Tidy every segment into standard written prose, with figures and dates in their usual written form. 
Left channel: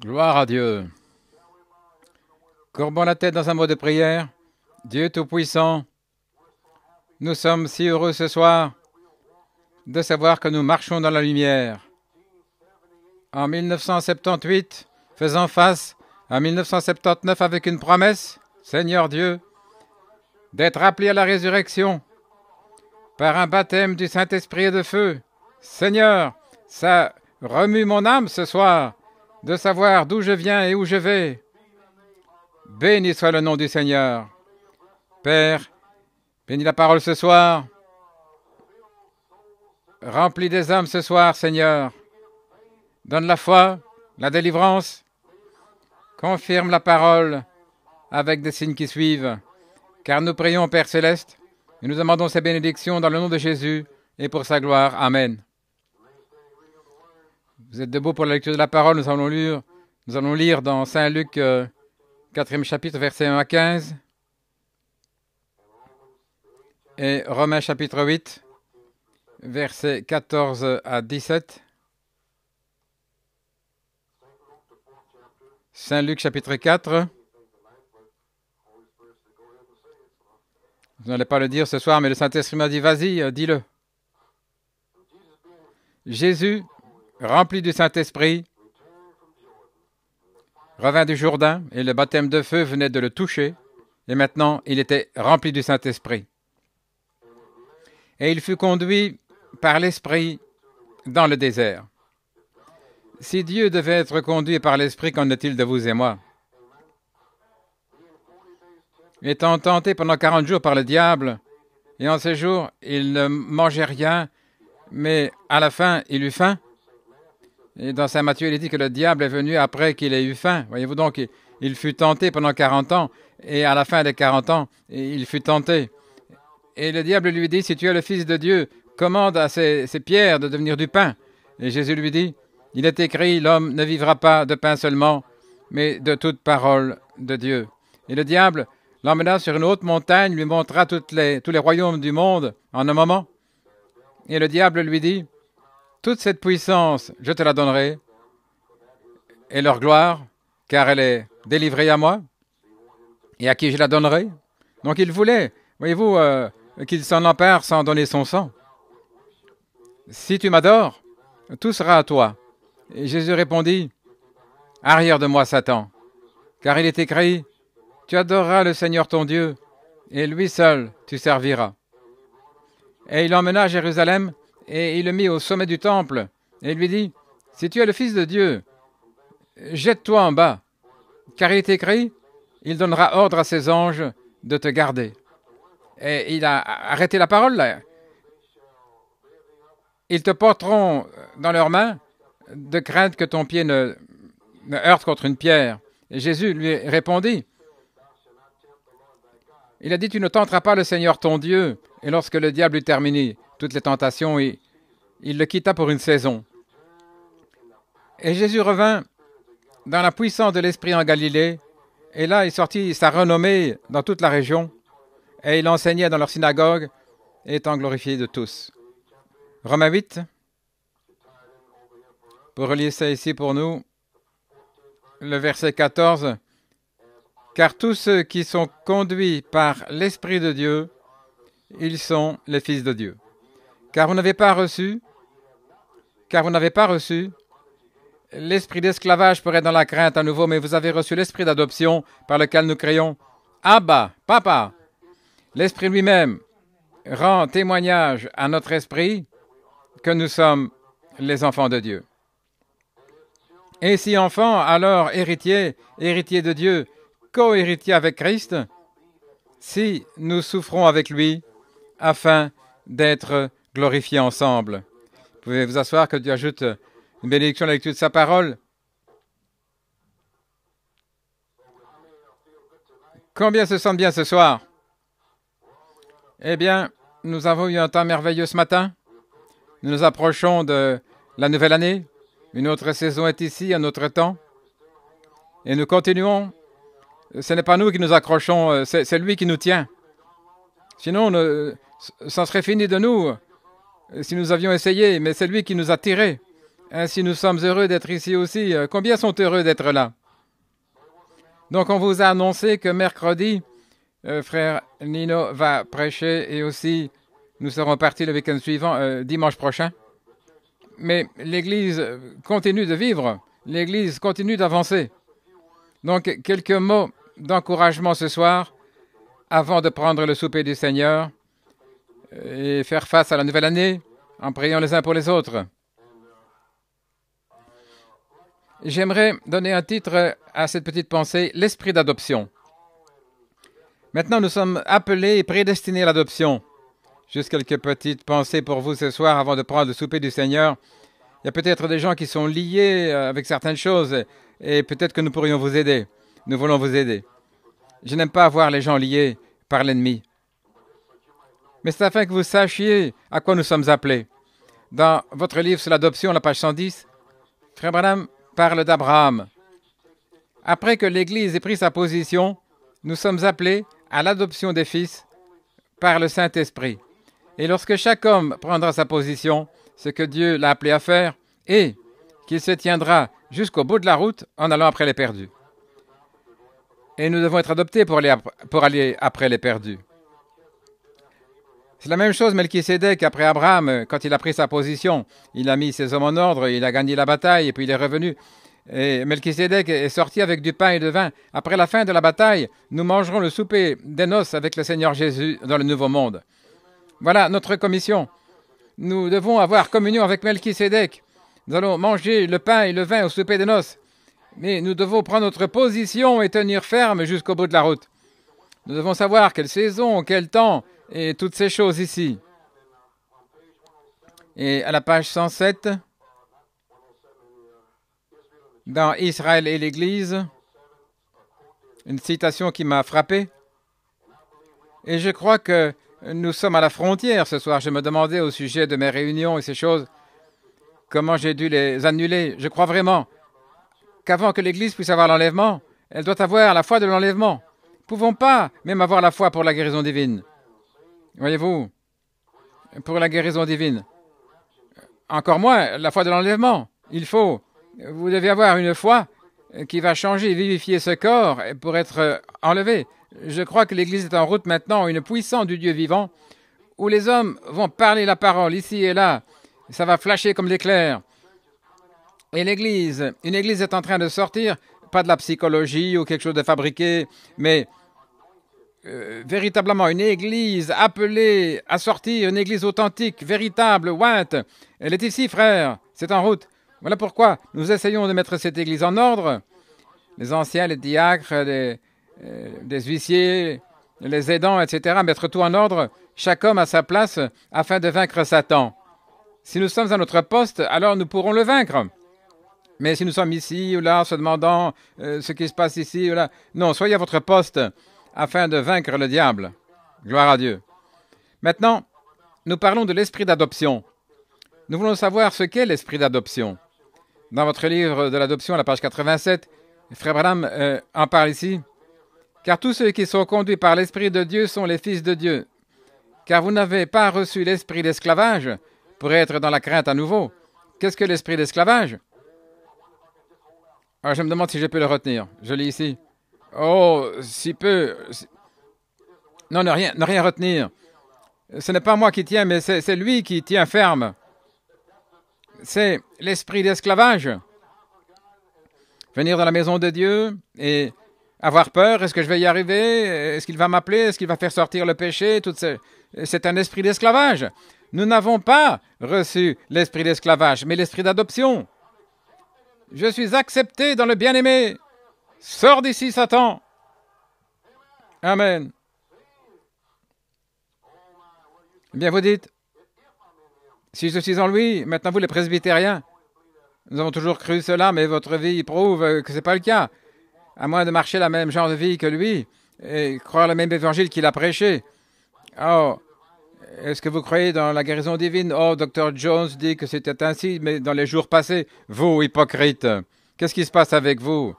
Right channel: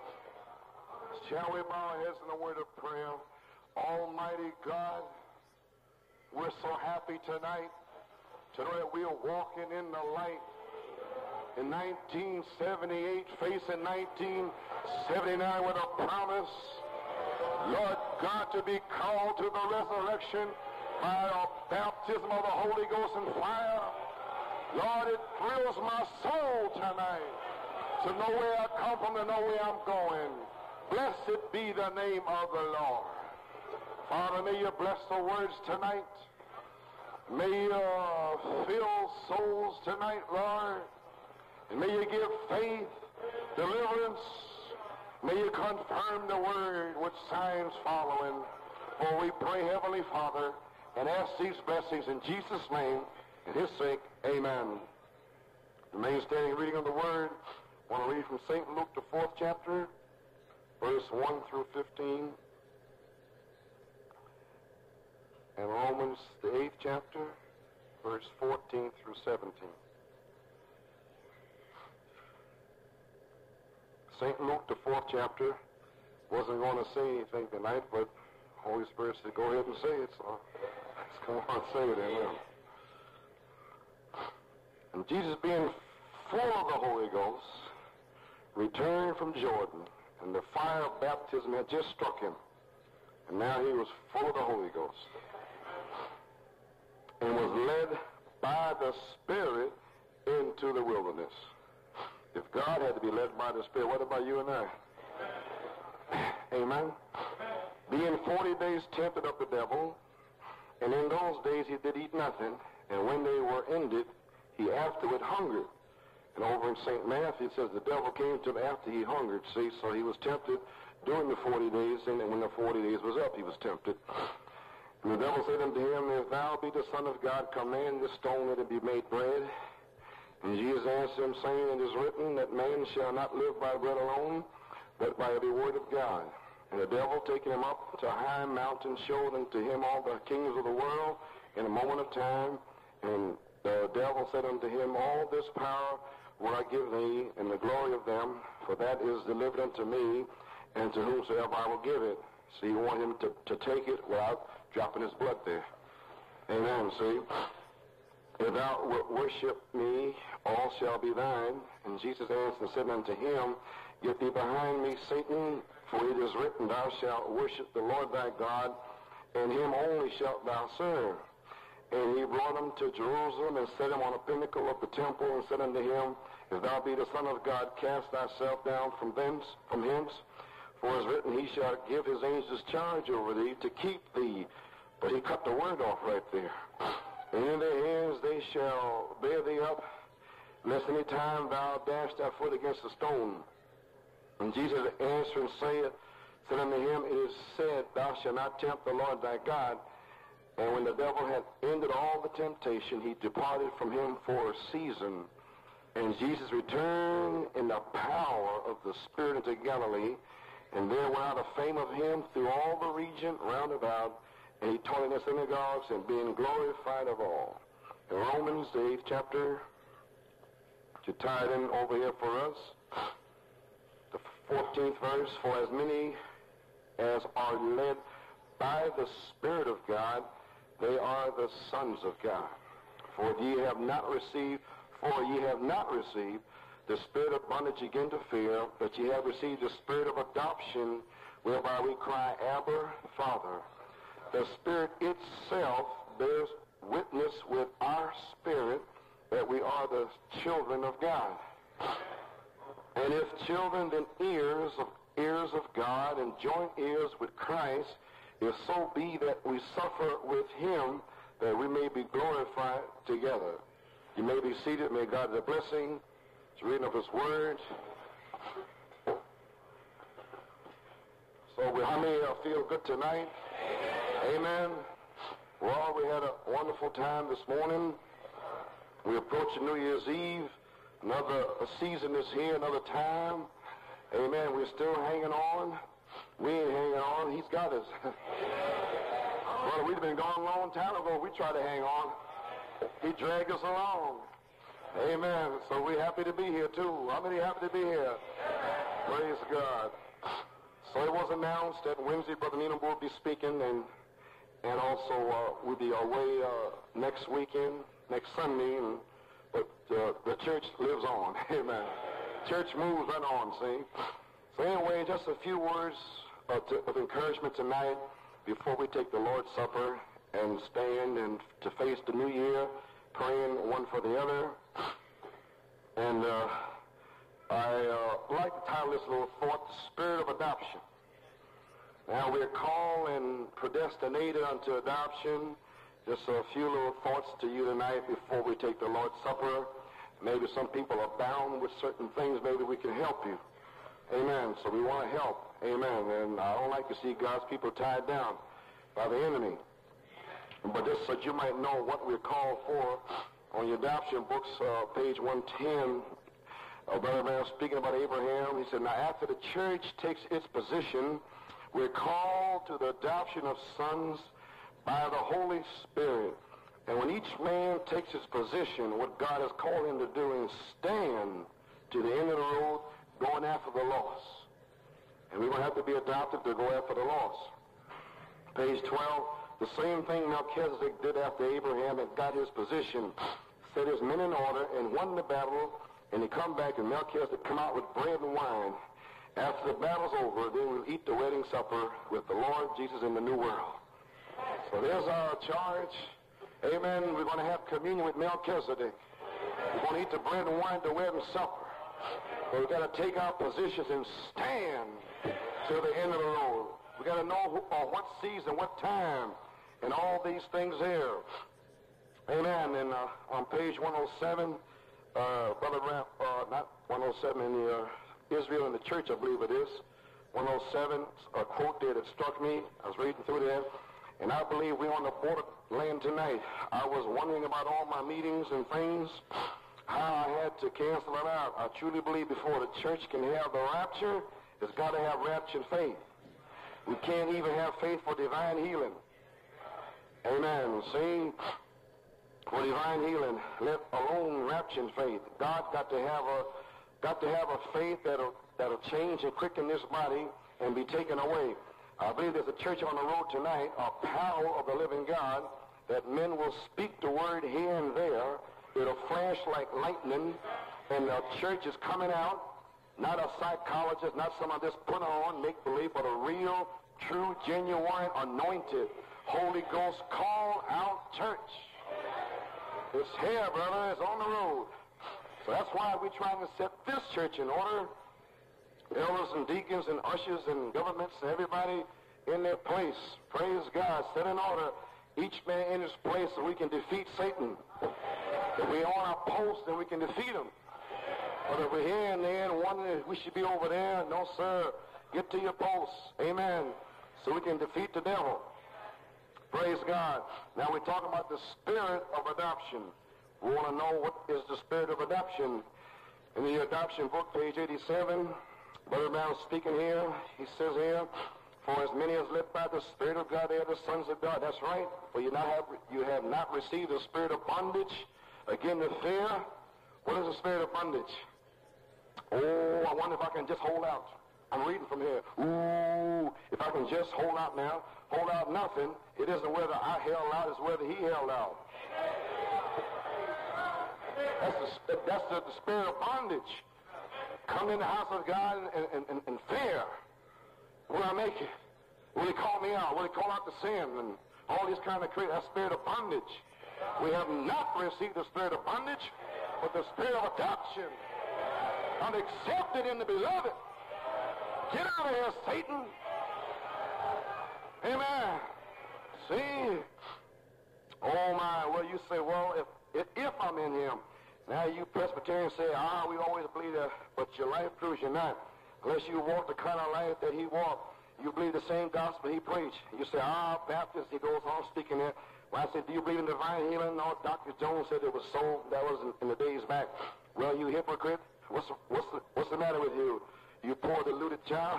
Gloire à Dieu. Courbons la tête dans un mot de prière. Dieu Tout-Puissant, nous sommes si heureux ce soir de savoir que nous marchons dans la lumière. En 1978, faisant face à 1979 avec une promesse, Seigneur Dieu, d'être appelé à la résurrection par un baptême du Saint-Esprit et de feu. Seigneur, ça remue mon âme ce soir de savoir d'où je viens et où je vais. Béni soit le nom du Seigneur. Père, bénis la parole ce soir. Remplis des âmes ce soir, Seigneur. Donne la foi, la délivrance. Confirme la parole avec des signes qui suivent. Car nous prions, Père Céleste, et nous demandons ces bénédictions dans le nom de Jésus et pour sa gloire. Amen. Vous êtes debout pour la lecture de la parole. Nous allons lire dans Saint Luc, 4e chapitre, versets 1 à 15, et Romains chapitre 8, versets 14 à 17. Saint Luc chapitre 4. Vous n'allez pas le dire ce soir, mais le Saint-Esprit m'a dit, vas-y, dis-le. Jésus, rempli du Saint-Esprit, revint du Jourdain, et le baptême de feu venait de le toucher, et maintenant il était rempli du Saint-Esprit. Et il fut conduit par l'Esprit dans le désert. Si Dieu devait être conduit par l'Esprit, qu'en est-il de vous et moi? Étant tenté pendant 40 jours par le diable, et en ces jours, il ne mangeait rien, mais à la fin, il eut faim. Et dans Saint Matthieu, il est dit que le diable est venu après qu'il ait eu faim. Voyez-vous donc, il fut tenté pendant 40 ans, et à la fin des 40 ans, il fut tenté. Et le diable lui dit, si tu es le Fils de Dieu, commande à ces pierres de devenir du pain. Et Jésus lui dit, il est écrit, l'homme ne vivra pas de pain seulement, mais de toute parole de Dieu. Et le diable l'emmena sur une haute montagne, lui montra tous les royaumes du monde en un moment. Et le diable lui dit, toute cette puissance, je te la donnerai, et leur gloire, car elle est délivrée à moi, et à qui je la donnerai. Donc il voulait, voyez-vous, qu'il s'en empare sans donner son sang. Si tu m'adores, tout sera à toi. Et Jésus répondit, arrière de moi, Satan, car il est écrit, tu adoreras le Seigneur ton Dieu, et lui seul tu serviras. Et il l'emmena à Jérusalem, et il le mit au sommet du temple, et il lui dit, si tu es le Fils de Dieu, jette-toi en bas, car il est écrit, il donnera ordre à ses anges de te garder. Et il a arrêté la parole là. Ils te porteront dans leurs mains, de crainte que ton pied ne heurte contre une pierre. Et Jésus lui répondit, il a dit, tu ne tenteras pas le Seigneur ton Dieu. Et lorsque le diable eut terminé toutes les tentations, il le quitta pour une saison. Et Jésus revint dans la puissance de l'Esprit en Galilée, et là il sortit sa renommée dans toute la région, et il enseignait dans leur synagogue, étant glorifié de tous. Romains 8, pour relire ça ici pour nous, le verset 14. Car tous ceux qui sont conduits par l'Esprit de Dieu, ils sont les fils de Dieu. Car vous n'avez pas reçu l'esprit d'esclavage pour être dans la crainte à nouveau, mais vous avez reçu l'esprit d'adoption par lequel nous crions « Abba, Papa ». L'Esprit lui-même rend témoignage à notre esprit que nous sommes les enfants de Dieu. Et si enfants, alors héritiers, héritiers de Dieu, co-héritiers avec Christ, si nous souffrons avec lui, afin d'être glorifiés ensemble. Vous pouvez vous asseoir, que Dieu ajoute une bénédiction à la lecture de sa parole. Combien se sentent bien ce soir? Eh bien, nous avons eu un temps merveilleux ce matin. Nous nous approchons de la nouvelle année. Une autre saison est ici, un autre temps. Et nous continuons. Ce n'est pas nous qui nous accrochons, c'est lui qui nous tient. Sinon, ça serait fini de nous si nous avions essayé, mais c'est lui qui nous a tirés. Ainsi, nous sommes heureux d'être ici aussi. Combien sont heureux d'être là? Donc, on vous a annoncé que mercredi, frère Nino va prêcher et aussi nous serons partis le week-end suivant, dimanche prochain. Mais l'Église continue de vivre, l'Église continue d'avancer. Donc, quelques mots d'encouragement ce soir avant de prendre le souper du Seigneur et faire face à la nouvelle année en priant les uns pour les autres. J'aimerais donner un titre à cette petite pensée, l'esprit d'adoption. Maintenant, nous sommes appelés et prédestinés à l'adoption. Juste quelques petites pensées pour vous ce soir avant de prendre le souper du Seigneur. Il y a peut-être des gens qui sont liés avec certaines choses et peut-être que nous pourrions vous aider. Nous voulons vous aider. Je n'aime pas voir les gens liés par l'ennemi. Mais c'est afin que vous sachiez à quoi nous sommes appelés. Dans votre livre sur l'adoption, la page 110, Frère Branham parle d'Abraham. Après que l'Église ait pris sa position, nous sommes appelés à l'adoption des fils par le Saint-Esprit. Et lorsque chaque homme prendra sa position, ce que Dieu l'a appelé à faire, et qu'il se tiendra jusqu'au bout de la route en allant après les perdus. Et nous devons être adoptés pour aller après les perdus. C'est la même chose Melchisédek après Abraham, quand il a pris sa position. Il a mis ses hommes en ordre, il a gagné la bataille et puis il est revenu. Et Melchisédek est sorti avec du pain et de vin. Après la fin de la bataille, nous mangerons le souper des noces avec le Seigneur Jésus dans le Nouveau Monde. Voilà notre commission. Nous devons avoir communion avec Melchisédek. Nous allons manger le pain et le vin au souper des noces. Et nous devons prendre notre position et tenir ferme jusqu'au bout de la route. Nous devons savoir quelle saison, quel temps, et toutes ces choses ici. Et à la page 107, dans Israël et l'Église, une citation qui m'a frappé. Et je crois que nous sommes à la frontière ce soir. Je me demandais au sujet de mes réunions et ces choses, comment j'ai dû les annuler. Je crois vraiment qu'avant que l'Église puisse avoir l'enlèvement, elle doit avoir la foi de l'enlèvement. Nous ne pouvons pas même avoir la foi pour la guérison divine. Voyez-vous, pour la guérison divine. Encore moins la foi de l'enlèvement. Vous devez avoir une foi qui va changer et vivifier ce corps pour être enlevé. Je crois que l'Église est en route maintenant, une puissance du Dieu vivant, où les hommes vont parler la parole ici et là. Ça va flasher comme l'éclair. Et une Église est en train de sortir, pas de la psychologie ou quelque chose de fabriqué, mais véritablement une Église appelée à sortir, une Église authentique, véritable, ointe. Elle est ici, frère, c'est en route. Voilà pourquoi nous essayons de mettre cette Église en ordre. Les anciens, les diacres, des huissiers, les aidants, etc., mettre tout en ordre, chaque homme à sa place, afin de vaincre Satan. Si nous sommes à notre poste, alors nous pourrons le vaincre. Mais si nous sommes ici ou là, se demandant ce qui se passe ici ou là, non, soyez à votre poste afin de vaincre le diable. Gloire à Dieu. Maintenant, nous parlons de l'esprit d'adoption. Nous voulons savoir ce qu'est l'esprit d'adoption. Dans votre livre de l'adoption, à la page 87, Frère Branham en parle ici. Car tous ceux qui sont conduits par l'Esprit de Dieu sont les fils de Dieu. Car vous n'avez pas reçu l'esprit d'esclavage pour être dans la crainte à nouveau. Qu'est-ce que l'esprit d'esclavage? Alors, je me demande si je peux le retenir. Je lis ici. Oh, si peu. Non, ne rien retenir. Ce n'est pas moi qui tiens, mais c'est lui qui tient ferme. C'est l'esprit d'esclavage. Venir dans la maison de Dieu et avoir peur. Est-ce que je vais y arriver? Est-ce qu'il va m'appeler? Est-ce qu'il va faire sortir le péché? C'est un esprit d'esclavage. Nous n'avons pas reçu l'esprit d'esclavage, mais l'esprit d'adoption. Je suis accepté dans le bien-aimé. Sors d'ici, Satan. Amen. Bien, vous dites, si je suis en lui, maintenant vous les presbytériens, nous avons toujours cru cela, mais votre vie prouve que ce n'est pas le cas. À moins de marcher la même genre de vie que lui et croire le même évangile qu'il a prêché. Oh, est-ce que vous croyez dans la guérison divine? Oh, Dr. Jones dit que c'était ainsi, mais dans les jours passés, vous, hypocrite, qu'est-ce qui se passe avec vous?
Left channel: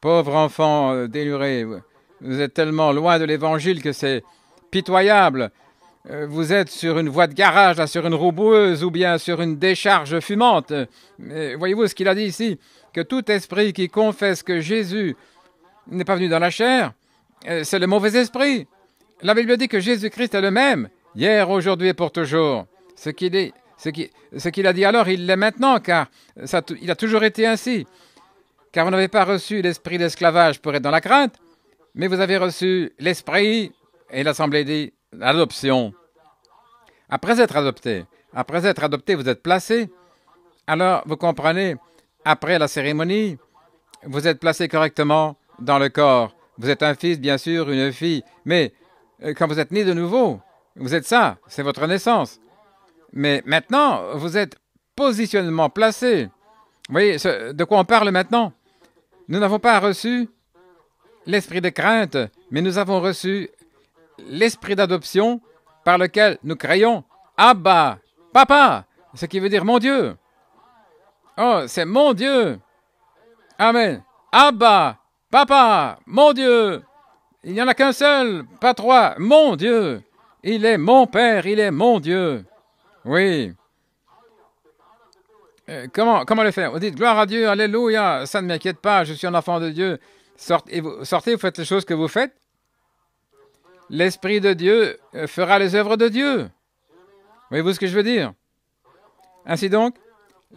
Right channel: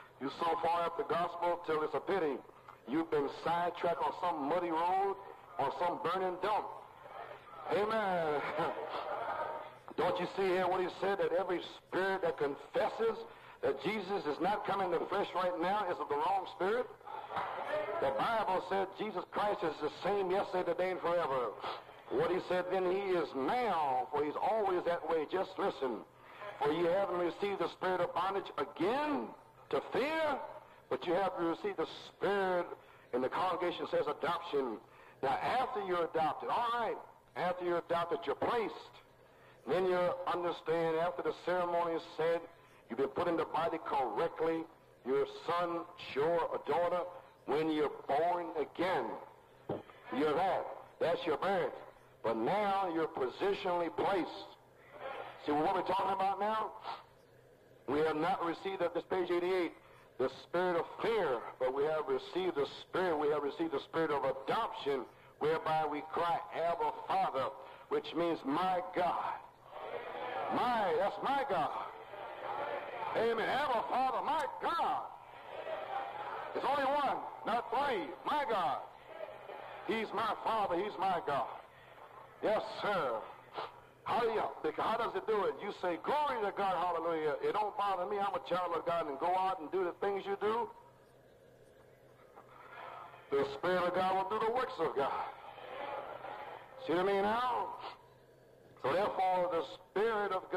Pauvre enfant déluré, vous êtes tellement loin de l'évangile que c'est pitoyable. vous êtes sur une voie de garage, là, sur une roue boueuse ou bien sur une décharge fumante. Voyez-vous ce qu'il a dit ici? Que tout esprit qui confesse que Jésus n'est pas venu dans la chair, c'est le mauvais esprit. La Bible dit que Jésus-Christ est le même, hier, aujourd'hui et pour toujours. Ce qu'il a dit alors, il l'est maintenant, car il a toujours été ainsi. Car vous n'avez pas reçu l'esprit d'esclavage pour être dans la crainte, mais vous avez reçu l'esprit, et l'Assemblée dit, l'adoption. Après être adopté, vous êtes placé. Alors, vous comprenez, après la cérémonie, vous êtes placé correctement dans le corps. Vous êtes un fils, bien sûr, une fille, mais quand vous êtes né de nouveau, vous êtes ça, c'est votre naissance. Mais maintenant, vous êtes positionnellement placé. Vous voyez de quoi on parle maintenant? Nous n'avons pas reçu l'esprit de crainte, mais nous avons reçu l'esprit d'adoption par lequel nous crions « Abba, Papa », ce qui veut dire « Mon Dieu ». Oh, c'est « Mon Dieu ». Amen. Abba, Papa, mon Dieu. Il n'y en a qu'un seul, pas trois. Mon Dieu. Il est mon Père, il est mon Dieu. Oui. Comment le faire? Vous dites gloire à Dieu, alléluia, ça ne m'inquiète pas, je suis un enfant de Dieu. Sortez, vous faites les choses que vous faites. L'Esprit de Dieu fera les œuvres de Dieu. Voyez-vous ce que je veux dire? Ainsi donc,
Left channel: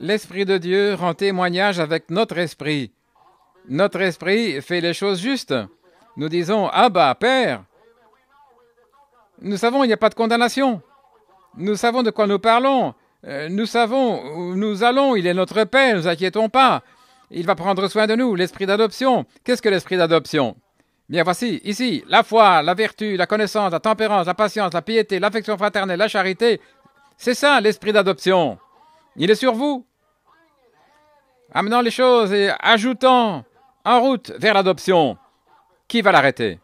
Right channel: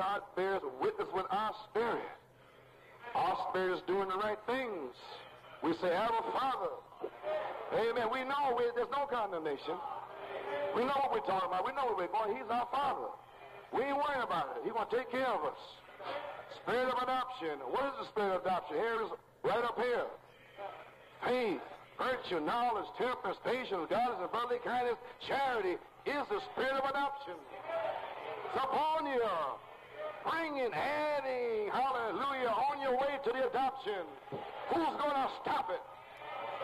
l'Esprit de Dieu rend témoignage avec notre esprit. Notre esprit fait les choses justes. Nous disons « Abba, Père ». Nous savons, il n'y a pas de condamnation. Nous savons de quoi nous parlons. Nous savons où nous allons. Il est notre Père, ne nous inquiétons pas. Il va prendre soin de nous. L'esprit d'adoption. Qu'est-ce que l'esprit d'adoption? Bien, voici, ici, la foi, la vertu, la connaissance, la tempérance, la patience, la piété, l'affection fraternelle, la charité. C'est ça, l'esprit d'adoption. Il est sur vous. Amenant les choses et ajoutant en route vers l'adoption. Qui va l'arrêter?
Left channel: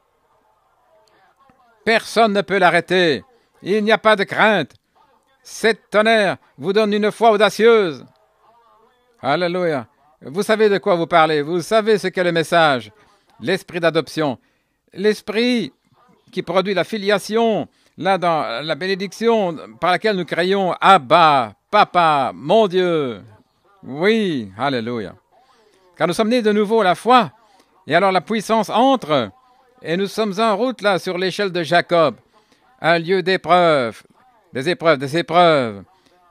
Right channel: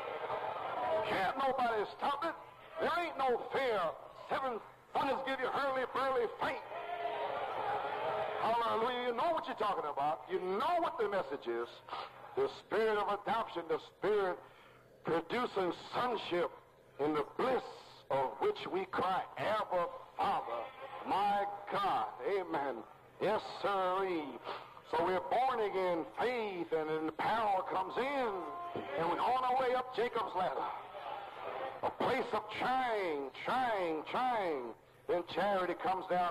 Personne ne peut l'arrêter. Il n'y a pas de crainte. Cet tonnerre vous donne une foi audacieuse. Alléluia. Vous savez de quoi vous parlez. Vous savez ce qu'est le message. L'esprit d'adoption. L'esprit qui produit la filiation, là dans la bénédiction par laquelle nous crions « Abba, Papa, mon Dieu ». Oui, alléluia. Car nous sommes nés de nouveau à la foi, et alors la puissance entre, et nous sommes en route là sur l'échelle de Jacob, un lieu d'épreuves, des épreuves,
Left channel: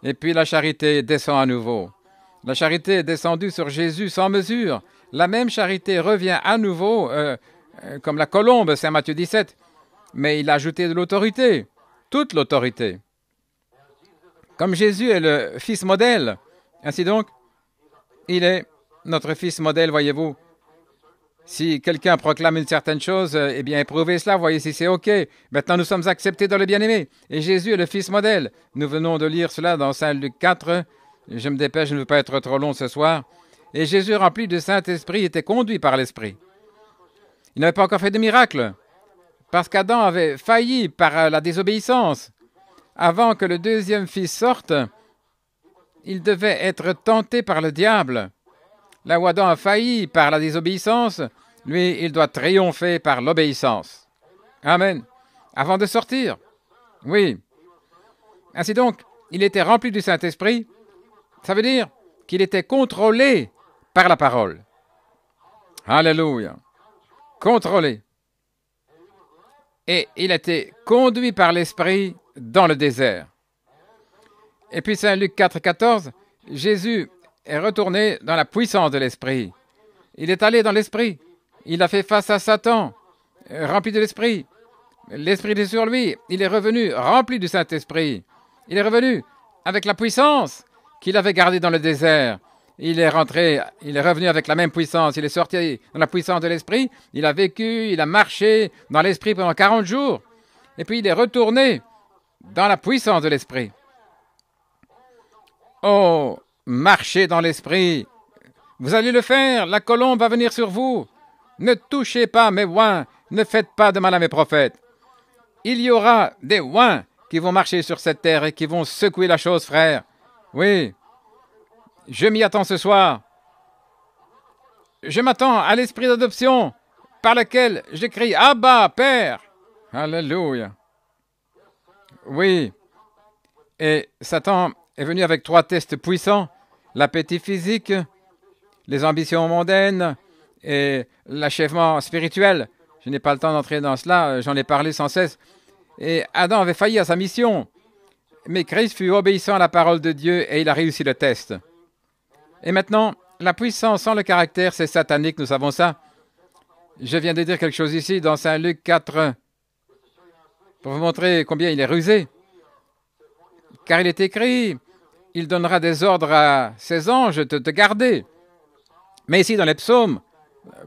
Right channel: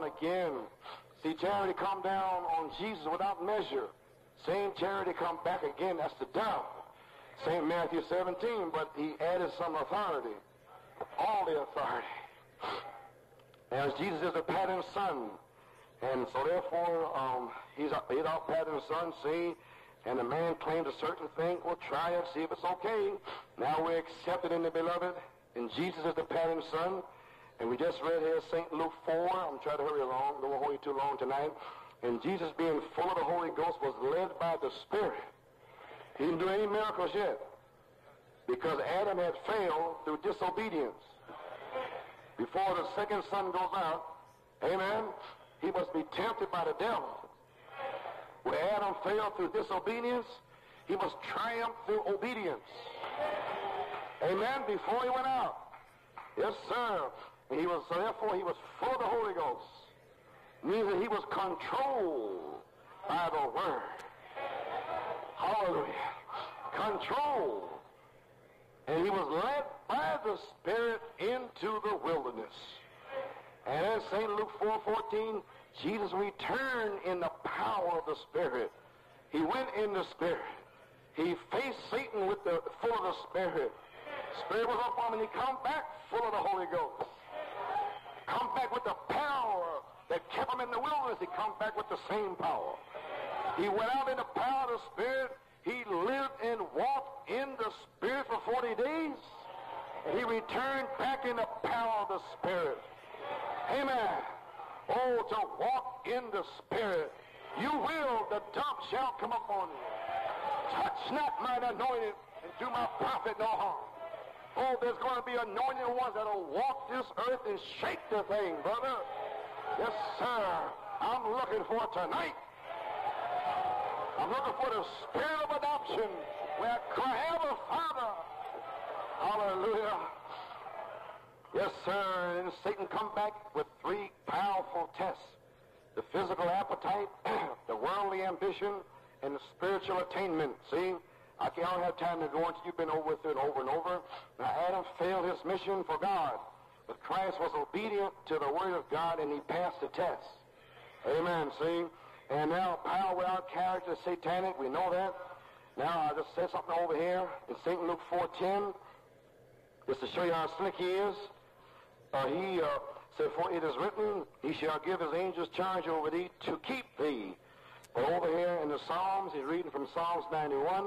et puis la charité descend à nouveau. La charité est descendue sur Jésus sans mesure. La même charité revient à nouveau, comme la colombe, Saint Matthieu 17, mais il a ajouté de l'autorité, toute l'autorité. Comme Jésus est le Fils modèle, ainsi donc, il est notre Fils modèle, voyez-vous. Si quelqu'un proclame une certaine chose, eh bien, éprouvez cela, voyez si c'est OK. Maintenant, nous sommes acceptés dans le bien-aimé. Et Jésus est le Fils modèle. Nous venons de lire cela dans Saint Luc 4. Je me dépêche, je ne veux pas être trop long ce soir. Et Jésus, rempli du Saint-Esprit, était conduit par l'Esprit. Il n'avait pas encore fait de miracle, parce qu'Adam avait failli par la désobéissance. Avant que le deuxième fils sorte, il devait être tenté par le diable. Là où Adam a failli par la désobéissance, lui, il doit triompher par l'obéissance. Amen. Avant de sortir. Oui. Ainsi donc, il était rempli du Saint-Esprit. Ça veut dire qu'il était contrôlé par la parole. Alléluia. Contrôlé. Et il a été conduit par l'Esprit dans le désert. Et puis Saint Luc 4, 14, Jésus est retourné dans la puissance de l'Esprit. Il est allé dans l'Esprit. Il a fait face à Satan, rempli de l'Esprit. L'Esprit est sur lui. Il est revenu rempli du Saint-Esprit. Il est revenu avec la puissance qu'il avait gardée dans le désert. Il est rentré, il est revenu avec la même puissance. Il est sorti dans la puissance de l'Esprit. Il a vécu, il a marché dans l'Esprit pendant 40 jours. Et puis il est retourné dans la puissance de l'Esprit. Oh, marchez dans l'Esprit. Vous allez le faire. La colombe va venir sur vous. Ne touchez pas mes oins. Ne faites pas de mal à mes prophètes. Il y aura des oins qui vont marcher sur cette terre et qui vont secouer la chose, frère. Oui. Je m'y attends ce soir. Je m'attends à l'esprit d'adoption par lequel je crie « Abba, Père ». Alléluia. Oui. Et Satan est venu avec 3 tests puissants, l'appétit physique, les ambitions mondaines et l'achèvement spirituel. Je n'ai pas le temps d'entrer dans cela, j'en ai parlé sans cesse. Et Adam avait failli à sa mission, mais Christ fut obéissant à la parole de Dieu et il a réussi le test. Et maintenant, la puissance sans le caractère, c'est satanique, nous savons ça. Je viens de dire quelque chose ici dans Saint Luc 4, pour vous montrer combien il est rusé. Car il est écrit, il donnera des ordres à ses anges de te garder. Mais ici, dans les psaumes,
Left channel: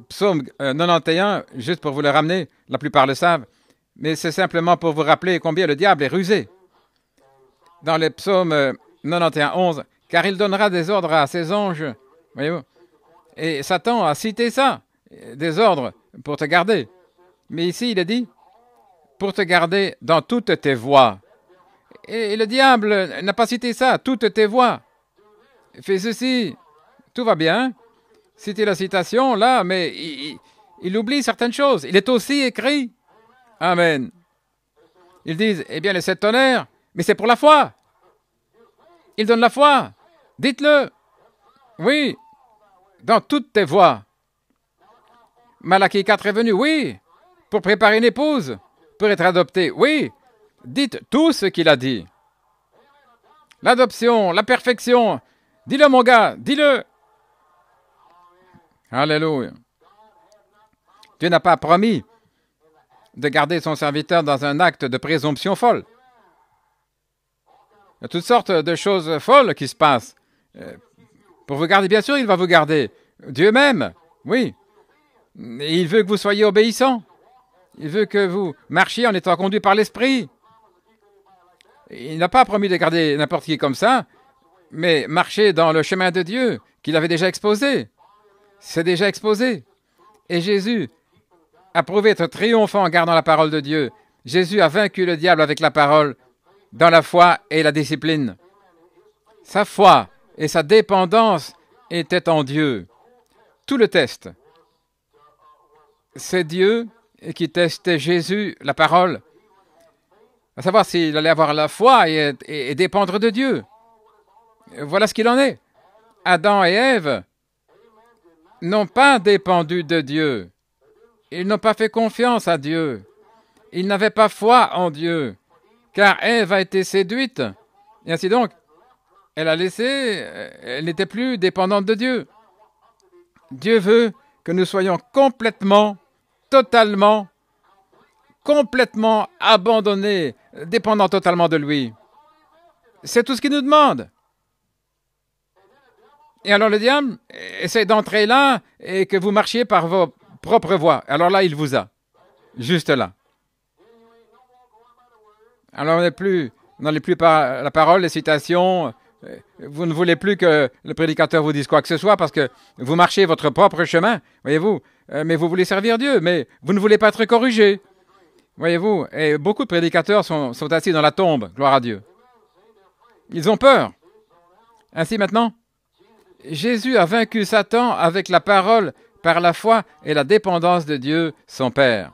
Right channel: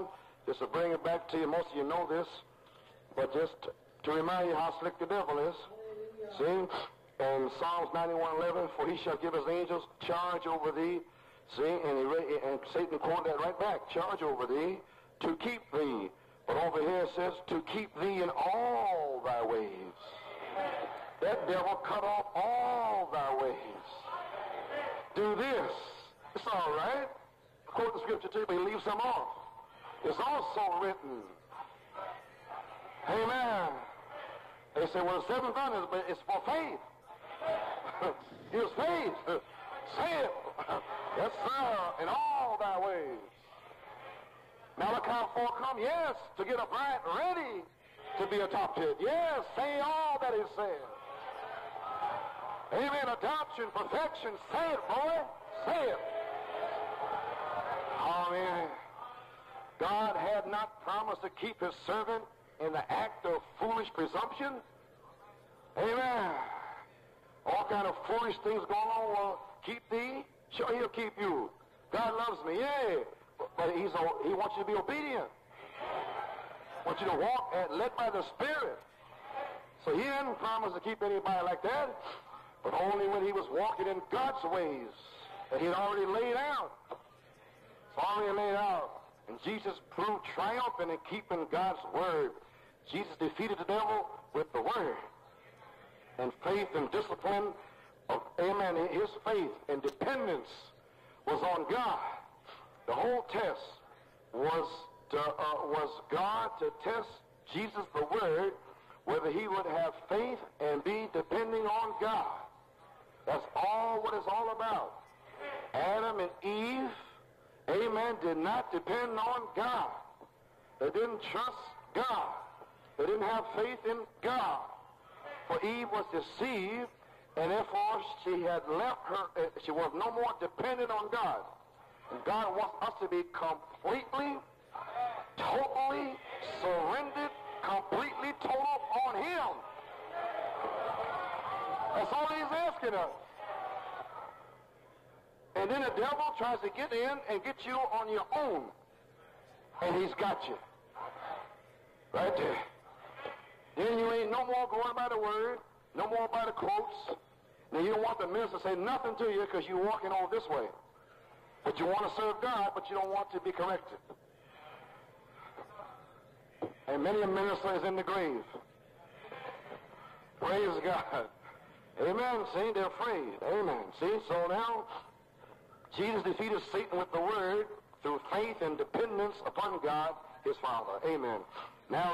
psaume 91, juste pour vous le ramener, la plupart le savent, mais c'est simplement pour vous rappeler combien le diable est rusé. Dans les psaumes 91, 11, car il donnera des ordres à ses anges. Voyez-vous? Et Satan a cité ça, des ordres pour te garder. Mais ici, il est dit, pour te garder dans toutes tes voies. Et le diable n'a pas cité ça, toutes tes voies. Fais ceci, tout va bien. Citer la citation, là, mais il oublie certaines choses. Il est aussi écrit. Amen. Ils disent, eh bien, les 7 tonnerres, mais c'est pour la foi. Il donne la foi. Dites-le. Oui, dans toutes tes voies. Malachie 4 est venu, oui, pour préparer une épouse, pour être adopté, oui. Dites tout ce qu'il a dit. L'adoption, la perfection. Dis-le, mon gars, dis-le. Alléluia. Dieu n'a pas promis de garder son serviteur dans un acte de présomption folle. Il y a toutes sortes de choses folles qui se passent. Pour vous garder, bien sûr, il va vous garder. Dieu même, oui. Et il veut que vous soyez obéissants. Il veut que vous marchiez en étant conduit par l'Esprit. Il n'a pas promis de garder n'importe qui comme ça, mais marcher dans le chemin de Dieu qu'il avait déjà exposé. C'est déjà exposé. Et Jésus a prouvé être triomphant en gardant la parole de Dieu. Jésus a vaincu le diable avec la parole, dans la foi et la discipline. Sa foi et sa dépendance étaient en Dieu. Tout le test, c'est Dieu qui testait Jésus, la parole, à savoir s'il allait avoir la foi et dépendre de Dieu. Voilà ce qu'il en est. Adam et Ève n'ont pas dépendu de Dieu. Ils n'ont pas fait confiance à Dieu. Ils n'avaient pas foi en Dieu, car Ève a été séduite. Et ainsi donc, elle n'était plus dépendante de Dieu. Dieu veut que nous soyons complètement, totalement, complètement abandonnés, dépendants totalement de lui. C'est tout ce qu'il nous demande. Et alors le diable essaie d'entrer là et que vous marchiez par vos propres voies. Alors là, il vous a. Juste là. Alors on n'est plus par la parole, les citations. Vous ne voulez plus que le prédicateur vous dise quoi que ce soit parce que vous marchez votre propre chemin, voyez-vous. Mais vous voulez servir Dieu, mais vous ne voulez pas être corrigé. Voyez-vous, et beaucoup de prédicateurs sont assis dans la tombe, gloire à Dieu. Ils ont peur. Ainsi maintenant, Jésus a vaincu Satan avec la parole, par la foi et la dépendance de Dieu, son Père.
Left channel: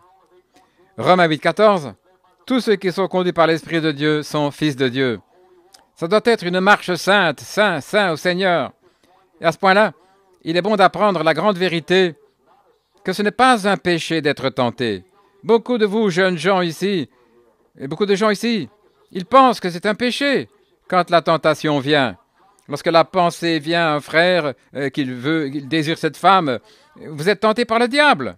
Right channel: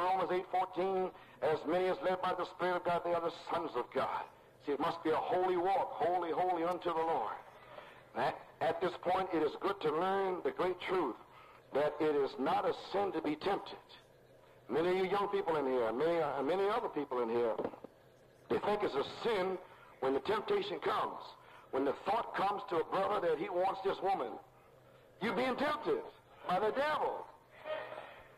Romains 8, 14, tous ceux qui sont conduits par l'Esprit de Dieu sont fils de Dieu. Ça doit être une marche sainte, saint au Seigneur. Et à ce point-là, il est bon d'apprendre la grande vérité que ce n'est pas un péché d'être tenté. Beaucoup de vous, jeunes gens ici, et beaucoup de gens ici, ils pensent que c'est un péché quand la tentation vient. Lorsque la pensée vient à un frère qu'il désire cette femme, vous êtes tenté par le diable.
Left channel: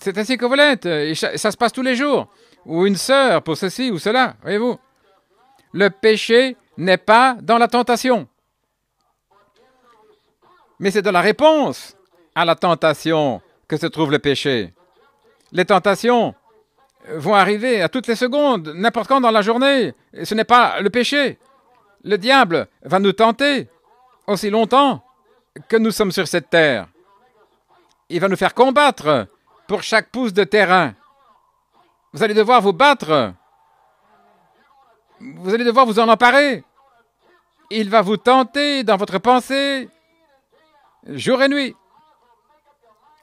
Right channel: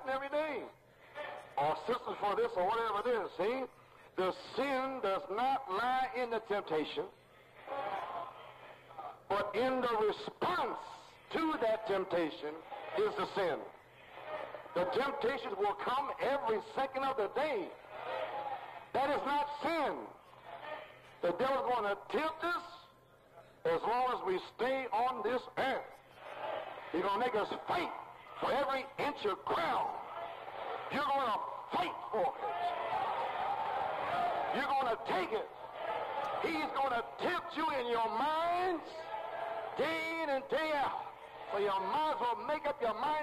C'est ainsi que vous l'êtes. Et ça se passe tous les jours. Ou une sœur pour ceci ou cela, voyez-vous. Le péché n'est pas dans la tentation. Mais c'est dans la réponse à la tentation que se trouve le péché. Les tentations vont arriver à toutes les secondes, n'importe quand dans la journée. Et ce n'est pas le péché. Le diable va nous tenter aussi longtemps que nous sommes sur cette terre. Il va nous faire combattre pour chaque pouce de terrain. Vous allez devoir vous battre. Vous allez devoir vous en emparer. Il va vous tenter dans votre pensée, jour et nuit.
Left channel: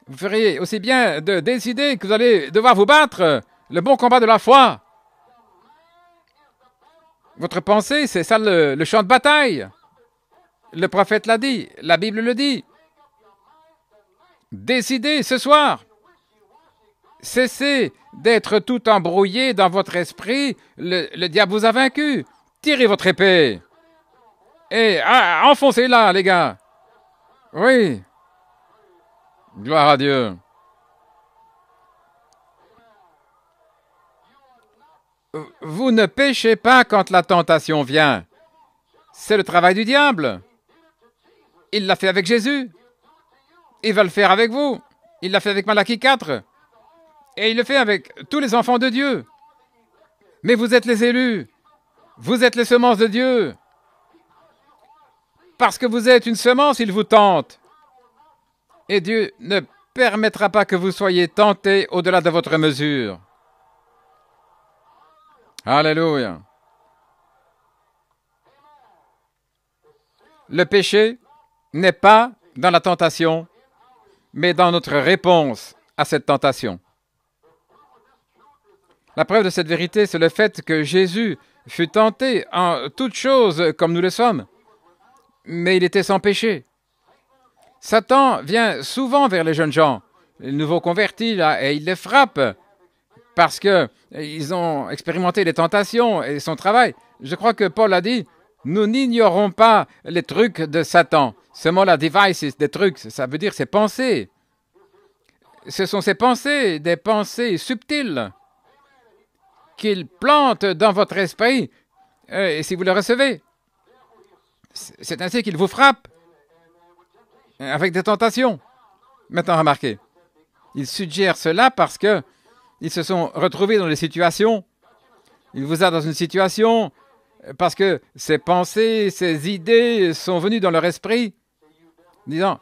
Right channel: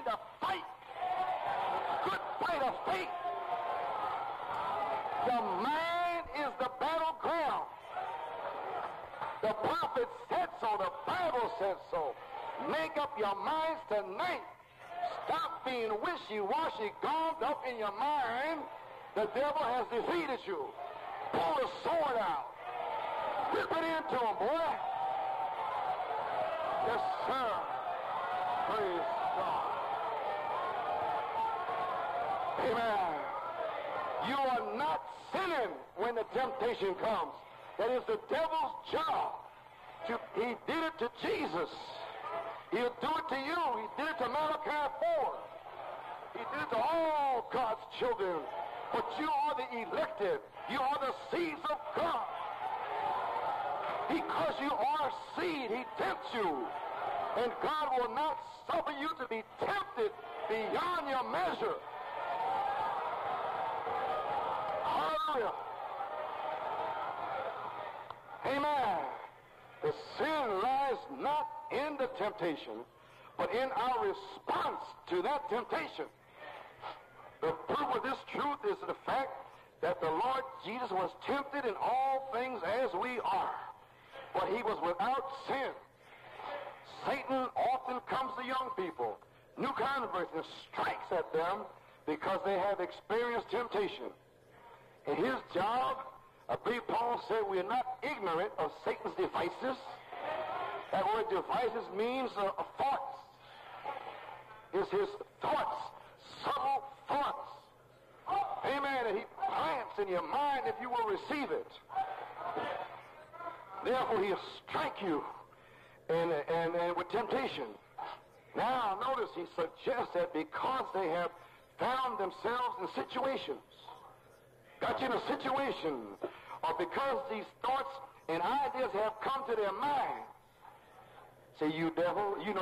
Vous feriez aussi bien de décider que vous allez devoir vous battre le bon combat de la foi. Votre pensée, c'est ça le champ de bataille. Le prophète l'a dit, la Bible le dit. Décidez ce soir. Cessez d'être tout embrouillé dans votre esprit. Le diable vous a vaincu. Tirez votre épée. Et enfoncez-la, les gars. Oui. Gloire à Dieu. Vous ne péchez pas quand la tentation vient. C'est le travail du diable. Il l'a fait avec Jésus. Il va le faire avec vous. Il l'a fait avec Malachie 4. Et il le fait avec tous les enfants de Dieu. Mais vous êtes les élus. Vous êtes les semences de Dieu. Parce que vous êtes une semence, il vous tente. Et Dieu ne permettra pas que vous soyez tentés au-delà de votre mesure. Alléluia. Le péché n'est pas dans la tentation, mais dans notre réponse à cette tentation. La preuve de cette vérité, c'est le fait que Jésus fut tenté en toutes choses comme nous le sommes, mais il était sans péché. Satan vient souvent vers les jeunes gens, les nouveaux convertis, là, et il les frappe parce qu'ils ont expérimenté les tentations et son travail. Je crois que Paul a dit, nous n'ignorons pas les trucs de Satan. Ce mot-là, devices, des trucs, ça veut dire ses pensées. Ce sont ses pensées, des pensées subtiles qu'il plante dans votre esprit. Et si vous le recevez, c'est ainsi qu'il vous frappe avec des tentations. Maintenant, remarquez, il suggère cela parce qu'ils se sont retrouvés dans des situations. Il vous a dans une situation parce que ses pensées, ses idées sont venues dans leur esprit, disant,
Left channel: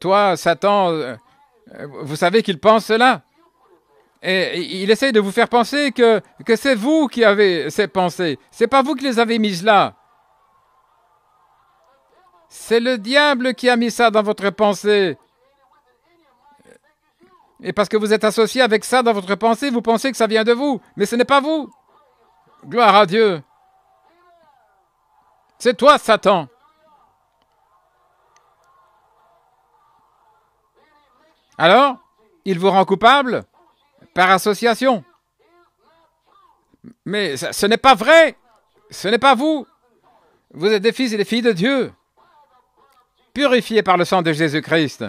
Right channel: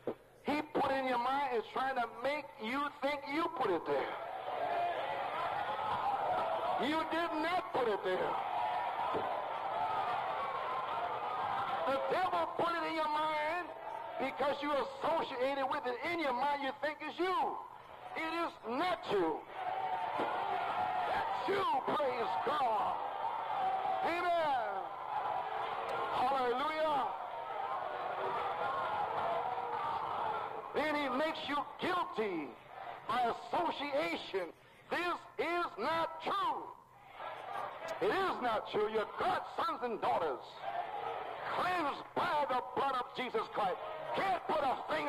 toi, Satan, vous savez qu'il pense cela. Et il essaie de vous faire penser que c'est vous qui avez ces pensées. Ce n'est pas vous qui les avez mises là. C'est le diable qui a mis ça dans votre pensée. Et parce que vous êtes associé avec ça dans votre pensée, vous pensez que ça vient de vous. Mais ce n'est pas vous. Gloire à Dieu. C'est toi, Satan. Alors, il vous rend coupable par association. Mais ce n'est pas vrai. Ce n'est pas vous. Vous êtes des fils et des filles de Dieu, purifiés par le sang de Jésus-Christ.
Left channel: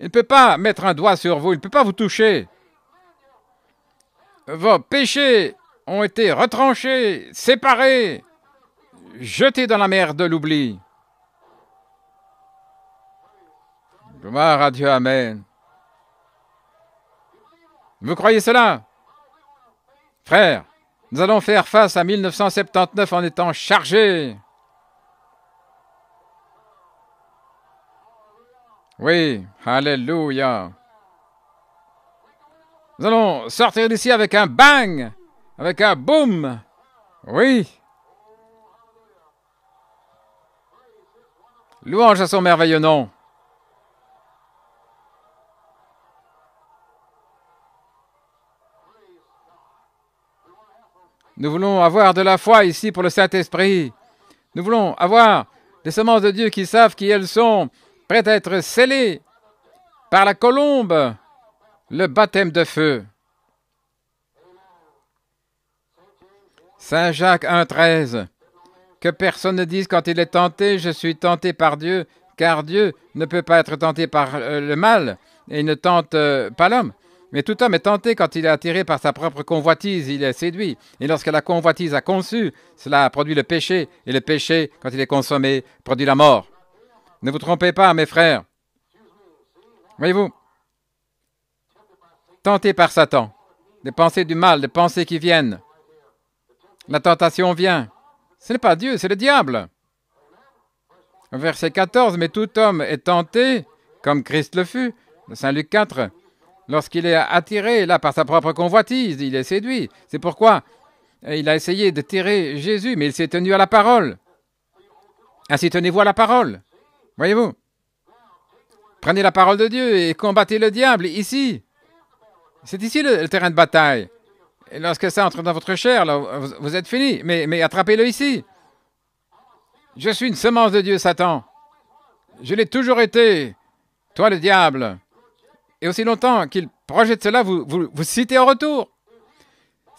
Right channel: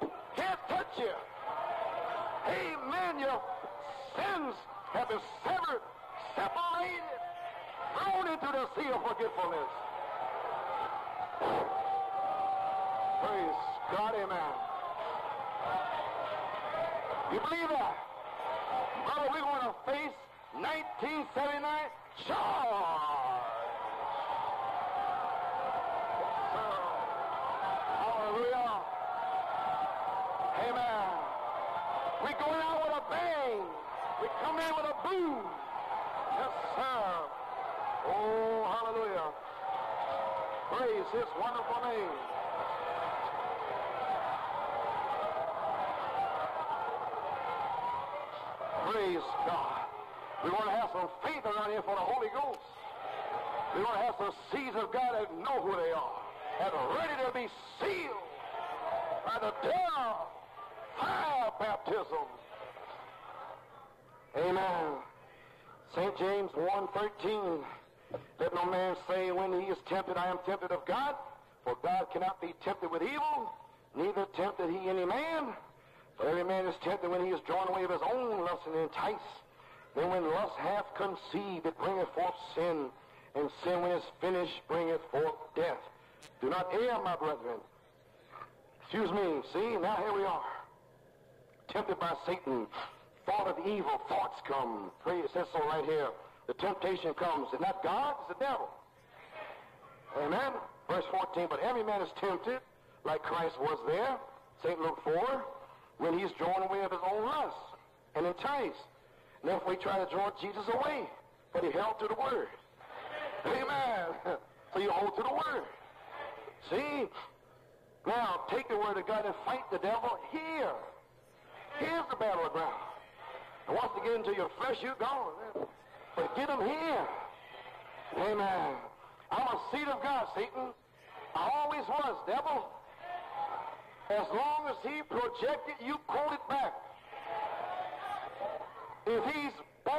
Il ne peut pas mettre un doigt sur vous. Il ne peut pas vous toucher. Vos péchés ont été retranchés, séparés, jetés dans la mer de l'oubli. Gloire à Dieu, amen. Vous croyez cela? Frères, nous allons faire face à 1979 en étant chargés. Oui, alléluia. Nous allons sortir d'ici avec un bang, avec un boom. Oui. Louange à son merveilleux nom. Nous voulons avoir de la foi ici pour le Saint-Esprit. Nous voulons avoir des semences de Dieu qui savent qui elles sont, prêtes à être scellées par la colombe, le baptême de feu. Saint Jacques 1,13. Que personne ne dise quand il est tenté, je suis tenté par Dieu, car Dieu ne peut pas être tenté par le mal, et il ne tente pas l'homme. Mais tout homme est tenté quand il est attiré par sa propre convoitise, il est séduit. Et lorsque la convoitise a conçu, cela produit le péché, et le péché, quand il est consommé, produit la mort. Ne vous trompez pas, mes frères. Voyez-vous, tenté par Satan, des pensées du mal, des pensées qui viennent. La tentation vient. Ce n'est pas Dieu, c'est le diable. Verset 14, mais tout homme est tenté, comme Christ le fut, Saint Luc 4, lorsqu'il est attiré là par sa propre convoitise, il est séduit. C'est pourquoi il a essayé de tirer Jésus, mais il s'est tenu à la parole. Ainsi tenez-vous à la parole. Voyez-vous? Prenez la parole de Dieu et combattez le diable ici. C'est ici le terrain de bataille. Et lorsque ça entre dans votre chair, là, vous êtes fini. Mais attrapez-le ici. Je suis une semence de Dieu, Satan. Je l'ai toujours été. Toi, le diable. Et aussi longtemps qu'il projette cela, vous citez en retour.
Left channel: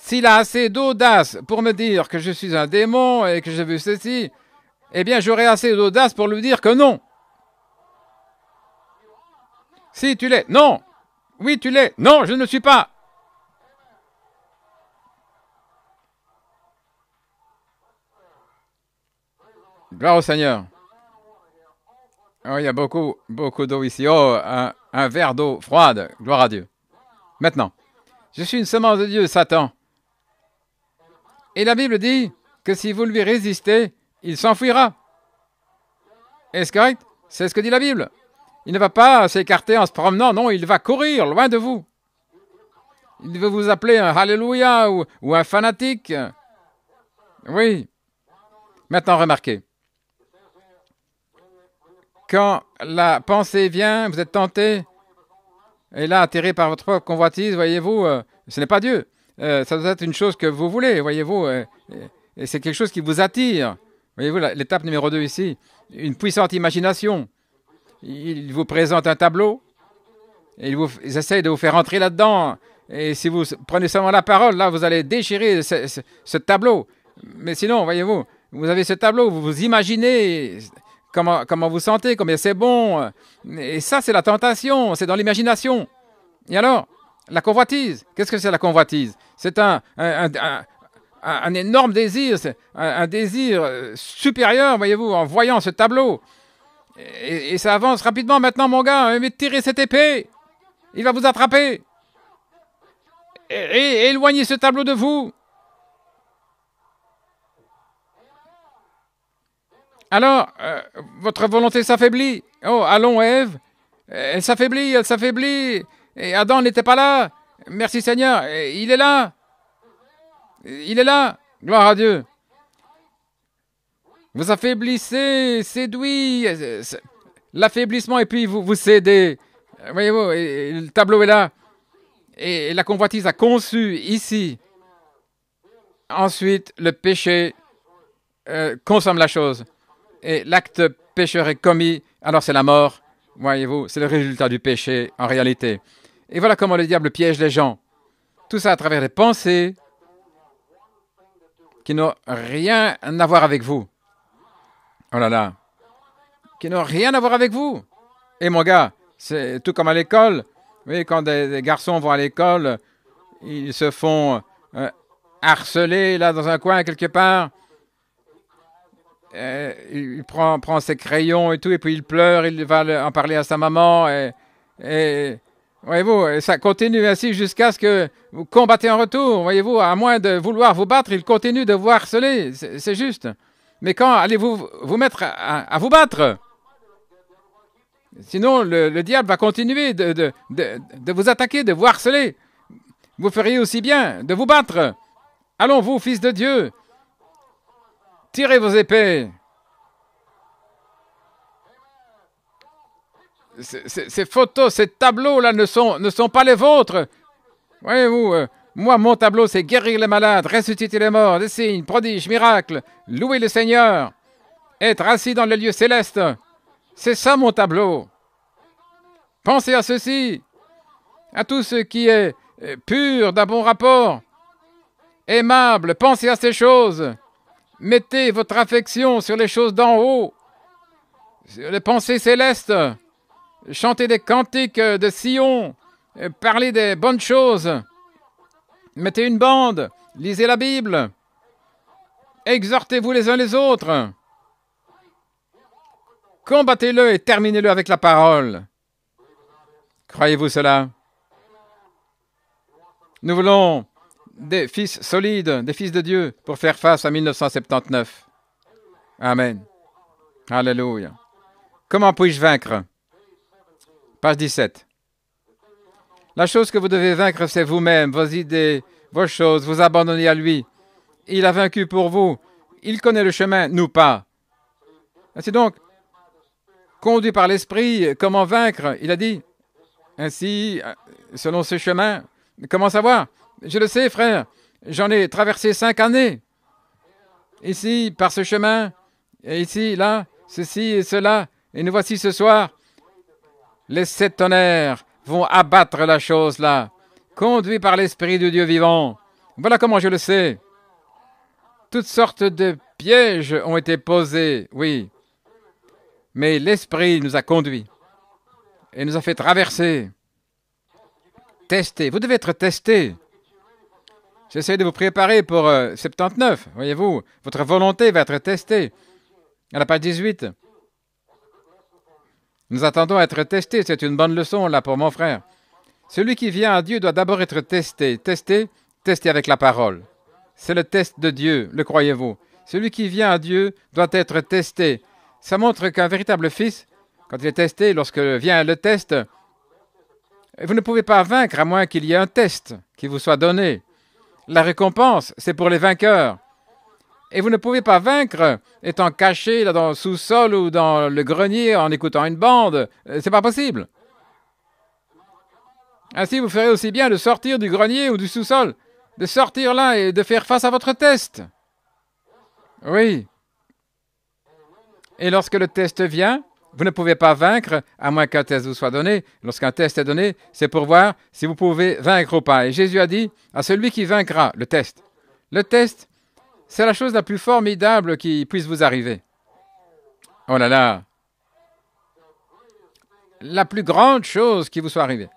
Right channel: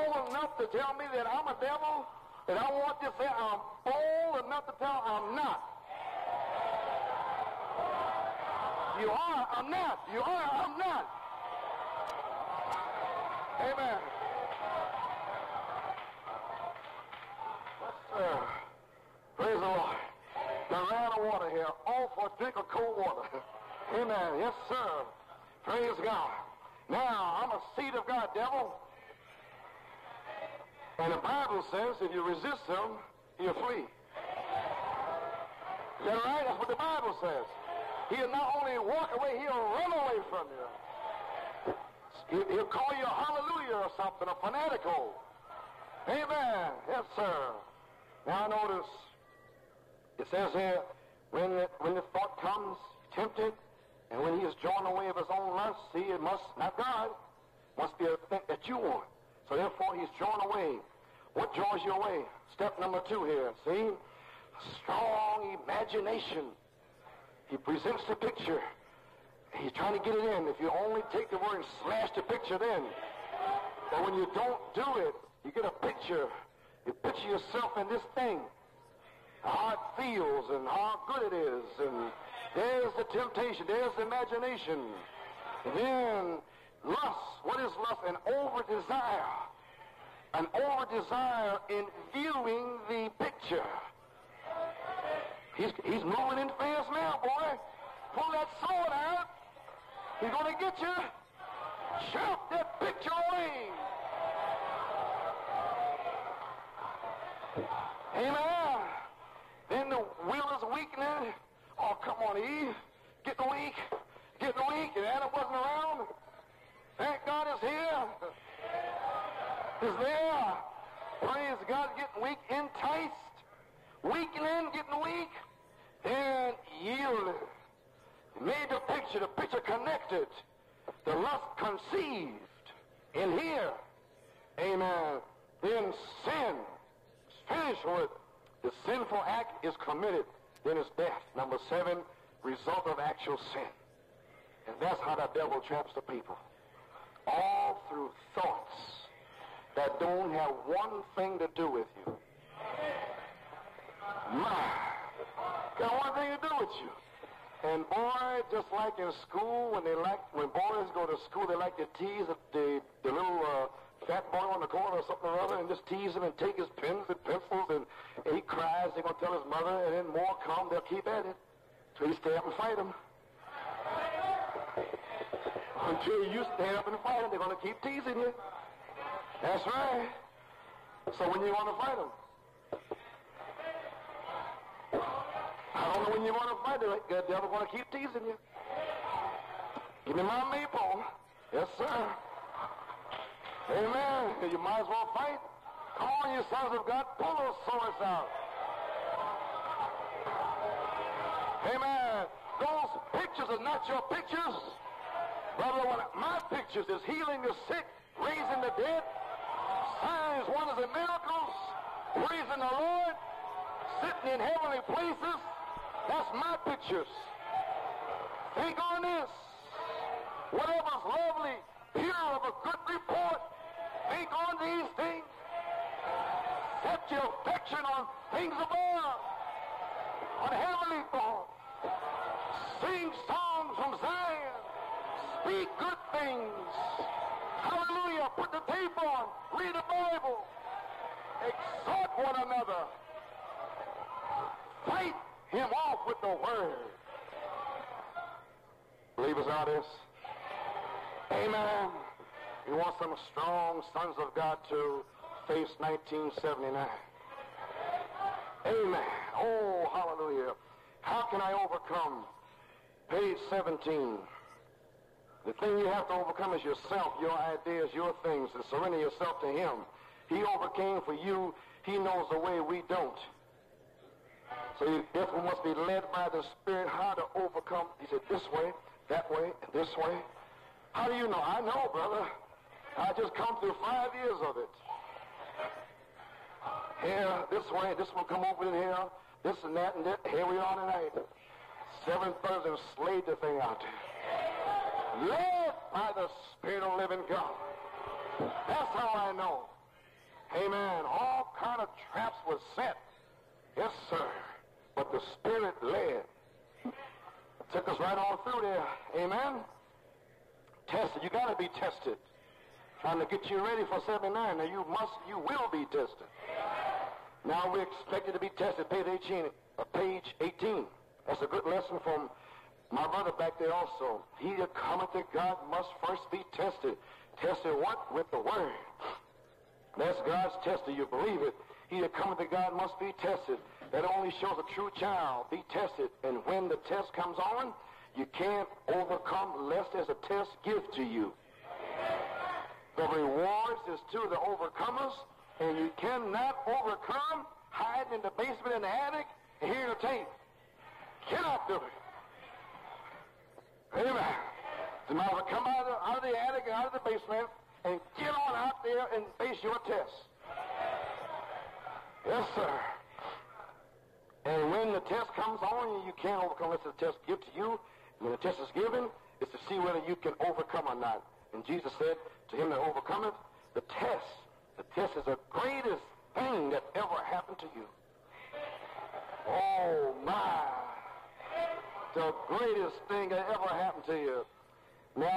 S'il a assez d'audace pour me dire que je suis un démon et que j'ai vu ceci, eh bien, j'aurai assez d'audace pour lui dire que non. Si, tu l'es. Non. Oui, tu l'es. Non, je ne le suis pas. Gloire au Seigneur. Oh, il y a beaucoup d'eau ici. Oh, un verre d'eau froide. Gloire à Dieu. Maintenant, je suis une semence de Dieu, Satan. Et la Bible dit que si vous lui résistez, il s'enfuira. Est-ce correct? C'est ce que dit la Bible. Il ne va pas s'écarter en se promenant, non, il va courir loin de vous. Il veut vous appeler un Alléluia ou un fanatique. Oui. Maintenant, remarquez. Quand la pensée vient, vous êtes tenté, et là, atterré par votre propre convoitise, voyez-vous, ce n'est pas Dieu. Ça doit être une chose que vous voulez, voyez-vous, et c'est quelque chose qui vous attire. Voyez-vous, l'étape numéro 2 ici, une puissante imagination. Il vous présente un tableau, et ils essayent de vous faire entrer là-dedans. Et si vous prenez seulement la parole, là, vous allez déchirer ce tableau. Mais sinon, voyez-vous, vous avez ce tableau, vous vous imaginez comment vous sentez, combien c'est bon. Et ça, c'est la tentation, c'est dans l'imagination. Et alors, la convoitise, qu'est-ce que c'est la convoitise? C'est un énorme désir, un désir supérieur, voyez-vous, en voyant ce tableau. Et ça avance rapidement maintenant, mon gars. Mais tirez cette épée. Il va vous attraper. Et éloignez ce tableau de vous. Alors, votre volonté s'affaiblit. Oh, allons, Ève. Elle s'affaiblit, elle s'affaiblit. Et Adam n'était pas là. Merci Seigneur. Il est là. Il est là. Gloire à Dieu. Vous affaiblissez, séduit. L'affaiblissement et puis vous cédez. Voyez-vous, le tableau est là. Et la convoitise a conçu ici. Ensuite, le péché consomme la chose. Et l'acte pécheur est commis, alors c'est la mort. Voyez-vous, c'est le résultat du péché en réalité. Et voilà comment le diable piège les gens. Tout ça à travers des pensées qui n'ont rien à voir avec vous. Oh là là. Qui n'ont rien à voir avec vous. Et mon gars, c'est tout comme à l'école. Oui, quand des garçons vont à l'école, ils se font harceler là dans un coin quelque part. Il prend ses crayons et tout, et puis il pleure, il va en parler à sa maman. Et voyez-vous, ça continue ainsi jusqu'à ce que vous combattez en retour. Voyez-vous, à moins de vouloir vous battre, il continue de vous harceler. C'est juste. Mais quand allez-vous vous mettre à vous battre? Sinon, le diable va continuer de vous attaquer, de vous harceler. Vous feriez aussi bien de vous battre. Allons, vous, fils de Dieu, tirez vos épées. Ces photos, ces tableaux-là ne sont pas les vôtres. Voyez-vous, moi, mon tableau, c'est guérir les malades, ressusciter les morts, des signes, prodiges, miracles, louer le Seigneur, être assis dans le lieu céleste. C'est ça mon tableau. Pensez à ceci, à tout ce qui est pur, d'un bon rapport, aimable. Pensez à ces choses. Mettez votre affection sur les choses d'en haut, sur les pensées célestes. Chantez des cantiques de Sion, parlez des bonnes choses. Mettez une bande, lisez la Bible. Exhortez-vous les uns les autres. Combattez-le et terminez-le avec la parole. Croyez-vous cela? Nous voulons des fils solides, des fils de Dieu pour faire face à 1979. Amen. Alléluia. Comment puis-je vaincre? Page 17. La chose que vous devez vaincre, c'est vous-même, vos idées, vos choses, vous abandonner à lui. Il a vaincu pour vous. Il connaît le chemin, nous pas. C'est donc conduit par l'Esprit. Comment vaincre? Il a dit, ainsi, selon ce chemin. Comment savoir? Je le sais, frère. J'en ai traversé 5 années. Ici, par ce chemin, et ici, là, ceci et cela. Et nous voici ce soir. Les 7 tonnerres vont abattre la chose là, conduits par l'Esprit de Dieu vivant. Voilà comment je le sais. Toutes sortes de pièges ont été posés, oui. Mais l'Esprit nous a conduits et nous a fait traverser. Tester. Vous devez être testé. J'essaie de vous préparer pour 79. Voyez-vous, votre volonté va être testée. À la page 18. Nous attendons à être testés. C'est une bonne leçon là pour mon frère. Celui qui vient à Dieu doit d'abord être testé. Testé avec la parole. C'est le test de Dieu, le croyez-vous? Celui qui vient à Dieu doit être testé. Ça montre qu'un véritable fils, quand il est testé, lorsque vient le test, vous ne pouvez pas vaincre à moins qu'il y ait un test qui vous soit donné. La récompense, c'est pour les vainqueurs. Et vous ne pouvez pas vaincre étant caché là, dans le sous-sol ou dans le grenier en écoutant une bande. C'est pas possible. Ainsi, vous ferez aussi bien de sortir du grenier ou du sous-sol, de sortir là et de faire face à votre test. Oui. Et lorsque le test vient, vous ne pouvez pas vaincre à moins qu'un test vous soit donné. Lorsqu'un test est donné, c'est pour voir si vous pouvez vaincre ou pas. Et Jésus a dit à celui qui vaincra, le test. Le test, c'est la chose la plus formidable qui puisse vous arriver. Oh là là. La plus grande chose qui vous soit arrivée.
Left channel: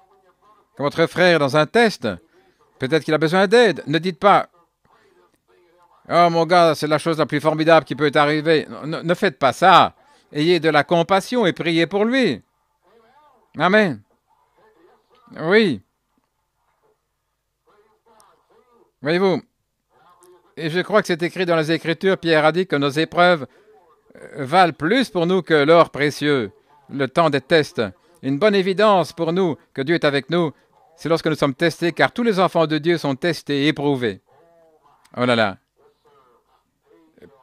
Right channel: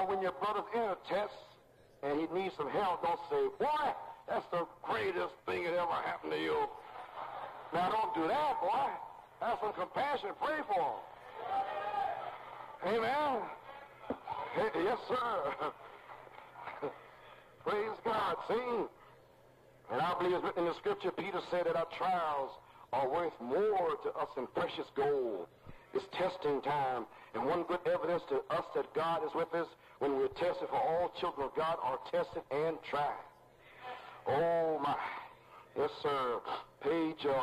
Votre frère est dans un test, peut-être qu'il a besoin d'aide. Ne dites pas « Oh mon gars, c'est la chose la plus formidable qui peut arriver. » Ne faites pas ça. Ayez de la compassion et priez pour lui. Amen. Oui. Voyez-vous, et je crois que c'est écrit dans les Écritures, Pierre a dit que nos épreuves valent plus pour nous que l'or précieux, le temps des tests. Une bonne évidence pour nous que Dieu est avec nous, c'est lorsque nous sommes testés, car tous les enfants de Dieu sont testés et éprouvés. Oh là là.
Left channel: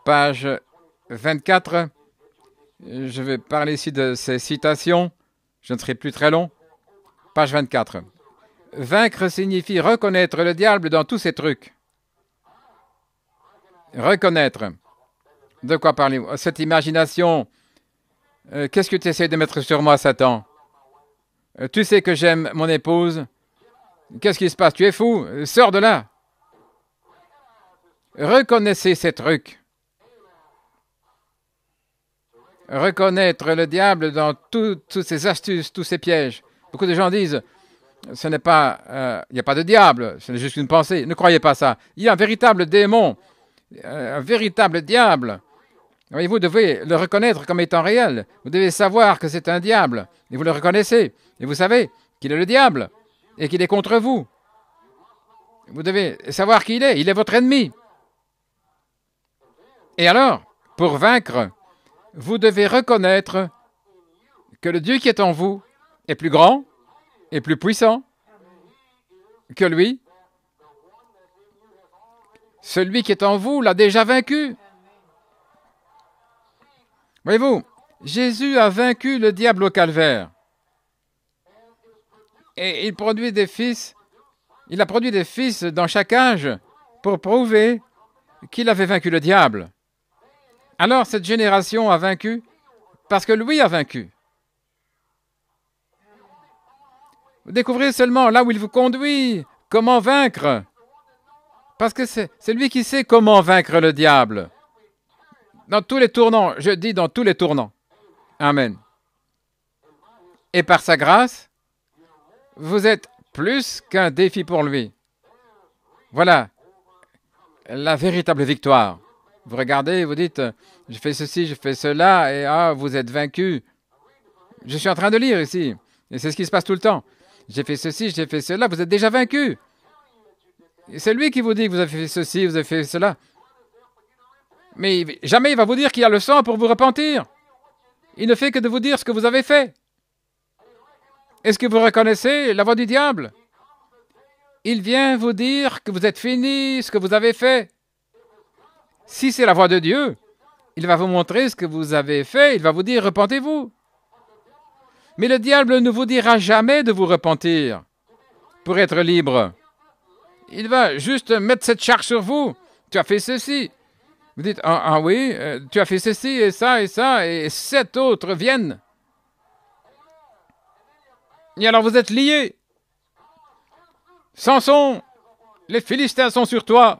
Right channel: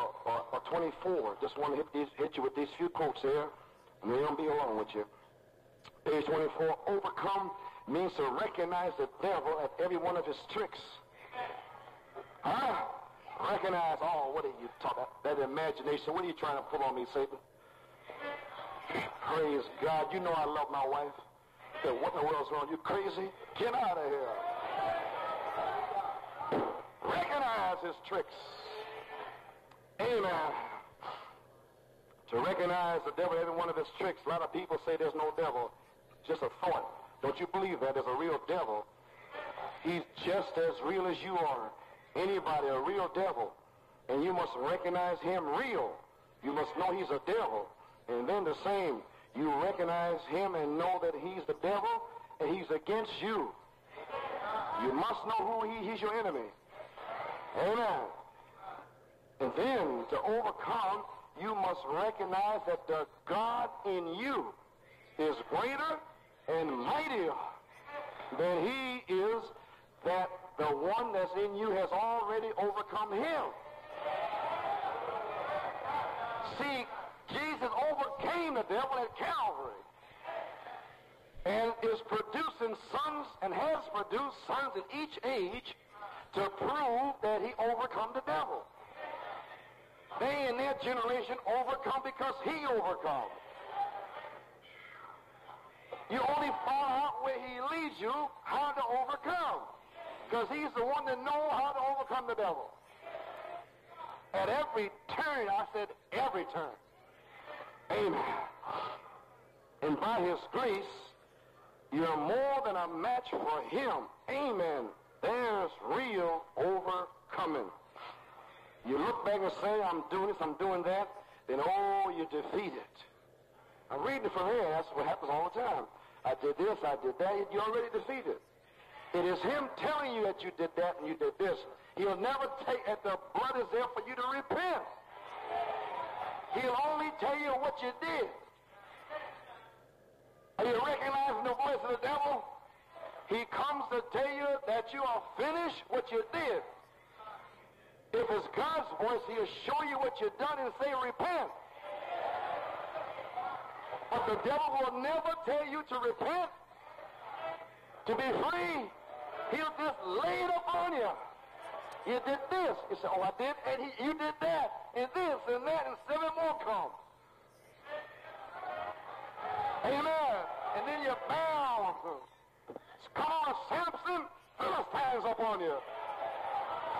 Page 24. Je vais parler ici de ces citations. Je ne serai plus très long. Page 24. Vaincre signifie reconnaître le diable dans tous ses trucs. Reconnaître. De quoi parlez-vous? Cette imagination. Qu'est-ce que tu essaies de mettre sur moi, Satan? Tu sais que j'aime mon épouse. Qu'est-ce qui se passe? Tu es fou? Sors de là. Reconnaissez ces trucs. Reconnaître le diable dans toutes ses astuces, tous ses pièges. Beaucoup de gens disent, ce n'est pas, il n'y a pas de diable, c'est juste une pensée. Ne croyez pas ça. Il y a un véritable démon, un véritable diable. Et vous devez le reconnaître comme étant réel. Vous devez savoir que c'est un diable. Et vous le reconnaissez. Et vous savez qu'il est le diable et qu'il est contre vous. Vous devez savoir qui il est. Il est votre ennemi. Et alors, pour vaincre, vous devez reconnaître que le Dieu qui est en vous est plus grand et plus puissant que lui. Celui qui est en vous l'a déjà vaincu. Voyez-vous, Jésus a vaincu le diable au calvaire. Et il produit des fils. Il a produit des fils dans chaque âge pour prouver qu'il avait vaincu le diable. Alors cette génération a vaincu parce que lui a vaincu. Découvrez seulement là où il vous conduit, comment vaincre. Parce que c'est lui qui sait comment vaincre le diable. Dans tous les tournants, je dis dans tous les tournants. Amen. Et par sa grâce, vous êtes plus qu'un défi pour lui. Voilà la véritable victoire. Vous regardez, vous dites, je fais ceci, je fais cela, et vous êtes vaincu. Je suis en train de lire ici, et c'est ce qui se passe tout le temps. J'ai fait ceci, j'ai fait cela, vous êtes déjà vaincu. C'est lui qui vous dit que vous avez fait ceci, vous avez fait cela. Mais jamais il va vous dire qu'il y a le sang pour vous repentir. Il ne fait que de vous dire ce que vous avez fait. Est-ce que vous reconnaissez la voix du diable? Il vient vous dire que vous êtes fini, ce que vous avez fait. Si c'est la voix de Dieu, il va vous montrer ce que vous avez fait, il va vous dire, repentez-vous. Mais le diable ne vous dira jamais de vous repentir pour être libre. il va juste mettre cette charge sur vous. Tu as fait ceci. Vous dites, ah oui, tu as fait ceci et ça, et 7 autres viennent. Et alors vous êtes liés. Samson, les Philistins sont sur toi.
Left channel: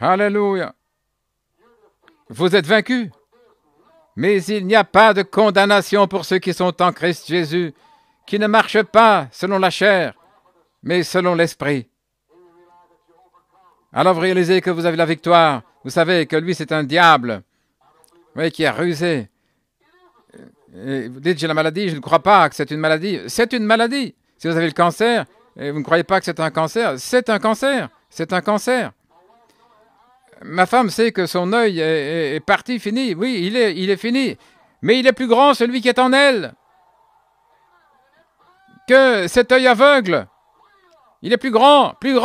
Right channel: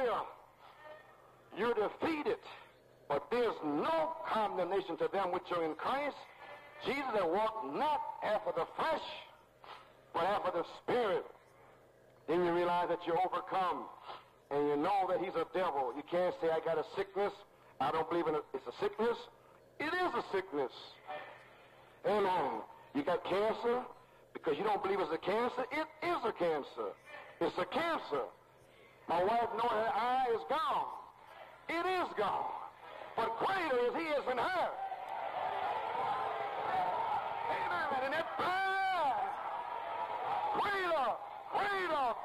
Alléluia. Vous êtes vaincu. Mais il n'y a pas de condamnation pour ceux qui sont en Christ Jésus, qui ne marchent pas selon la chair, mais selon l'Esprit. Alors vous réalisez que vous avez la victoire. Vous savez que lui, c'est un diable, oui, qui a rusé. Et vous dites, j'ai la maladie, je ne crois pas que c'est une maladie. C'est une maladie. Si vous avez le cancer, et vous ne croyez pas que c'est un cancer, c'est un cancer. C'est un cancer. Ma femme sait que son œil est parti, fini. Oui, il est fini. Mais il est plus grand, celui qui est en elle, que cet œil aveugle. Il est plus grand, plus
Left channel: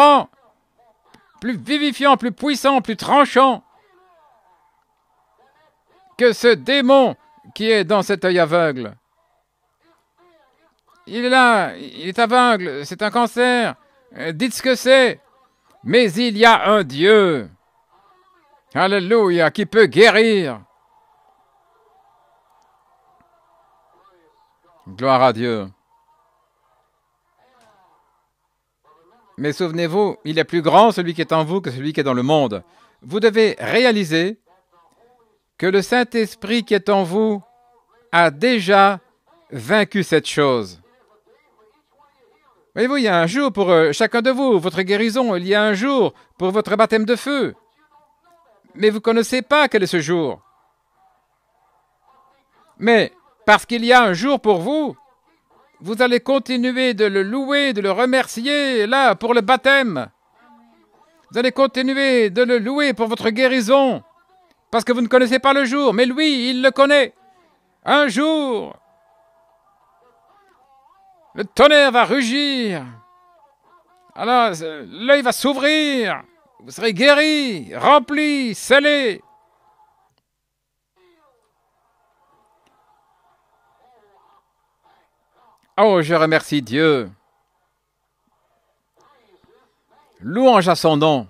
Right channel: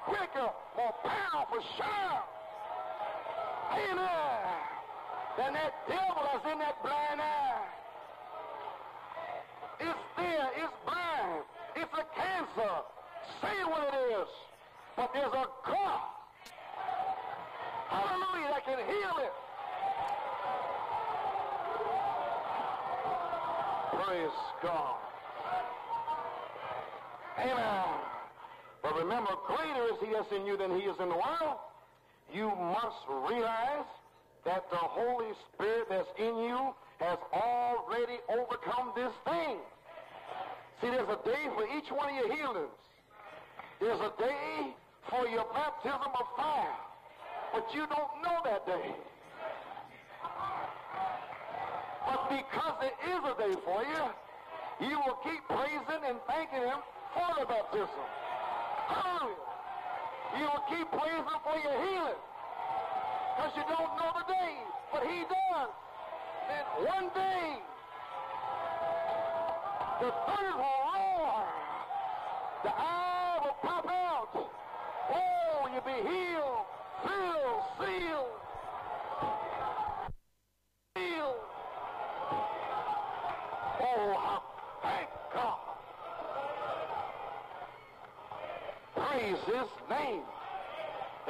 vivifiant, plus puissant, plus tranchant que ce démon qui est dans cet œil aveugle. Il est là, il est aveugle, c'est un cancer. Dites ce que c'est. Mais il y a un Dieu. Alléluia, qui peut guérir. Gloire à Dieu. Mais souvenez-vous, il est plus grand celui qui est en vous que celui qui est dans le monde. Vous devez réaliser que le Saint-Esprit qui est en vous a déjà vaincu cette chose. Voyez-vous, il y a un jour pour chacun de vous, votre guérison, il y a un jour pour votre baptême de feu. Mais vous ne connaissez pas quel est ce jour. Mais parce qu'il y a un jour pour vous, vous allez continuer de le louer, de le remercier, là, pour le baptême. Vous allez continuer de le louer pour votre guérison, parce que vous ne connaissez pas le jour, mais lui, il le connaît. Un jour, le tonnerre va rugir. Alors, l'œil va s'ouvrir. Vous serez guéri, rempli, scellé. Oh, je remercie Dieu. Louange à son nom.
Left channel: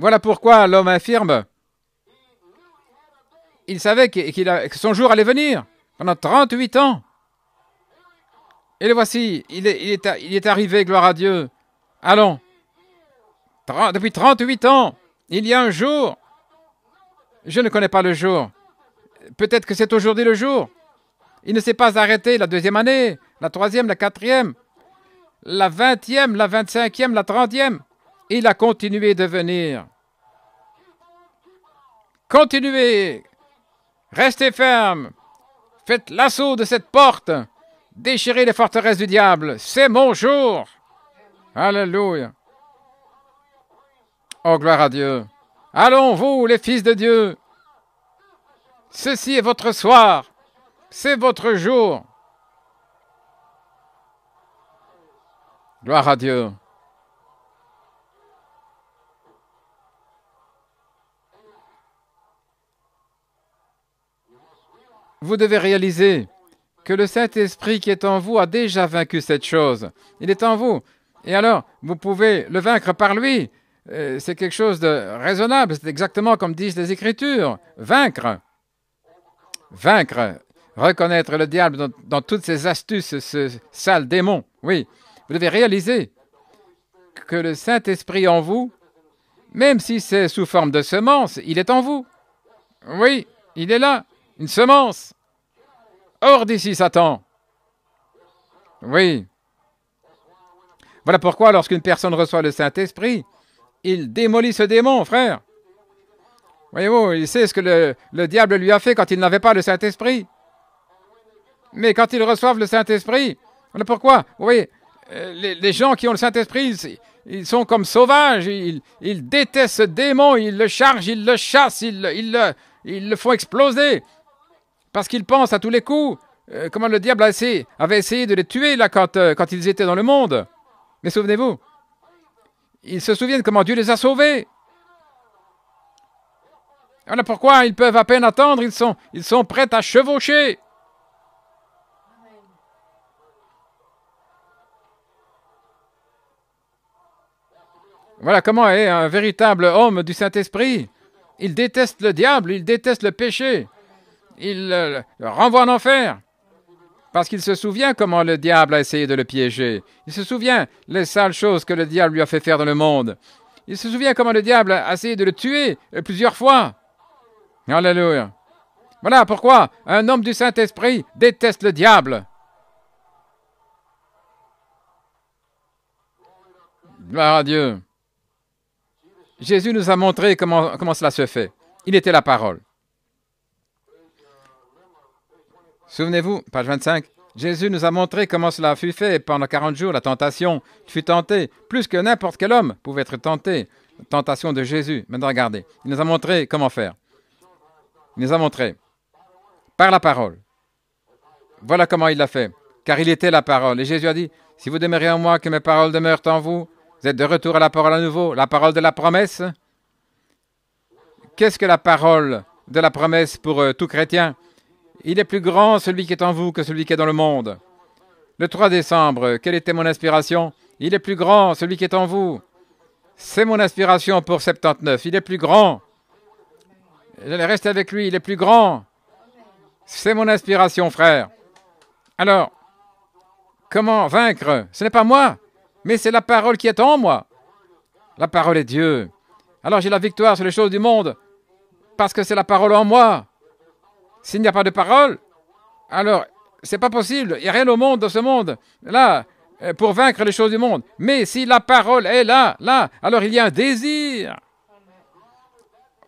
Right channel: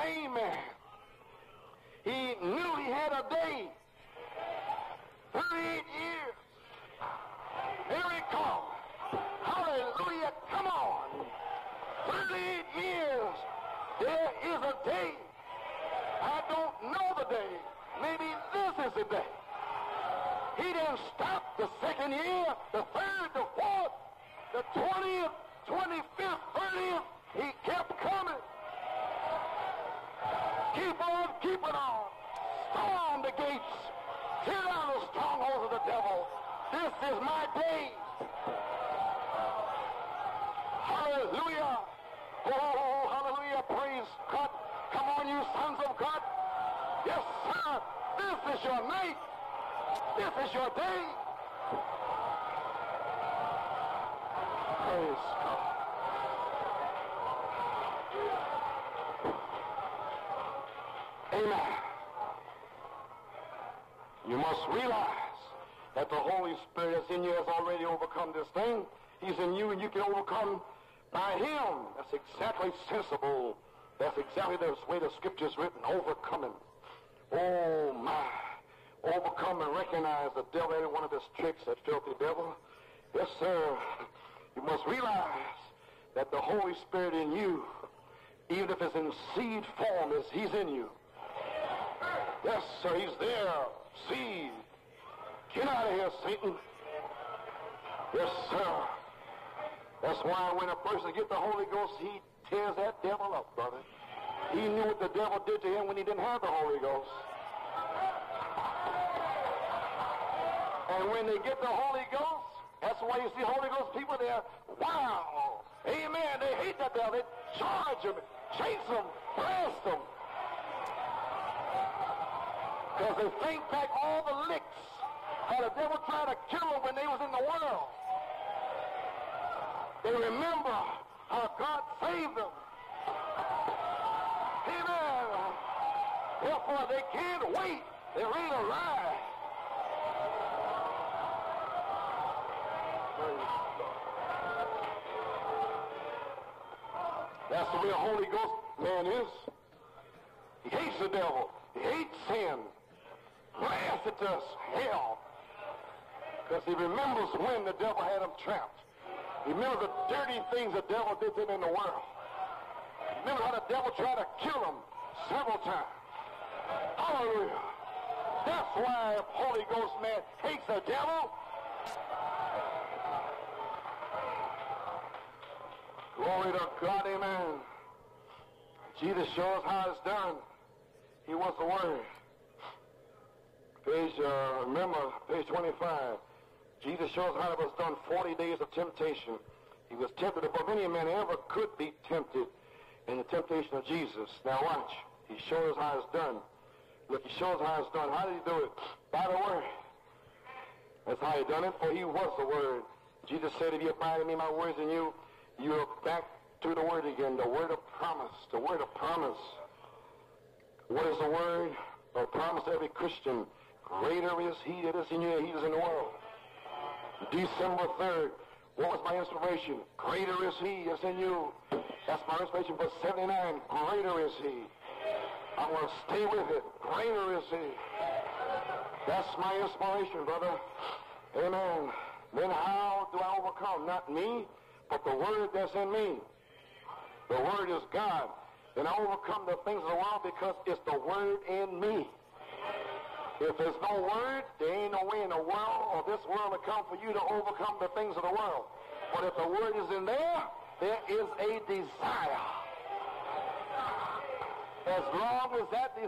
Voilà pourquoi l'homme infirme, il savait que son jour allait venir pendant 38 ans. Et le voici, il est arrivé, gloire à Dieu. Allons, depuis 38 ans, il y a un jour. Je ne connais pas le jour. Peut-être que c'est aujourd'hui le jour. Il ne s'est pas arrêté la 2e année, la 3e, la 4e, la 20e, la 25e, la 30e. Il a continué de venir. Continuez. Restez ferme. Faites l'assaut de cette porte. Déchirez les forteresses du diable. C'est mon jour. Alléluia. Oh, gloire à Dieu. Allons, vous, les fils de Dieu. Ceci est votre soir. C'est votre jour. Gloire à Dieu. Vous devez réaliser que le Saint-Esprit qui est en vous a déjà vaincu cette chose. Il est en vous. Et alors, vous pouvez le vaincre par lui. C'est quelque chose de raisonnable. C'est exactement comme disent les Écritures. Vaincre. Vaincre. Reconnaître le diable dans toutes ses astuces, ce sale démon. Oui. Vous devez réaliser que le Saint-Esprit en vous, même si c'est sous forme de semence, il est en vous. Oui, il est là. Une semence. Hors d'ici, Satan. Oui. Voilà pourquoi, lorsqu'une personne reçoit le Saint-Esprit, il démolit ce démon, frère. Voyez-vous, il sait ce que le diable lui a fait quand il n'avait pas le Saint-Esprit. Mais quand ils reçoivent le Saint-Esprit, voilà pourquoi, oui, les gens qui ont le Saint-Esprit, ils sont comme sauvages. Ils détestent ce démon, ils le chargent, ils le chassent, ils le font exploser. Parce qu'ils pensent à tous les coups, comment le diable avait essayé de les tuer là, quand ils étaient dans le monde. Mais souvenez-vous, ils se souviennent comment Dieu les a sauvés. Voilà pourquoi ils peuvent à peine attendre, ils sont prêts à chevaucher. Voilà comment est un véritable homme du Saint-Esprit. Il déteste le diable, il déteste le péché. Il le renvoie en enfer. Parce qu'il se souvient comment le diable a essayé de le piéger. Il se souvient les sales choses que le diable lui a fait faire dans le monde. Il se souvient comment le diable a essayé de le tuer plusieurs fois. Alléluia. Voilà pourquoi un homme du Saint-Esprit déteste le diable. Gloire à Dieu. Jésus nous a montré comment cela se fait. Il était la parole. Souvenez-vous, page 25, Jésus nous a montré comment cela fut fait pendant 40 jours. La tentation fut tentée, plus que n'importe quel homme pouvait être tenté. Tentation de Jésus. Maintenant, regardez, il nous a montré comment faire. Il nous a montré par la parole. Voilà comment il l'a fait, car il était la parole. Et Jésus a dit, si vous demeurez en moi, que mes paroles demeurent en vous, vous êtes de retour à la parole à nouveau, la parole de la promesse. Qu'est-ce que la parole de la promesse pour tout chrétien? Il est plus grand celui qui est en vous que celui qui est dans le monde. Le 3 décembre, quelle était mon inspiration? Il est plus grand celui qui est en vous. C'est mon inspiration pour 79. Il est plus grand. J'allais rester avec lui. Il est plus grand. C'est mon inspiration, frère. Alors, comment vaincre? Ce n'est pas moi, mais c'est la parole qui est en moi. La parole est Dieu. Alors j'ai la victoire sur les choses du monde parce que c'est la parole en moi. S'il n'y a pas de parole, alors c'est pas possible. Il n'y a rien au monde, dans ce monde, là, pour vaincre les choses du monde. Mais si la parole est là, alors il y a un désir.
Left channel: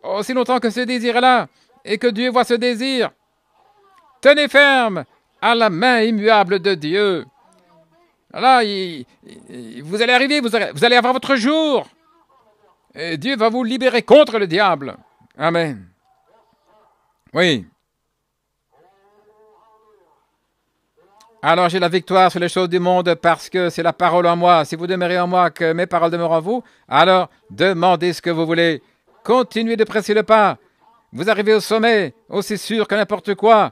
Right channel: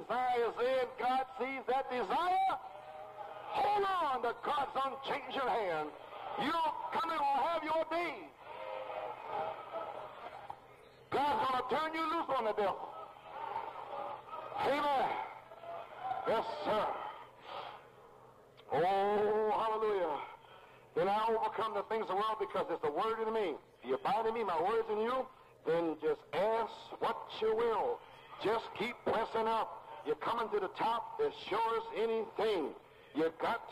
Aussi longtemps que ce désir est là et que Dieu voit ce désir, tenez ferme à la main immuable de Dieu. Là, vous allez arriver, vous allez avoir votre jour. Et Dieu va vous libérer contre le diable. Amen. Oui. Alors j'ai la victoire sur les choses du monde parce que c'est la parole en moi. Si vous demeurez en moi, que mes paroles demeurent en vous, alors demandez ce que vous voulez. Continuez de presser le pas. Vous arrivez au sommet, aussi sûr que n'importe quoi.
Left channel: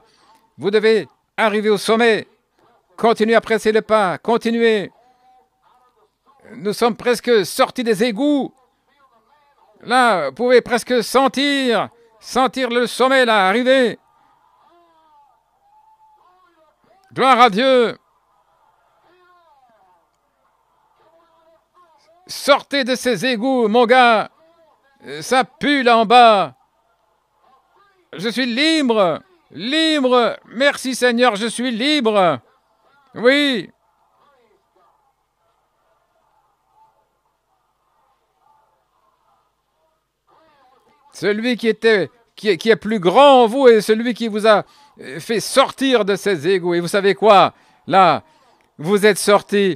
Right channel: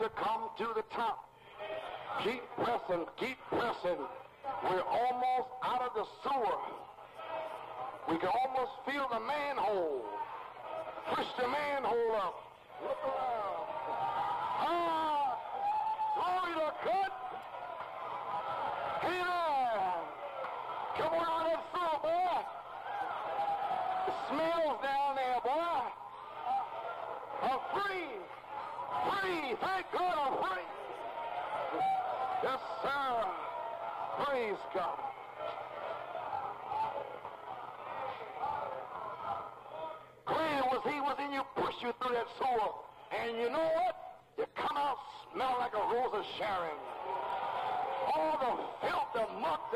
Vous devez arriver au sommet. Continuez à presser le pas. Continuez. Nous sommes presque sortis des égouts. Là, vous pouvez presque sentir le sommet là arriver. Gloire à Dieu. Sortez de ces égouts, mon gars. Ça pue là en bas. Je suis libre. Libre. Merci Seigneur, je suis libre. Oui. Celui qui est plus grand en vous est celui qui vous a fait sortir de ces égouts. Et vous savez quoi? Là, vous êtes sortis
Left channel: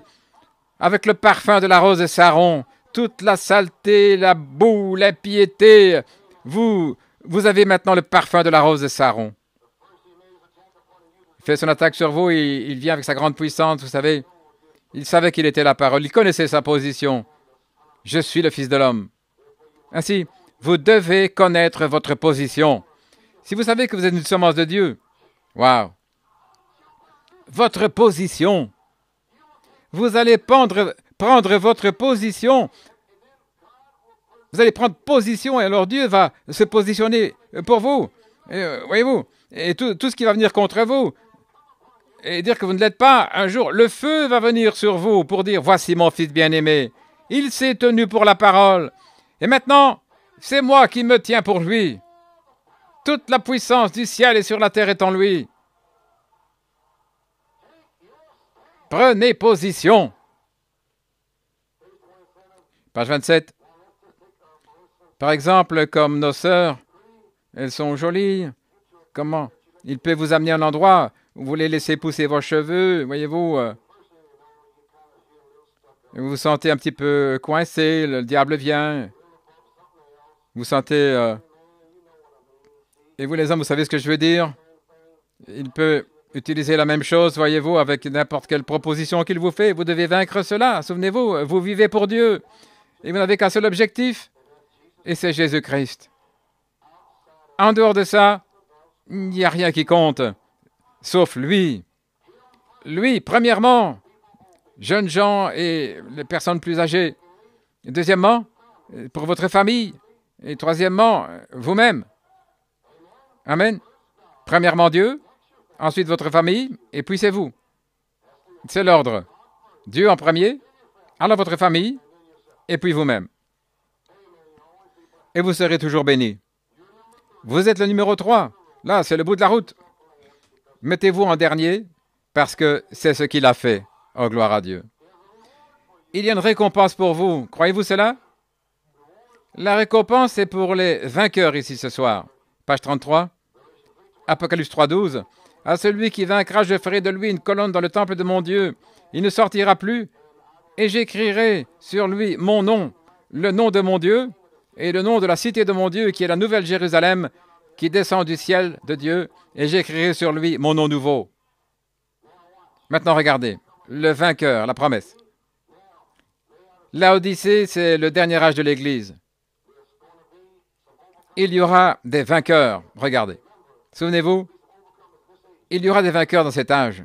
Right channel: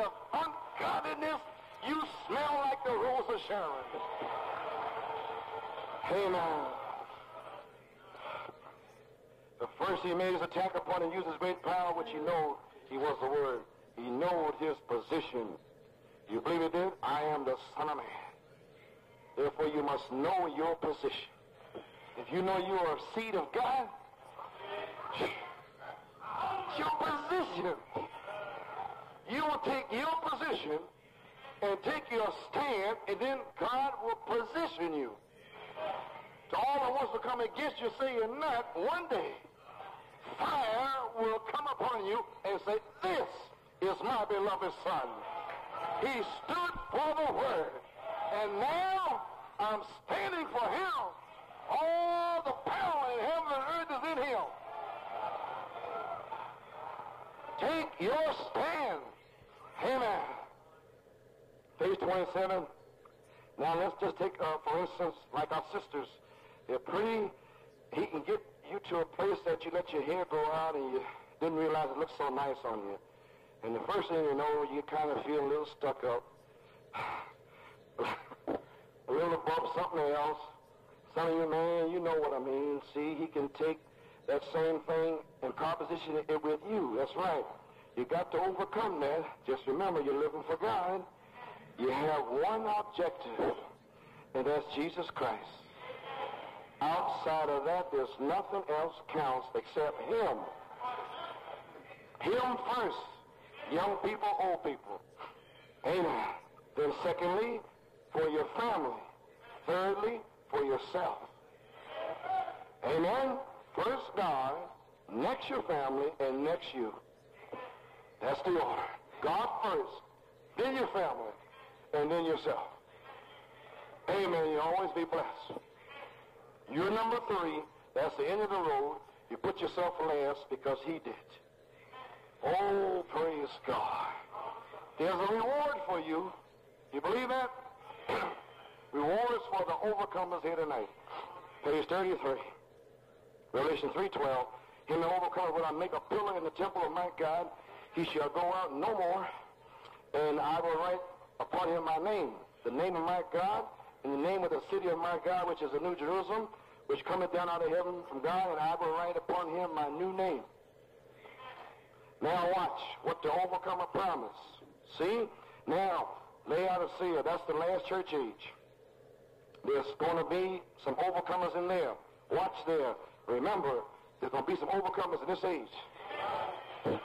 avec le parfum de la rose de Saron. Toute la saleté, la boue, l'impiété. Vous avez maintenant le parfum de la rose de Saron. Il fait son attaque sur vous, il vient avec sa grande puissance, vous savez. Il savait qu'il était la parole, il connaissait sa position. Je suis le Fils de l'homme. Ainsi, vous devez connaître votre position. Si vous savez que vous êtes une semence de Dieu, wow. Votre position. Vous allez prendre votre position. Vous allez prendre position et alors Dieu va se positionner pour vous. Voyez-vous, et tout ce qui va venir contre vous et dire que vous ne l'êtes pas, un jour, le feu va venir sur vous pour dire, voici mon fils bien-aimé. Il s'est tenu pour la parole. Et maintenant, c'est moi qui me tiens pour lui. Toute la puissance du ciel et sur la terre est en lui. Prenez position. Page 27. Par exemple, comme nos sœurs, elles sont jolies. Comment? Il peut vous amener à un endroit où vous voulez laisser pousser vos cheveux, voyez-vous. Vous vous sentez un petit peu coincé, le diable vient. Vous sentez... Et vous les hommes, vous savez ce que je veux dire? Il peut utiliser la même chose, voyez-vous, avec n'importe quelle proposition qu'il vous fait. Vous devez vaincre cela. Souvenez-vous, vous vivez pour Dieu. Et vous n'avez qu'un seul objectif, et c'est Jésus-Christ. En dehors de ça, il n'y a rien qui compte, sauf lui. Lui, premièrement, jeunes gens et les personnes plus âgées, Deuxièmement, pour votre famille. Et troisièmement, vous-même. Amen. Premièrement, Dieu, ensuite votre famille, et puis c'est vous. C'est l'ordre. Dieu en premier, alors votre famille, et puis vous-même. Et vous serez toujours bénis. Vous êtes le numéro 3. Là, c'est le bout de la route. Mettez-vous en dernier, parce que c'est ce qu'il a fait. Oh, gloire à Dieu. Il y a une récompense pour vous. Croyez-vous cela? La récompense est pour les vainqueurs ici ce soir. Page 33. Apocalypse 3:12. À celui qui vaincra, je ferai de lui une colonne dans le temple de mon Dieu. Il ne sortira plus. Et j'écrirai sur lui mon nom, le nom de mon Dieu, et le nom de la cité de mon Dieu, qui est la nouvelle Jérusalem, qui descend du ciel de Dieu, et j'écrirai sur lui mon nom nouveau. Maintenant, regardez, le vainqueur, la promesse. Laodicée, c'est le dernier âge de l'Église. Il y aura des vainqueurs. Regardez. Souvenez-vous, il y aura des vainqueurs dans cet âge.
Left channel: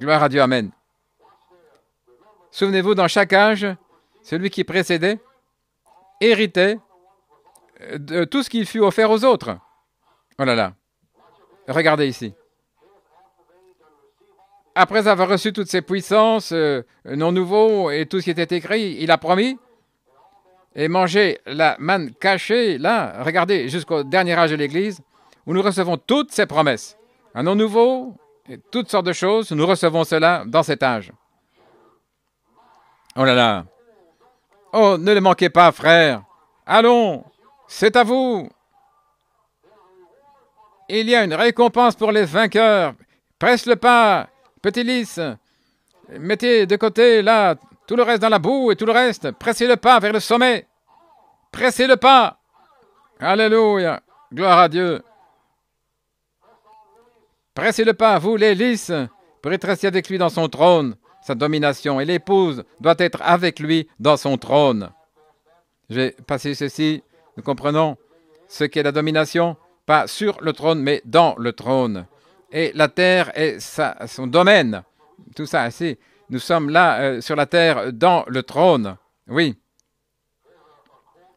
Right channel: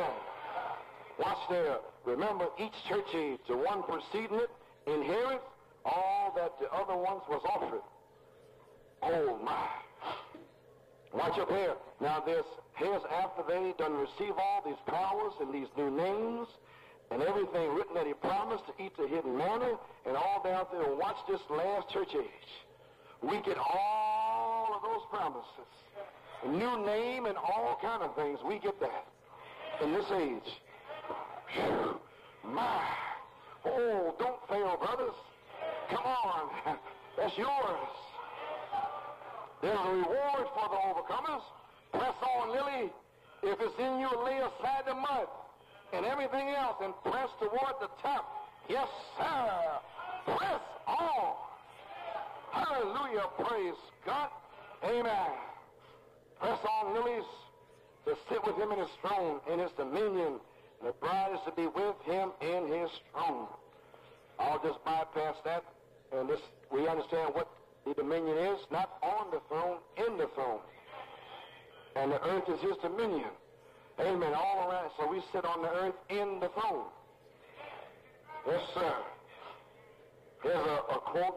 Gloire à Dieu, Amen. Souvenez-vous, dans chaque âge, celui qui précédait héritait de tout ce qui fut offert aux autres. Oh là là. Regardez ici. Après avoir reçu toutes ces puissances, non nouveaux et tout ce qui était écrit, il a promis et manger la manne cachée, là, regardez, jusqu'au dernier âge de l'Église, où nous recevons toutes ces promesses. Un nom nouveau, et toutes sortes de choses, nous recevons cela dans cet âge. Oh là là. Oh, ne le manquez pas, frères. Allons, c'est à vous. Il y a une récompense pour les vainqueurs. Presse le pas, petit lys. Mettez de côté, là, tout le reste dans la boue et tout le reste. Pressez le pas vers le sommet. Pressez le pas. Alléluia. Gloire à Dieu. Pressez le pas, vous les lys, pour être assis avec lui dans son trône, sa domination. Et l'épouse doit être avec lui dans son trône. Je vais passer ceci. Nous comprenons ce qu'est la domination, pas sur le trône, mais dans le trône. Et la terre est son domaine. Tout ça, ainsi. Nous sommes là, sur la terre, dans le trône. Oui.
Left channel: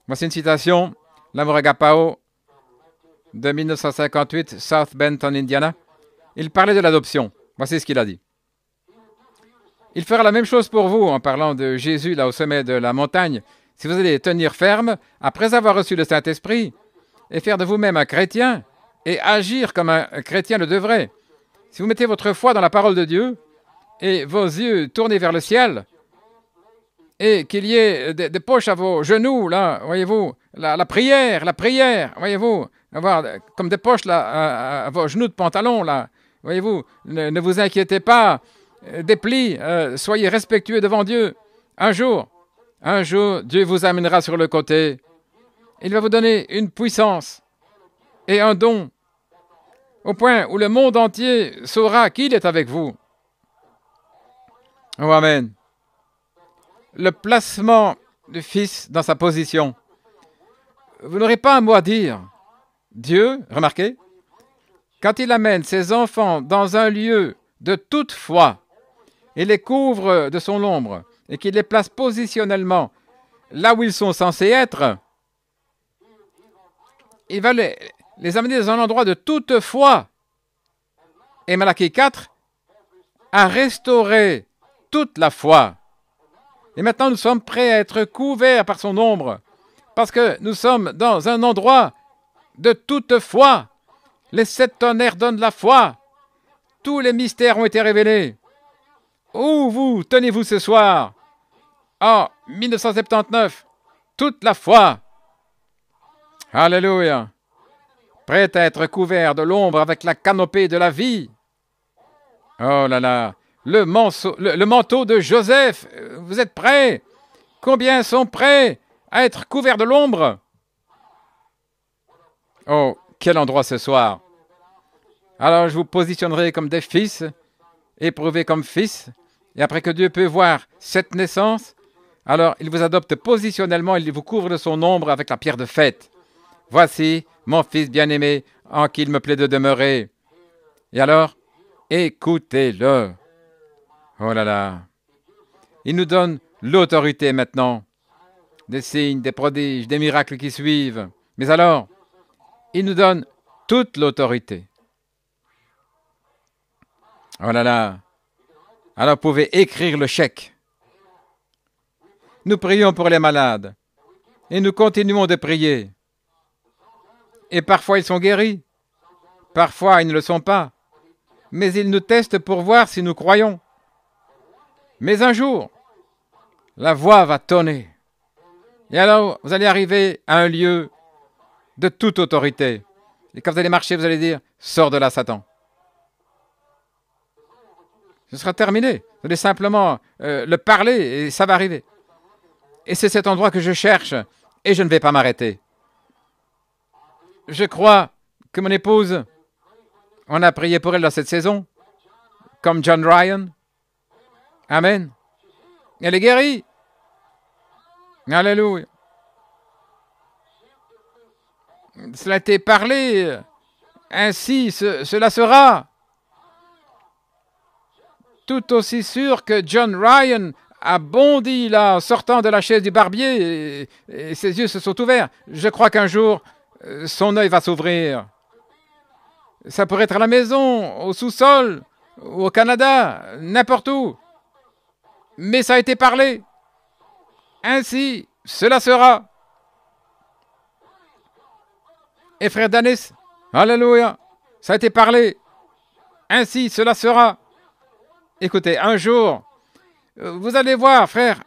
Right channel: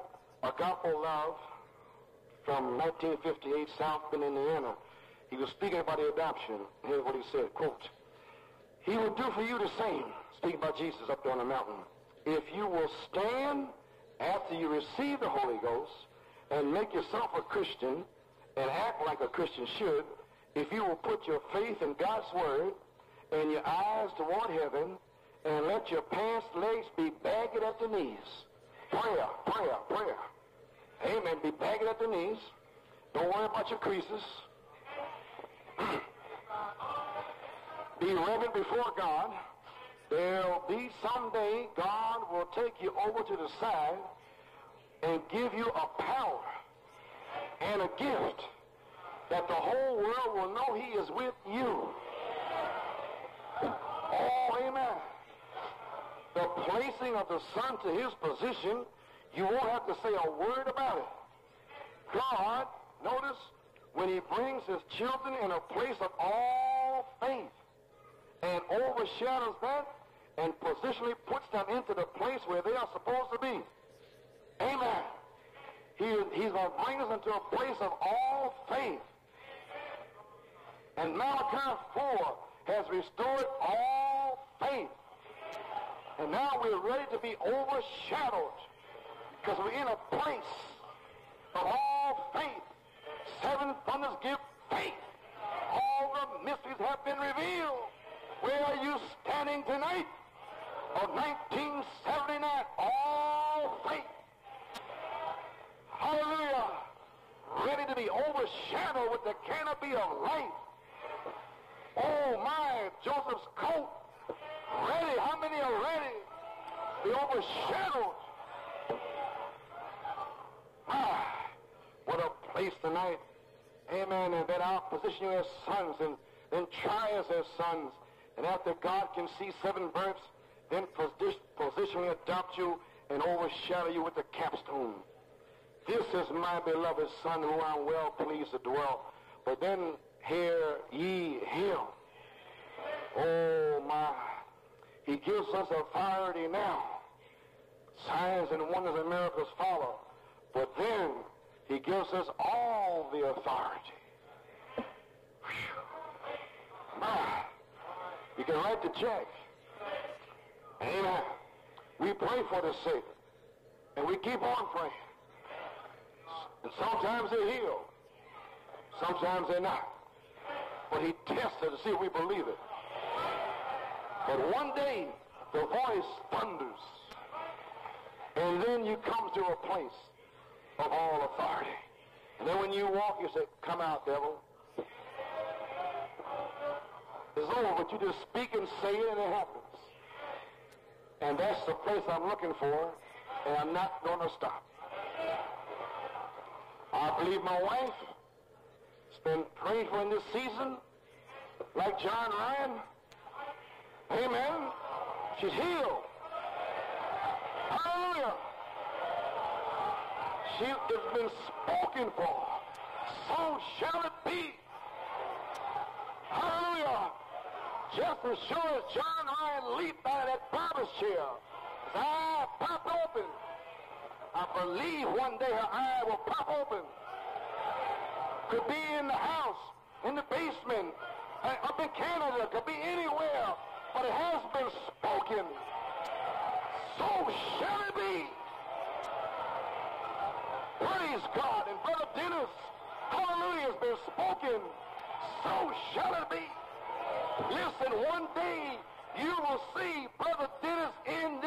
Voici une citation, l'amour agapao, de 1958, South Benton, Indiana. Il parlait de l'adoption. Voici ce qu'il a dit. Il fera la même chose pour vous, en parlant de Jésus, là, au sommet de la montagne. Si vous allez tenir ferme, après avoir reçu le Saint-Esprit, et faire de vous-même un chrétien, et agir comme un chrétien le devrait. Si vous mettez votre foi dans la parole de Dieu, et vos yeux tournés vers le ciel, et qu'il y ait des poches à vos genoux, là, voyez-vous, la prière, voyez-vous, avoir comme des poches là, à vos genoux de pantalon, là, voyez-vous, ne vous inquiétez pas, des plis, soyez respectueux devant Dieu. Un jour, Dieu vous amènera sur le côté. Il va vous donner une puissance et un don, au point où le monde entier saura qu'il est avec vous. Oh, Amen. Le placement du Fils dans sa position. Vous n'aurez pas un mot à dire. Dieu, remarquez, quand il amène ses enfants dans un lieu de toute foi, il les couvre de son ombre et qu'il les place positionnellement là où ils sont censés être, il va les amener dans un endroit de toute foi. Et Malachie 4 a restauré toute la foi. Et maintenant, nous sommes prêts à être couverts par son ombre, parce que nous sommes dans un endroit de toute foi. Les 7 tonnerres donnent la foi. Tous les mystères ont été révélés. Où vous tenez-vous ce soir? En 1979, toute la foi. Alléluia. Prêt à être couvert de l'ombre avec la canopée de la vie. Oh là là. Le manteau de Joseph. Vous êtes prêts? Combien sont prêts à être couverts de l'ombre? Oh, quel endroit ce soir. Alors je vous positionnerai comme des fils, éprouvés comme fils, et après que Dieu peut voir cette naissance, alors il vous adopte positionnellement, il vous couvre de son ombre avec la pierre de fête. Voici mon fils bien-aimé, en qui il me plaît de demeurer. Et alors, écoutez-le. Oh là là. Il nous donne l'autorité maintenant des signes, des prodiges, des miracles qui suivent. Mais alors, il nous donne toute l'autorité. Oh là là. Alors, vous pouvez écrire le chèque. Nous prions pour les malades. Et nous continuons de prier. Et parfois, ils sont guéris. Parfois, ils ne le sont pas. Mais ils nous testent pour voir si nous croyons. Mais un jour, la voix va tonner. Et alors, vous allez arriver à un lieu de toute autorité. Et quand vous allez marcher, vous allez dire, « Sors de là, Satan ». Ce sera terminé. Vous allez simplement le parler et ça va arriver. Et c'est cet endroit que je cherche et je ne vais pas m'arrêter. Je crois que mon épouse, on a prié pour elle dans cette saison, comme John Ryan. Amen. Elle est guérie. Alléluia. Cela a été parlé. Ainsi, cela sera. Tout aussi sûr que John Ryan a bondi là, en sortant de la chaise du barbier, et ses yeux se sont ouverts. Je crois qu'un jour, son œil va s'ouvrir. Ça pourrait être à la maison, au sous-sol, au Canada, n'importe où. Mais ça a été parlé. Ainsi, cela sera. Et frère Dennis, alléluia, ça a été parlé. Ainsi, cela sera. Écoutez, un jour, vous allez voir, frère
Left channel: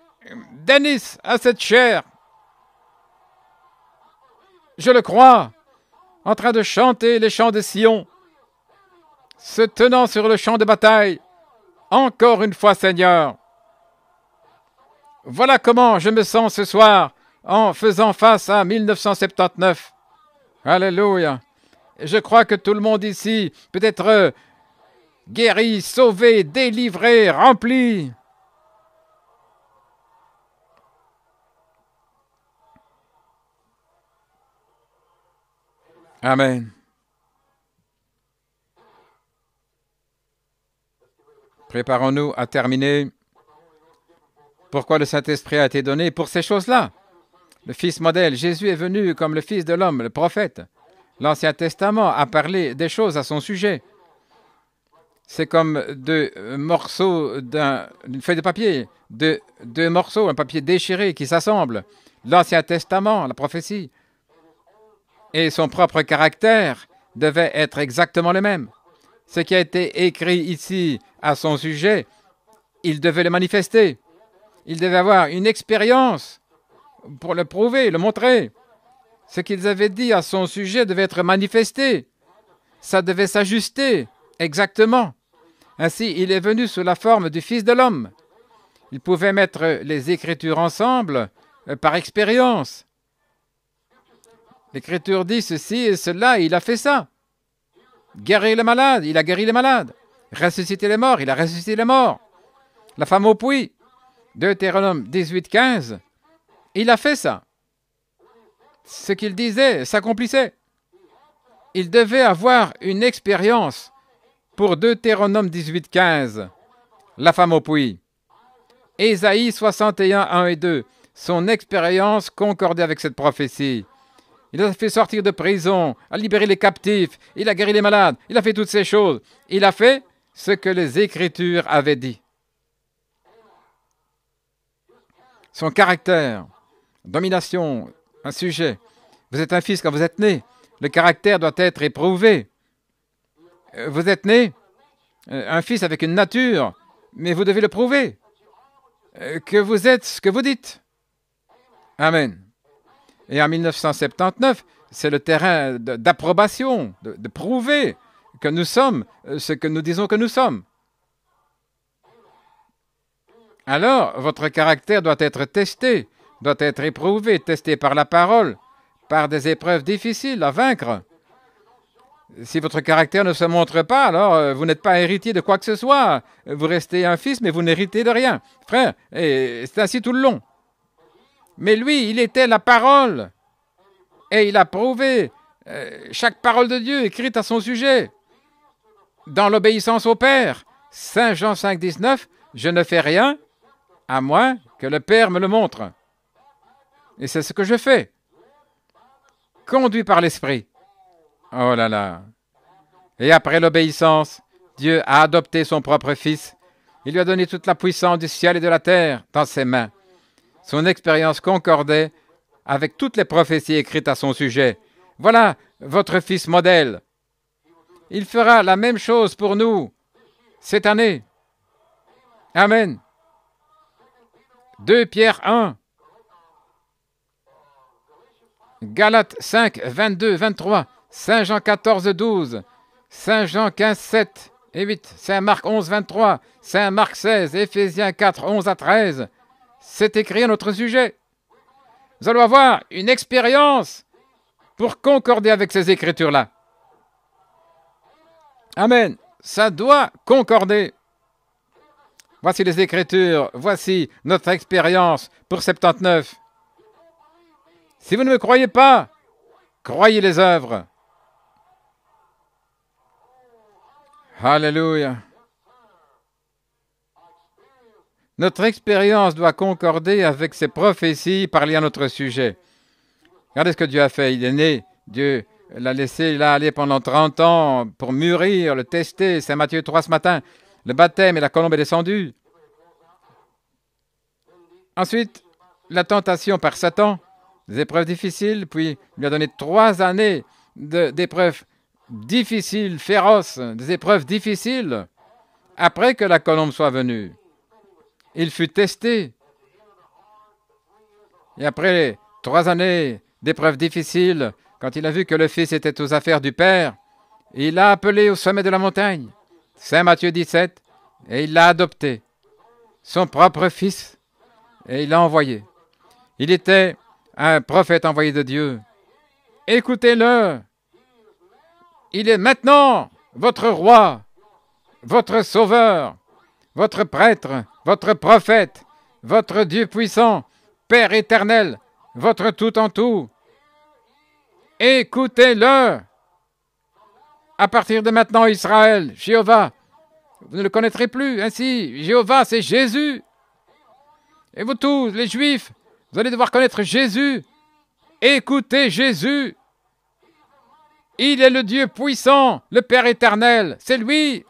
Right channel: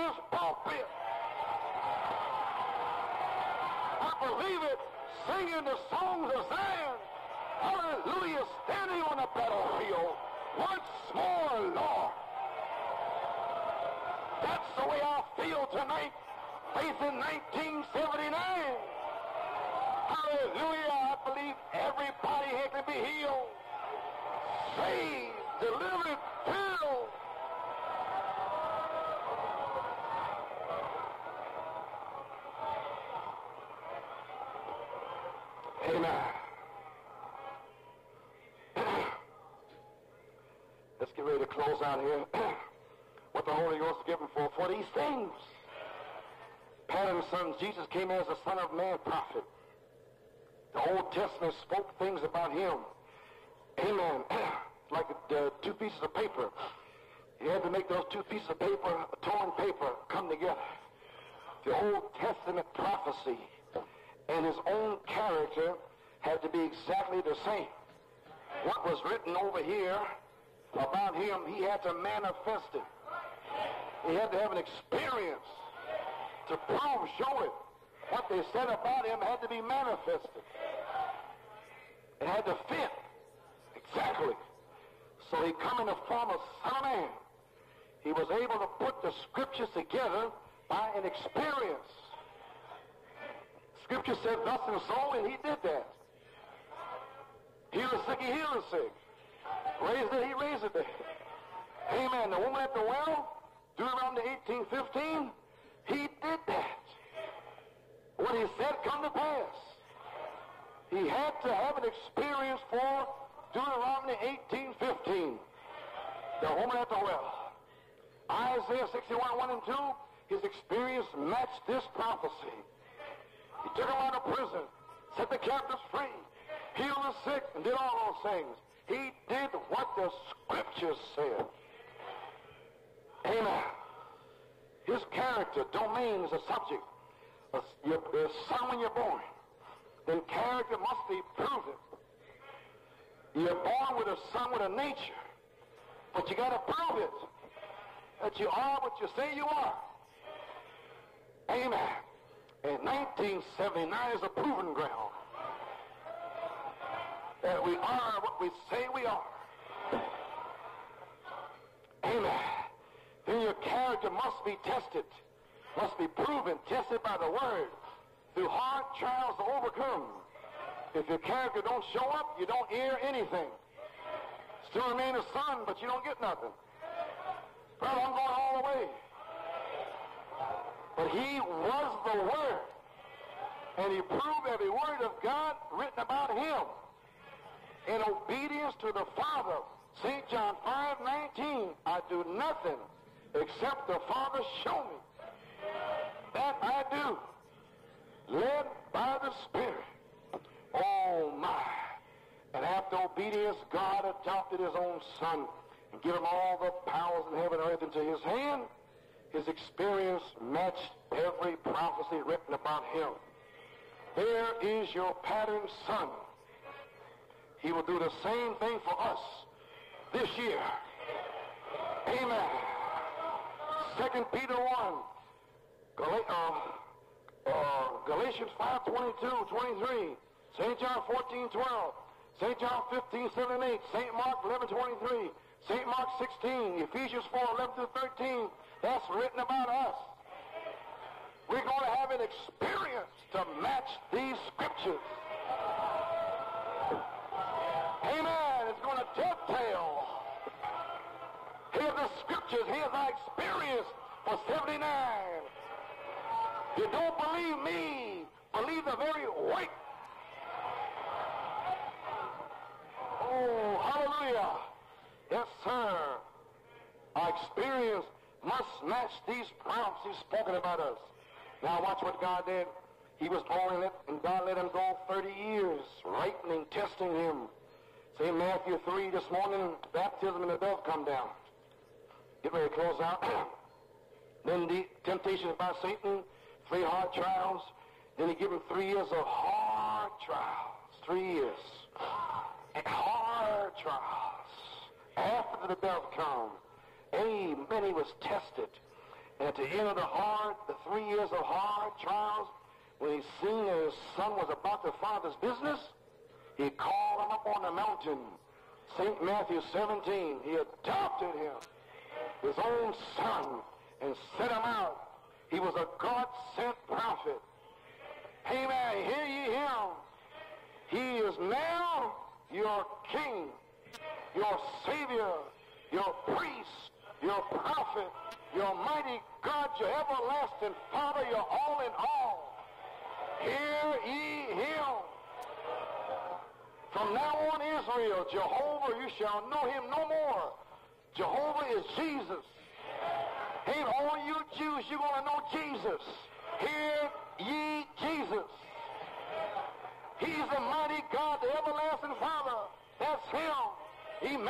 Dennis a cette chair. Je le crois, en train de chanter les chants de Sion, se tenant sur le champ de bataille. Encore une fois, Seigneur. Voilà comment je me sens ce soir en faisant face à 1979. Alléluia. Je crois que tout le monde ici peut être guéri, sauvé, délivré, rempli. Amen. Préparons-nous à terminer. Pourquoi le Saint-Esprit a été donné? Pour ces choses-là. Le Fils modèle, Jésus est venu comme le Fils de l'homme, le prophète. L'Ancien Testament a parlé des choses à son sujet. C'est comme deux morceaux d'une feuille de papier, deux morceaux, un papier déchiré qui s'assemblent. L'Ancien Testament, la prophétie, et son propre caractère devaient être exactement le même. Ce qui a été écrit ici à son sujet, il devait le manifester. Il devait avoir une expérience pour le prouver, le montrer. Ce qu'ils avaient dit à son sujet devait être manifesté. Ça devait s'ajuster exactement. Ainsi, il est venu sous la forme du Fils de l'homme. Il pouvait mettre les Écritures ensemble par expérience. L'Écriture dit ceci et cela, et il a fait ça. Guérir les malades, il a guéri les malades. Ressusciter les morts, il a ressuscité les morts. La femme au puits, Deutéronome 18, 15, il a fait ça. Ce qu'il disait s'accomplissait. Il devait avoir une expérience pour Deutéronome 18, 15, la femme au puits. Ésaïe 61, 1 et 2, son expérience concordait avec cette prophétie. Il a fait sortir de prison, a libéré les captifs, il a guéri les malades, il a fait toutes ces choses. Il a fait ce que les Écritures avaient dit. Son caractère, domination, un sujet. Vous êtes un fils quand vous êtes né. Le caractère doit être éprouvé. Vous êtes né, un fils avec une nature, mais vous devez le prouver. Que vous êtes ce que vous dites. Amen. Et en 1979, c'est le terrain d'approbation, de prouver que nous sommes ce que nous disons que nous sommes. Alors, votre caractère doit être testé, doit être éprouvé, testé par la parole, par des épreuves difficiles à vaincre. Si votre caractère ne se montre pas, alors vous n'êtes pas héritier de quoi que ce soit. Vous restez un fils, mais vous n'héritez de rien. Frère, et c'est ainsi tout le long. Mais lui, il était la parole. Et il a prouvé chaque parole de Dieu écrite à son sujet. Dans l'obéissance au Père. Saint Jean 5, 19, je ne fais rien à moins que le Père me le montre. Et c'est ce que je fais. Conduit par l'Esprit. Oh là là. Et après l'obéissance, Dieu a adopté son propre Fils. Il lui a donné toute la puissance du ciel et de la terre dans ses mains. Son expérience concordait avec toutes les prophéties écrites à son sujet. Voilà votre Fils modèle. Il fera la même chose pour nous cette année. Amen. 2 Pierre 1. Galates 5, 22, 23. Saint Jean 14, 12. Saint Jean 15, 7 et 8. Saint Marc 11, 23. Saint Marc 16. Éphésiens 4, 11 à 13. C'est écrit à notre sujet. Nous allons avoir une expérience pour concorder avec ces Écritures-là. Amen. Ça doit concorder. Voici les Écritures. Voici notre expérience pour 79. Si vous ne me croyez pas, croyez les œuvres. Alléluia. Notre expérience doit concorder avec ces prophéties parlées à notre sujet. Regardez ce que Dieu a fait. Il est né. Dieu l'a laissé là aller pendant 30 ans pour mûrir, le tester. Saint Matthieu 3 ce matin. Le baptême et la colombe est descendue. Ensuite, la tentation par Satan, des épreuves difficiles, puis il lui a donné 3 années d'épreuves difficiles, féroces, des épreuves difficiles, après que la colombe soit venue. Il fut testé. Et après 3 années d'épreuves difficiles, quand il a vu que le Fils était aux affaires du Père, il l'a appelé au sommet de la montagne, Saint Matthieu 17, et il l'a adopté, son propre Fils, et il l'a envoyé. Il était un prophète envoyé de Dieu. Écoutez-le. Il est maintenant votre roi, votre sauveur, votre prêtre, votre prophète, votre Dieu puissant, Père éternel, votre tout en tout. Écoutez-le. À partir de maintenant, Israël, Jéhovah, vous ne le connaîtrez plus. Ainsi, Jéhovah, c'est Jésus. Et vous tous, les Juifs, vous allez devoir connaître Jésus. Écoutez Jésus. Il est le Dieu puissant, le Père éternel. C'est lui,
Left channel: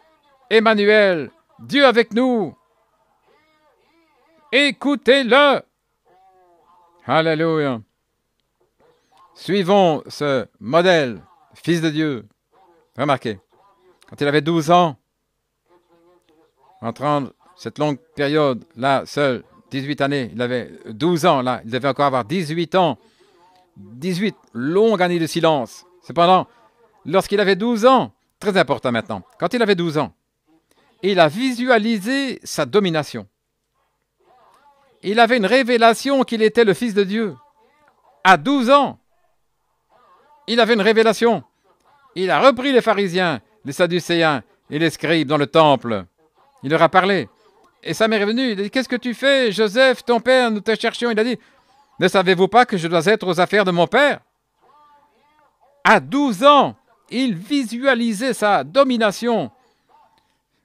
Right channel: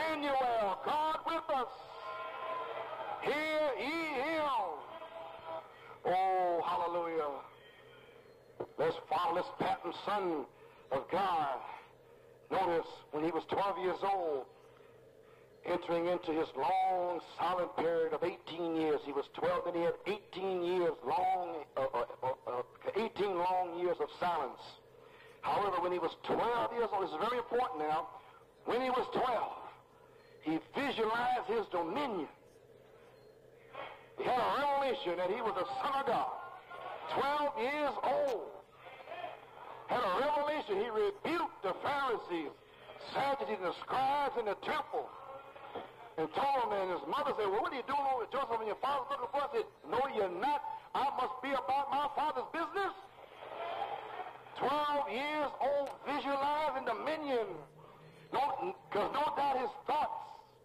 Emmanuel, Dieu avec nous. Écoutez-le. Alléluia. Suivons ce modèle, Fils de Dieu. Remarquez, quand il avait 12 ans, entrant cette longue période, là, seul, 18 années, il avait 12 ans, là, il devait encore avoir 18 ans. 18 longues années de silence. Cependant, lorsqu'il avait 12 ans, très important maintenant, quand il avait 12 ans, il a visualisé sa domination. Il avait une révélation qu'il était le Fils de Dieu. À 12 ans, il avait une révélation. Il a repris les pharisiens, les sadducéens et les scribes dans le temple. Il leur a parlé. Et sa mère est venue. Il a dit, « Qu'est-ce que tu fais, Joseph, ton père, nous te cherchions. » Il a dit, « Ne savez-vous pas que je dois être aux affaires de mon père ?» À 12 ans, il visualisait sa domination.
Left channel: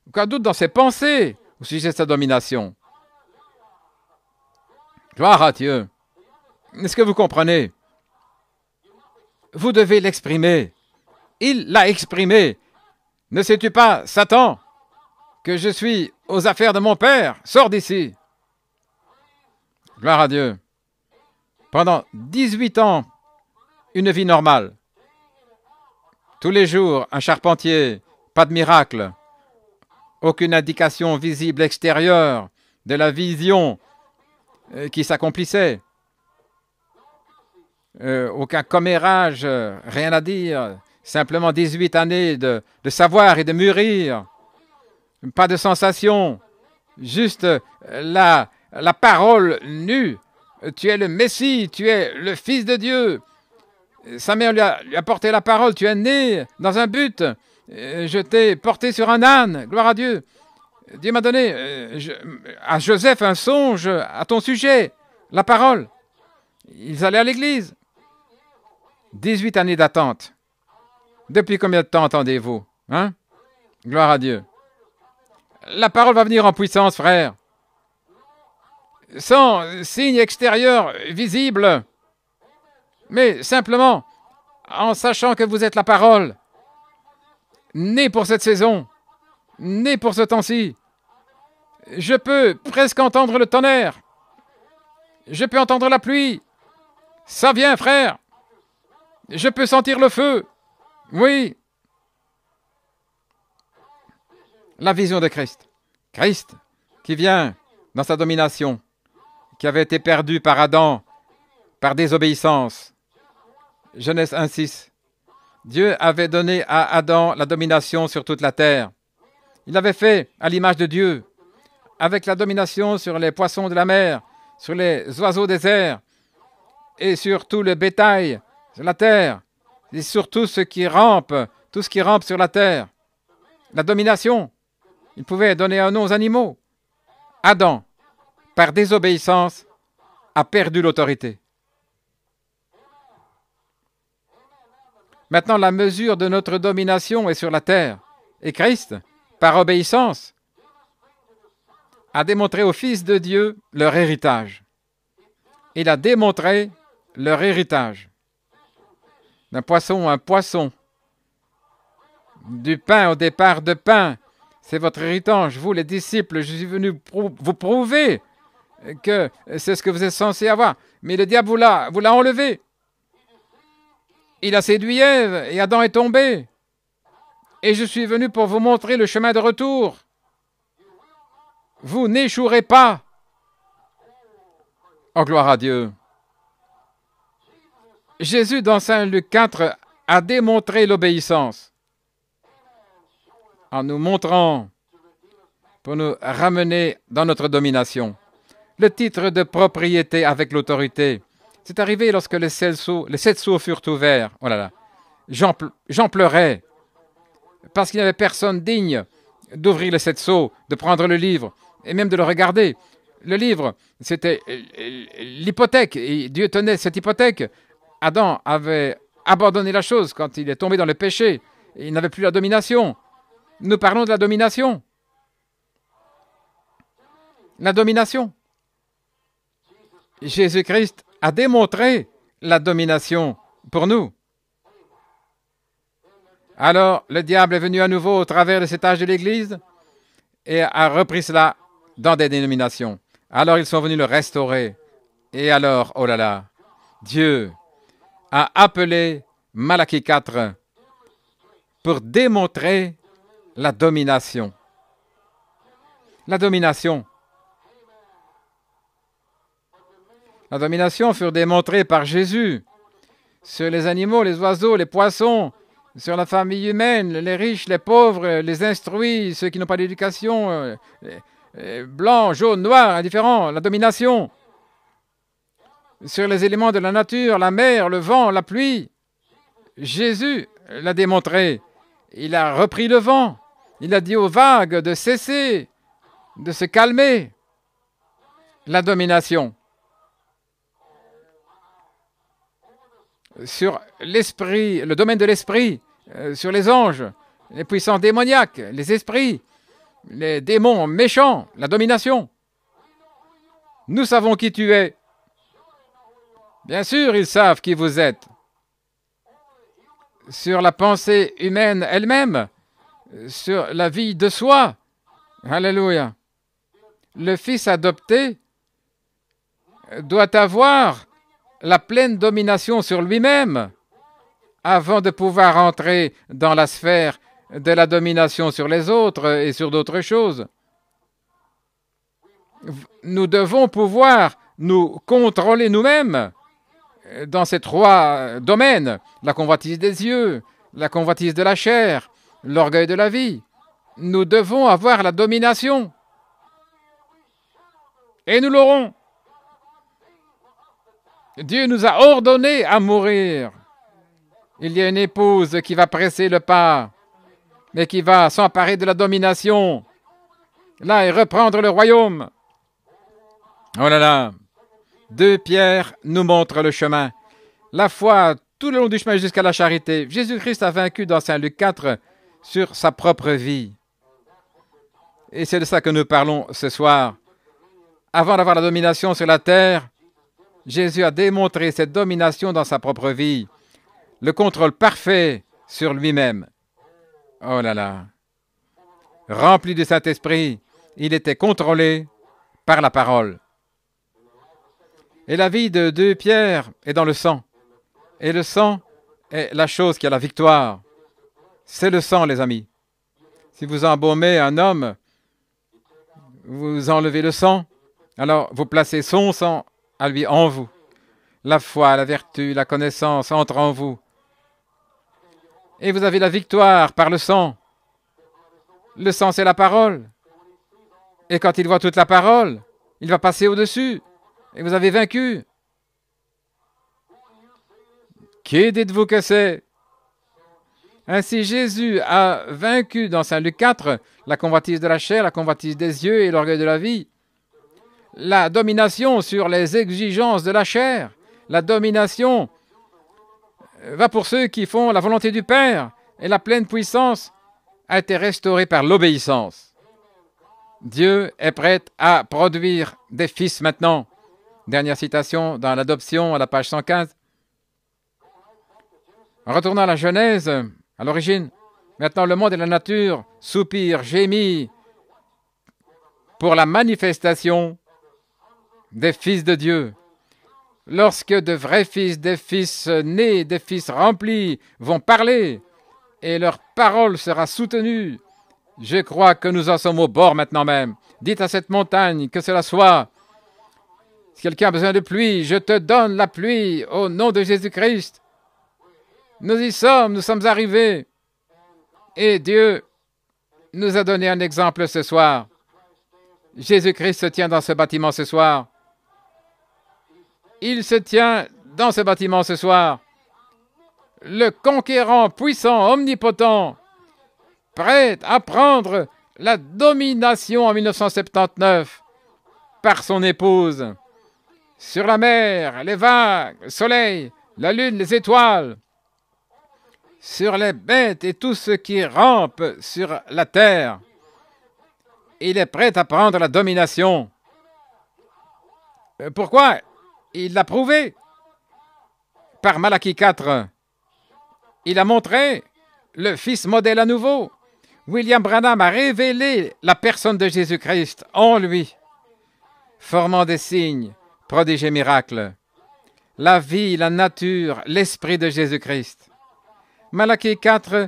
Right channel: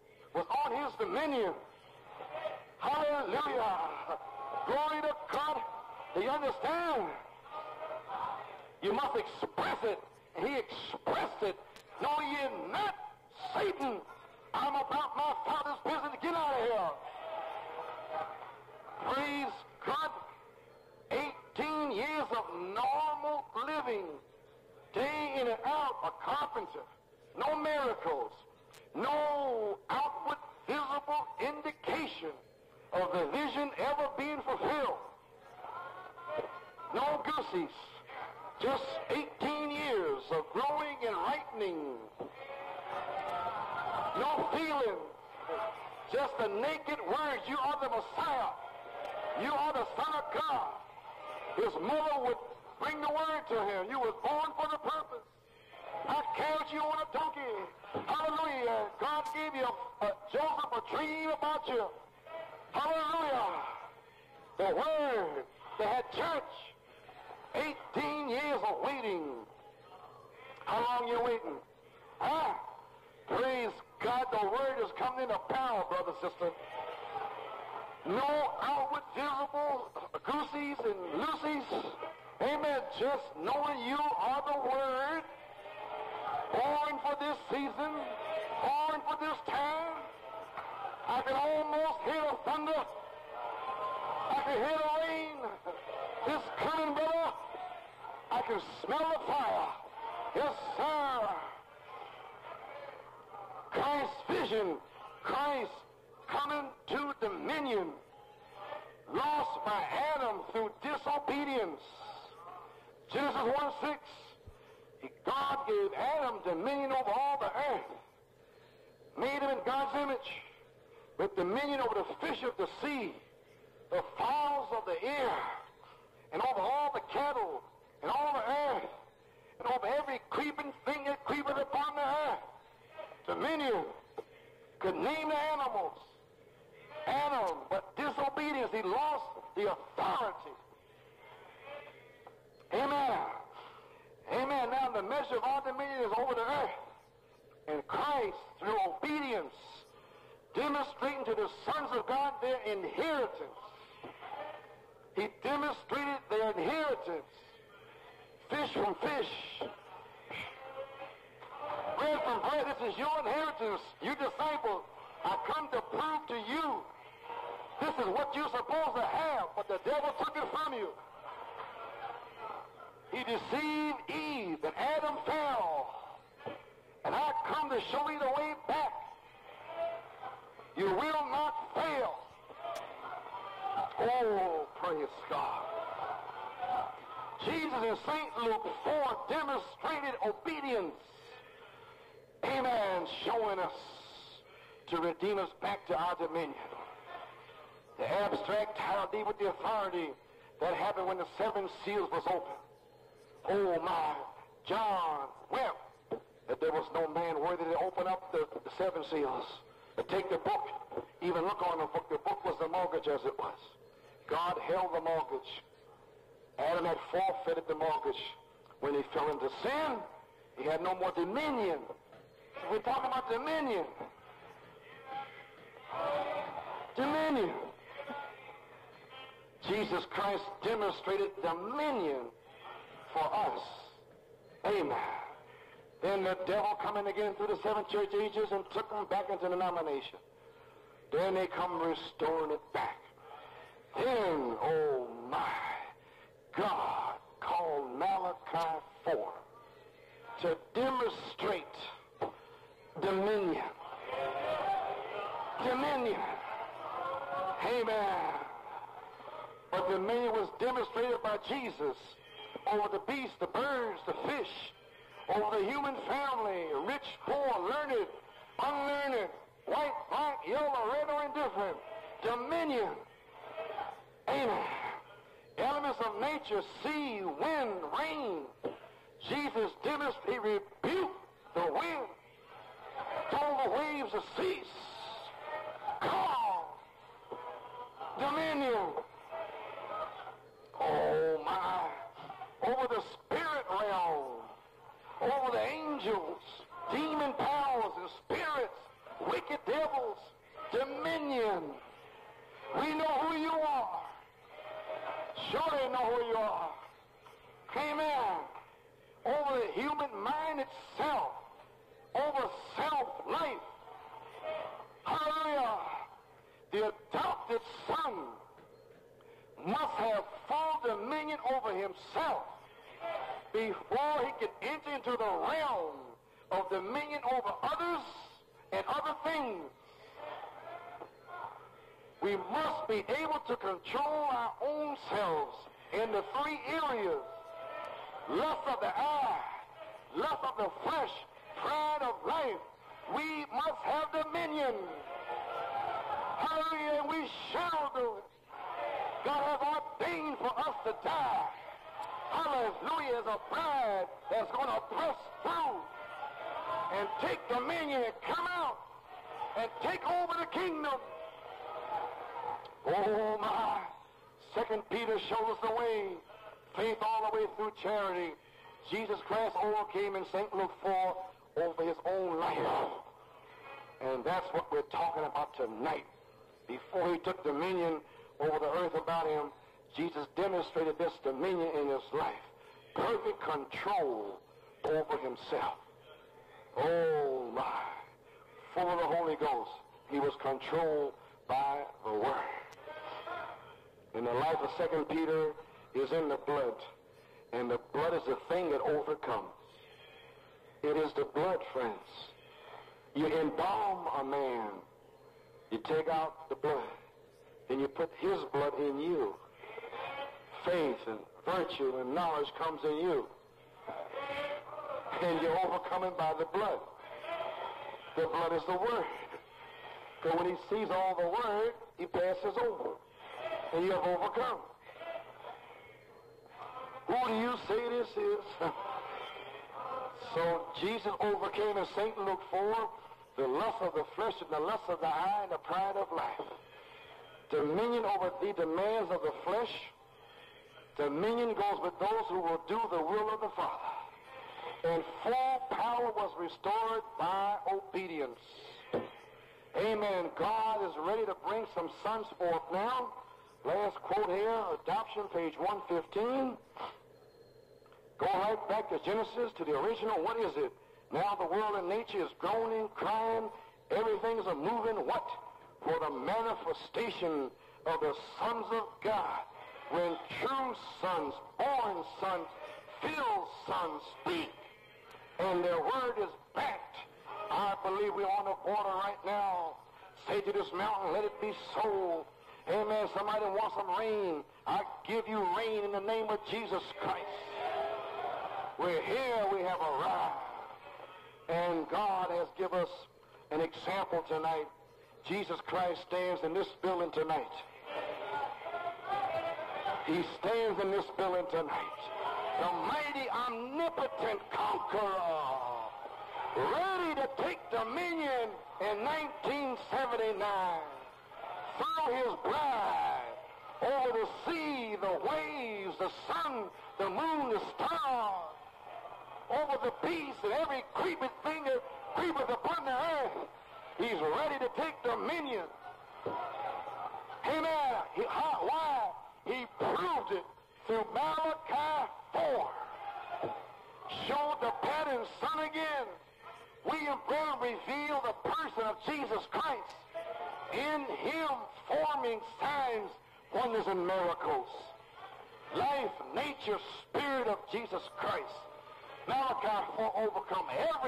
Aucun doute dans ses pensées au sujet de sa domination. Gloire à Dieu. Est-ce que vous comprenez? Vous devez l'exprimer. Il l'a exprimé. Ne sais-tu pas, Satan, que je suis aux affaires de mon père? Sors d'ici. Gloire à Dieu. Pendant 18 ans, une vie normale. Tous les jours, un charpentier, pas de miracle. Aucune indication visible extérieure de la vision qui s'accomplissait. Aucun commérage, rien à dire. Simplement 18 années de savoir et de mûrir. Pas de sensation. Juste la parole nue. Tu es le Messie, tu es le Fils de Dieu. Sa mère lui a porté la parole. Tu es né dans un but. Je t'ai porté sur un âne. Gloire à Dieu. Dieu m'a donné à Joseph un songe à ton sujet. La parole. Ils allaient à l'église. 18 années d'attente. Depuis combien de temps attendez-vous? Hein? Gloire à Dieu. La parole va venir en puissance, frère. sans signe extérieur visible, mais simplement en sachant que vous êtes la parole, née pour cette saison, née pour ce temps-ci. Je peux presque entendre le tonnerre. Je peux entendre la pluie. Ça vient, frère. Je peux sentir le feu. Oui. La vision de Christ. Christ qui vient dans sa domination, qui avait été perdu par Adam, par désobéissance. Genèse 1:6. Dieu avait donné à Adam la domination sur toute la terre. Il l'avait fait à l'image de Dieu, avec la domination sur les poissons de la mer, sur les oiseaux des airs, et sur tout le bétail sur la terre, et sur tout ce qui rampe sur la terre. La domination. Il pouvait donner un nom aux animaux. Adam, par désobéissance, a perdu l'autorité. Maintenant, la mesure de notre domination est sur la terre. Et Christ, par obéissance, a démontré aux fils de Dieu leur héritage. Il a démontré leur héritage. D'un poisson à un poisson. Du pain au départ de pain. C'est votre héritage. Vous, les disciples, je suis venu vous prouver que c'est ce que vous êtes censés avoir. Mais le diable vous l'a enlevé. Il a séduit Ève et Adam est tombé. Et je suis venu pour vous montrer le chemin de retour. Vous n'échouerez pas. Oh, gloire à Dieu. Jésus, dans Saint Luc 4, a démontré l'obéissance en nous montrant pour nous ramener dans notre domination. Le titre de propriété avec l'autorité. C'est arrivé lorsque les 7 sceaux furent ouverts. Oh là là. J'en pleurais parce qu'il n'y avait personne digne d'ouvrir les 7 sceaux, de prendre le livre et même de le regarder. Le livre, c'était l'hypothèque et Dieu tenait cette hypothèque. Adam avait abandonné la chose quand il est tombé dans le péché. Il n'avait plus la domination. Nous parlons de la domination. La domination. Jésus-Christ a démontré la domination pour nous. Alors, le diable est venu à nouveau au travers de cet âge de l'Église et a repris cela dans des dénominations. Alors, ils sont venus le restaurer. Et alors, oh là là, Dieu a appelé Malachie 4 pour démontrer la domination. La domination. La domination fut démontrée par Jésus sur les animaux, les oiseaux, les poissons, sur la famille humaine, les riches, les pauvres, les instruits, ceux qui n'ont pas d'éducation, les blancs, jaunes, noirs, indifférents, la domination. Sur les éléments de la nature, la mer, le vent, la pluie. Jésus l'a démontré. Il a repris le vent. Il a dit aux vagues de cesser, de se calmer. La domination. Sur l'esprit, le domaine de l'esprit, sur les anges, les puissants démoniaques, les esprits, les démons méchants, la domination. Nous savons qui tu es. Bien sûr, ils savent qui vous êtes. Sur la pensée humaine elle-même, sur la vie de soi. Alléluia. Le Fils adopté doit avoir la pleine domination sur lui-même avant de pouvoir entrer dans la sphère de la domination sur les autres et sur d'autres choses. Nous devons pouvoir nous contrôler nous-mêmes dans ces 3 domaines, la convoitise des yeux, la convoitise de la chair, l'orgueil de la vie. Nous devons avoir la domination. Et nous l'aurons. Dieu nous a ordonné à mourir. Il y a une épouse qui va presser le pas et qui va s'emparer de la domination, là, et reprendre le royaume. Oh là là. 2 Pierre nous montre le chemin. La foi tout le long du chemin jusqu'à la charité. Jésus-Christ a vaincu dans Saint Luc 4 sur sa propre vie. Et c'est de ça que nous parlons ce soir. Avant d'avoir la domination sur la terre, Jésus a démontré cette domination dans sa propre vie, le contrôle parfait sur lui-même. Oh là là! Rempli du Saint-Esprit, il était contrôlé par la parole. Et la vie de 2 Pierre est dans le sang. Et le sang est la chose qui a la victoire. C'est le sang, les amis. Si vous embaumez un homme, vous enlevez le sang, alors vous placez son sang à lui en vous. La foi, la vertu, la connaissance entrent en vous. Et vous avez la victoire par le sang. Le sang, c'est la parole. Et quand il voit toute la parole, il va passer au-dessus. Et vous avez vaincu. Qui dites-vous que c'est? Ainsi, Jésus a vaincu dans Saint Luc 4 la convoitise de la chair, la convoitise des yeux et l'orgueil de la vie. La domination sur les exigences de la chair. La domination va pour ceux qui font la volonté du Père. Et la pleine puissance a été restaurée par l'obéissance. Dieu est prêt à produire des fils maintenant. Dernière citation dans l'adoption à la page 115. En retournant à la Genèse, à l'origine, maintenant le monde et la nature soupirent, gémissent pour la manifestation des fils de Dieu. Lorsque de vrais fils, des fils nés, des fils remplis vont parler et leur parole sera soutenue, je crois que nous en sommes au bord maintenant même. Dites à cette montagne que cela soit. Si quelqu'un a besoin de pluie, je te donne la pluie au nom de Jésus-Christ. Nous y sommes, nous sommes arrivés. Et Dieu nous a donné un exemple ce soir. Jésus-Christ se tient dans ce bâtiment ce soir. Il se tient dans ce bâtiment ce soir. Le conquérant, puissant, omnipotent, prêt à prendre la domination en 1979 par son épouse sur la mer, les vagues, le soleil, la lune, les étoiles, sur les bêtes et tout ce qui rampe sur la terre. Il est prêt à prendre la domination. Pourquoi? Il l'a prouvé par Malachie 4. Il a montré le Fils modèle à nouveau. William Branham a révélé la personne de Jésus-Christ en lui, formant des signes, prodiges et miracles. La vie, la nature, l'esprit de Jésus-Christ. Malachie 4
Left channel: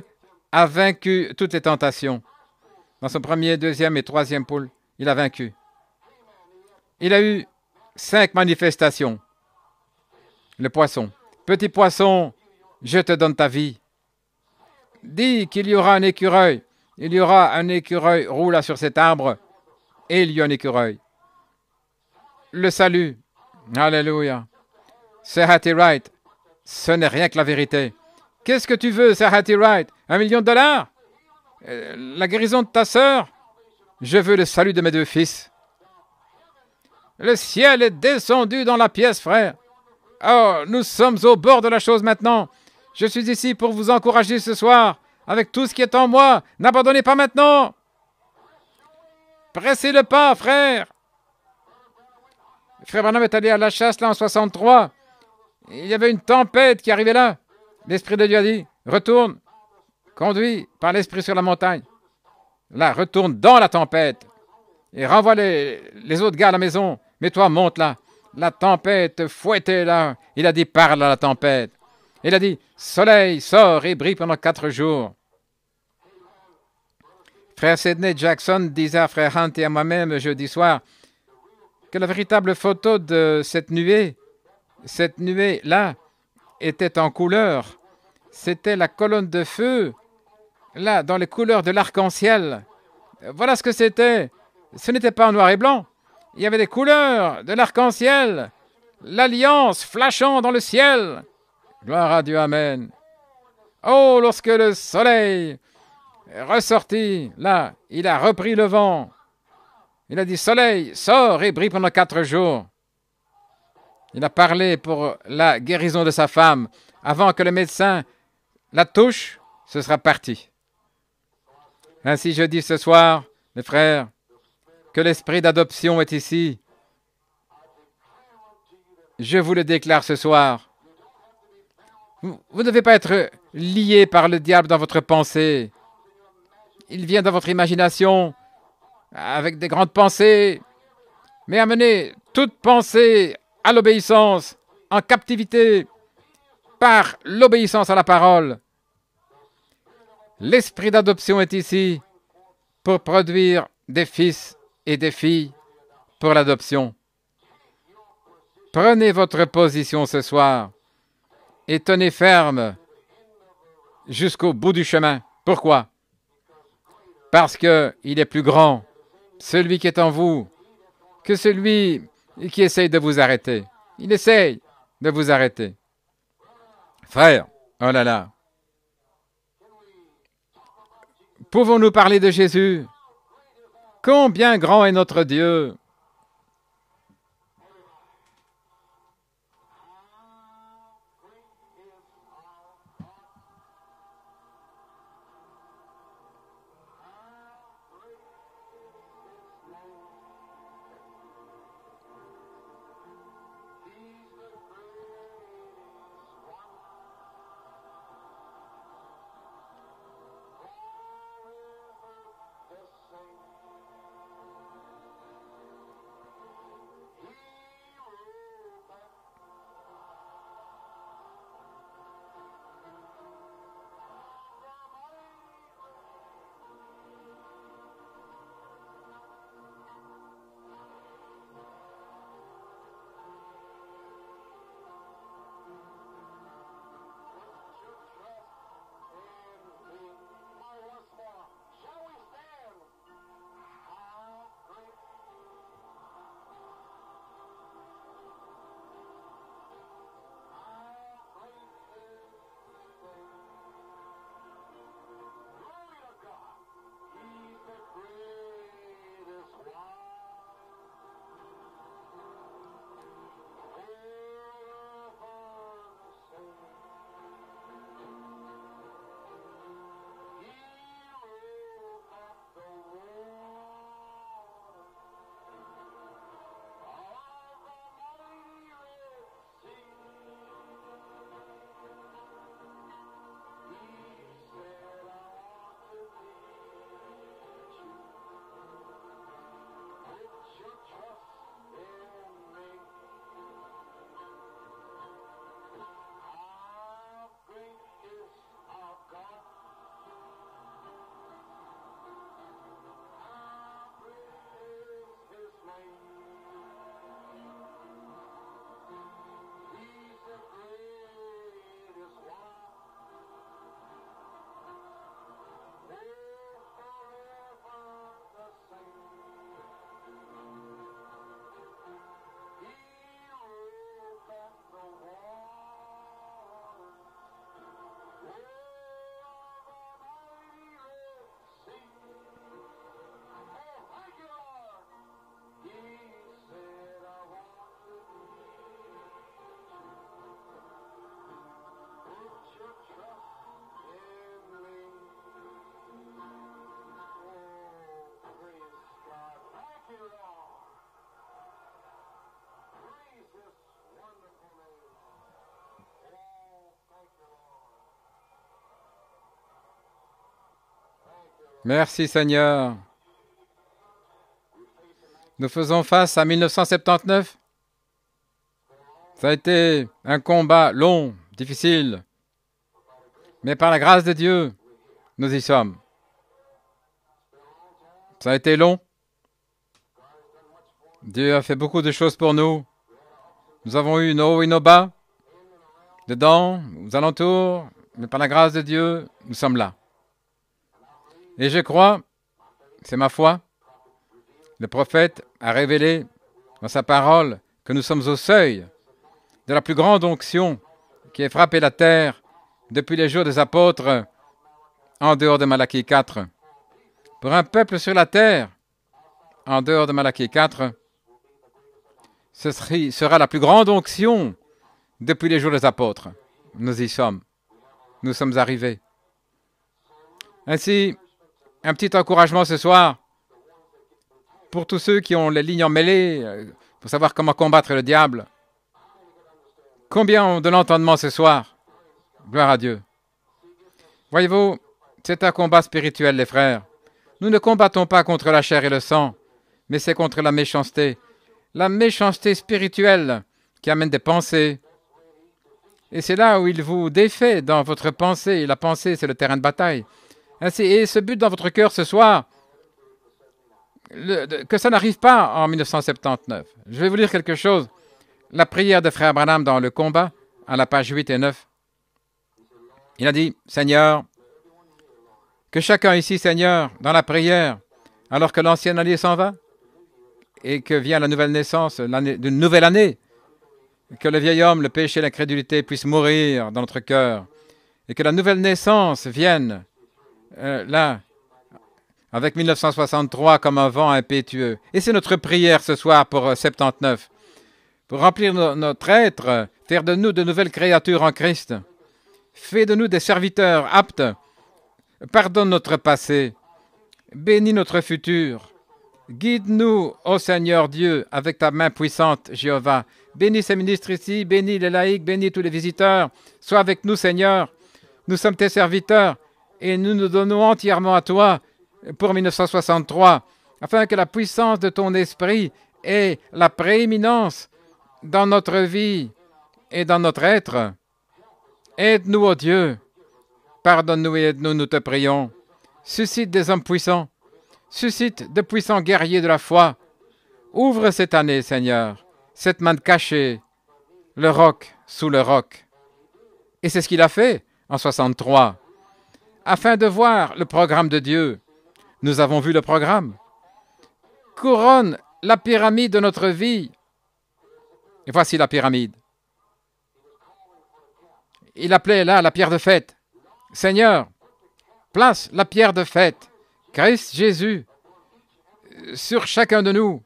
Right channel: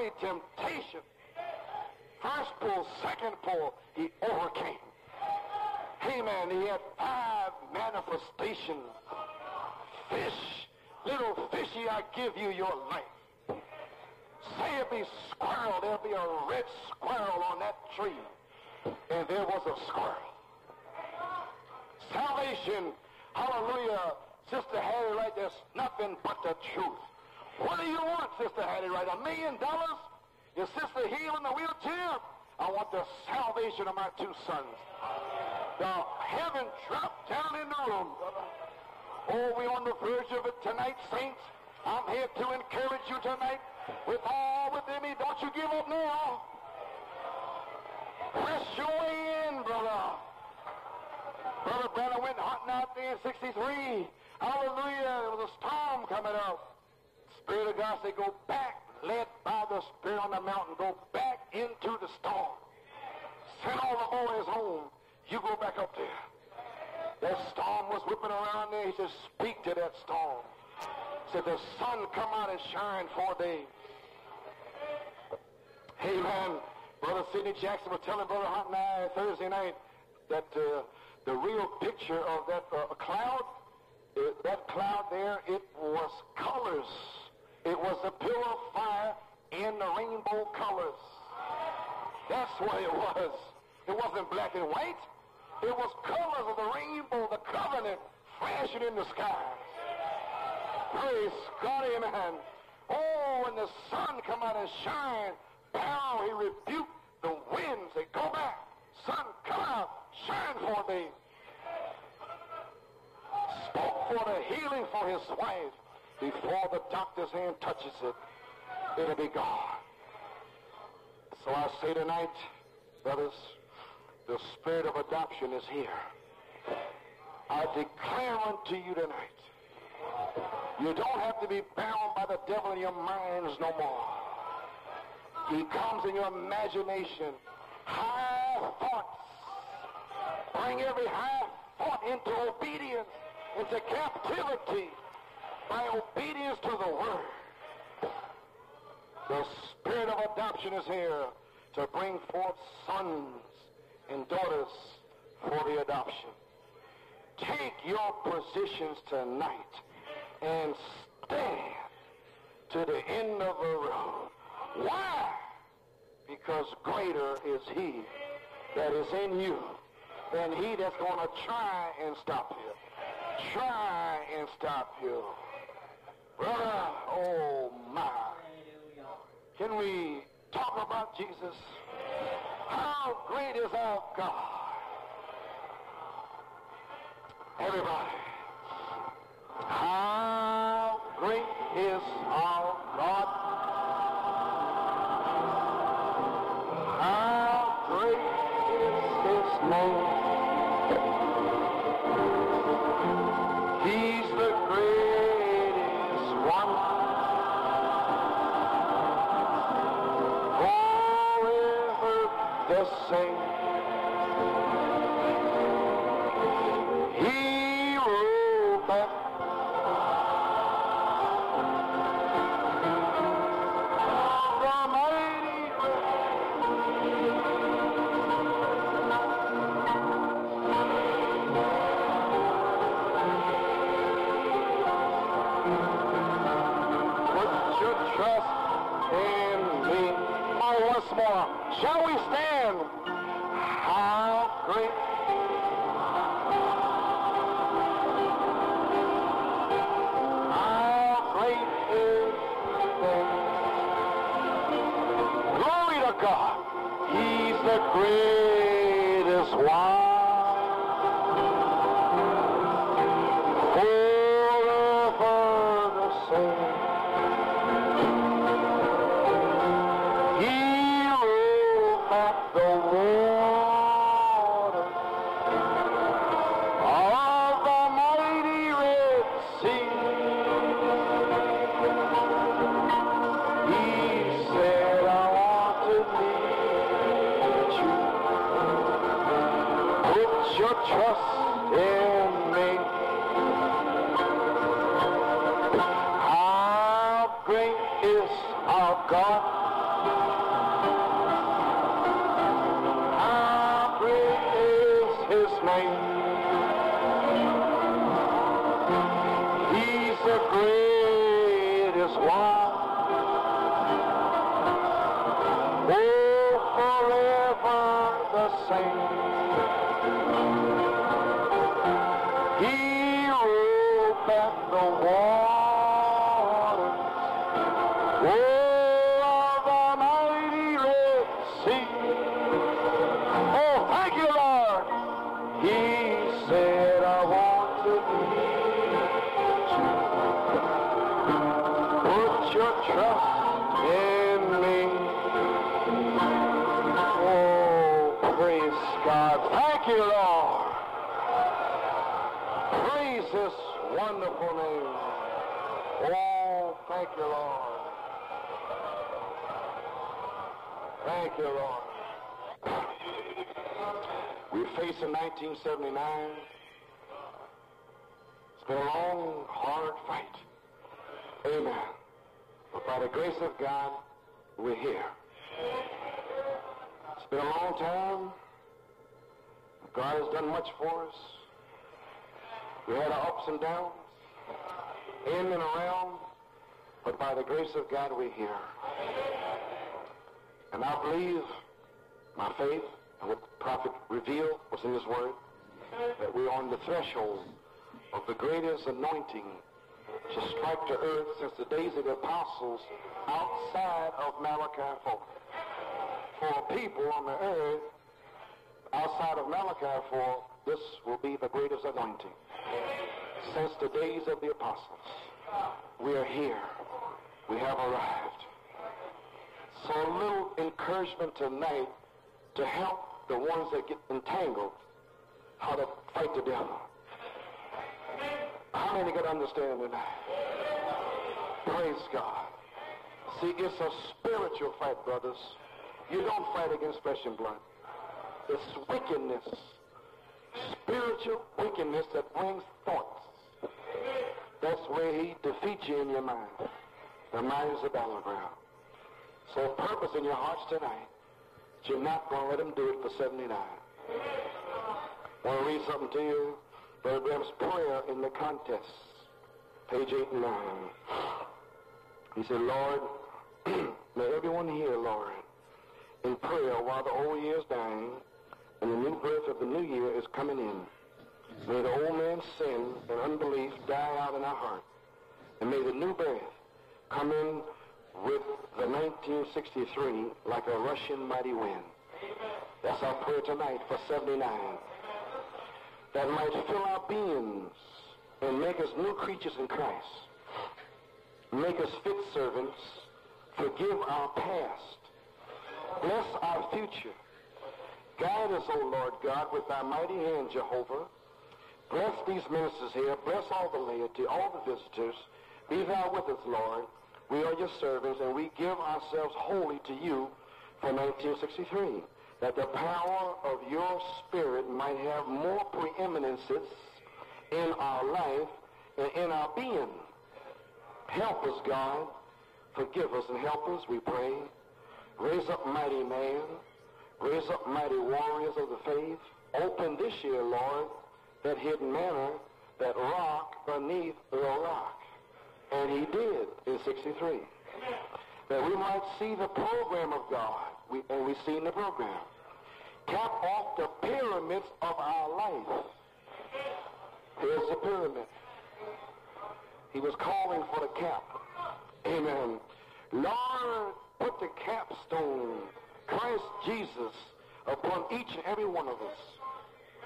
a vaincu toutes les tentations. Dans son premier, deuxième et troisième poule, il a vaincu. Il a eu 5 manifestations. Le poisson. Petit poisson, je te donne ta vie. Dis qu'il y aura un écureuil. Il y aura un écureuil roulant sur cet arbre. Et il y a un écureuil. Le salut. Alléluia. Sir Hattie Wright, ce n'est rien que la vérité. Qu'est-ce que tu veux, Sir Hattie Wright? $1 million? La guérison de ta sœur? Je veux le salut de mes 2 fils. Le ciel est descendu dans la pièce, frère. Oh, nous sommes au bord de la chose maintenant. Je suis ici pour vous encourager ce soir, avec tout ce qui est en moi. N'abandonnez pas maintenant. Pressez le pas, frère. Frère Branham est allé à la chasse là en 63. Il y avait une tempête qui arrivait là. L'Esprit de Dieu a dit, retourne, conduis par l'Esprit sur la montagne. Là, retourne dans la tempête et renvoie les autres gars à la maison. Mais toi, monte là. La tempête fouettait là. Il a dit, parle à la tempête. Il a dit, soleil, sors et brille pendant 4 jours. Frère Sidney Jackson disait à Frère Hunt et à moi-même jeudi soir que la véritable photo de cette nuée-là, était en couleur. C'était la colonne de feu, là, dans les couleurs de l'arc-en-ciel. Voilà ce que c'était. Ce n'était pas en noir et blanc. Il y avait des couleurs de l'arc-en-ciel, l'alliance flashant dans le ciel. Gloire à Dieu, amen. Oh, lorsque le soleil est ressorti, là, il a repris le vent. Il a dit, soleil, sors et brille pendant 4 jours. Il a parlé pour la guérison de sa femme. Avant que le médecin la touche, ce sera parti. Ainsi, je dis ce soir, mes frères, que l'esprit d'adoption est ici. Je vous le déclare ce soir. Vous ne devez pas être lié par le diable dans votre pensée. Il vient dans votre imagination avec des grandes pensées, mais amenez toute pensée à l'obéissance, en captivité, par l'obéissance à la parole. L'esprit d'adoption est ici pour produire des fils et des filles pour l'adoption. Prenez votre position ce soir et tenez ferme jusqu'au bout du chemin. Pourquoi? Parce qu'il est plus grand, celui qui est en vous, que celui qui essaye de vous arrêter. Il essaye de vous arrêter. Frère, oh là là. Pouvons-nous parler de Jésus? Combien grand est notre Dieu? Shall we stand? How great, how great is the glory to God. He's the greatest one. Forever the same. Trust in me. How great is our God? How great is His name? He's the greatest one. Oh, forever the same. He rolled back the waters, oh, the mighty Red Sea. Oh, thank you, Lord. He said, I want to meet you. Put your trust in me. Oh, praise God. Thank you, Lord. Praise His wonderful name. Oh, thank you, Lord. Thank you, Lord. Merci Seigneur. Nous faisons face à 1979. Ça a été un combat long, difficile. Mais par la grâce de Dieu, nous y sommes. Ça a été long. Dieu a fait beaucoup de choses pour nous. Nous avons eu nos hauts et nos bas, dedans, aux alentours, mais par la grâce de Dieu, nous sommes là. Et je crois, c'est ma foi, le prophète a révélé dans sa parole que nous sommes au seuil de la plus grande onction qui ait frappé la terre depuis les jours des apôtres, en dehors de Malachie 4. Pour un peuple sur la terre, en dehors de Malachie 4, ce sera la plus grande onction depuis les jours des apôtres. Nous y sommes. Nous sommes arrivés. Ainsi, un petit encouragement ce soir pour tous ceux qui ont les lignes emmêlées, pour savoir comment combattre le diable. Combien ont de l'entendement ce soir? Gloire à Dieu. Voyez-vous, c'est un combat spirituel, les frères. Nous ne combattons pas contre la chair et le sang, mais c'est contre la méchanceté. La méchanceté spirituelle qui amène des pensées. Et c'est là où il vous défait dans votre pensée. La pensée, c'est le terrain de bataille. Ainsi, et ce but dans votre cœur ce soir, que ça n'arrive pas en 1979. Je vais vous lire quelque chose. La prière de Frère Branham dans le combat, à la page 8 et 9. Il a dit, Seigneur, que chacun ici, Seigneur, dans la prière, alors que l'ancienne année s'en va, et que vient la nouvelle naissance, d'une nouvelle année, que le vieil homme, le péché, l'incrédulité puissent mourir dans notre cœur, et que la nouvelle naissance vienne, là, avec 1963 comme un vent impétueux. Et c'est notre prière ce soir pour 79. Pour remplir notre être, faire de nous de nouvelles créatures en Christ. Fais de nous des serviteurs aptes. Pardonne notre passé. Bénis notre futur. Guide-nous, ô Seigneur Dieu, avec ta main puissante, Jéhovah. Bénis ces ministres ici, bénis les laïcs, bénis tous les visiteurs. Sois avec nous, Seigneur. Nous sommes tes serviteurs et nous nous donnons entièrement à toi pour 1963, afin que la puissance de ton esprit ait la prééminence dans notre vie et dans notre être. Aide-nous, ô Dieu. Pardonne-nous et aide-nous, nous te prions. Suscite des hommes puissants. Suscite de puissants guerriers de la foi. Ouvre cette année, Seigneur, cette manne cachée, le roc sous le roc. Et c'est ce qu'il a fait en 63. Afin de voir le programme de Dieu, nous avons vu le programme. Couronne la pyramide de notre vie. Et voici la pyramide. Il appelait là la pierre de fête. Seigneur, place la pierre de fête, Christ Jésus, sur chacun de nous.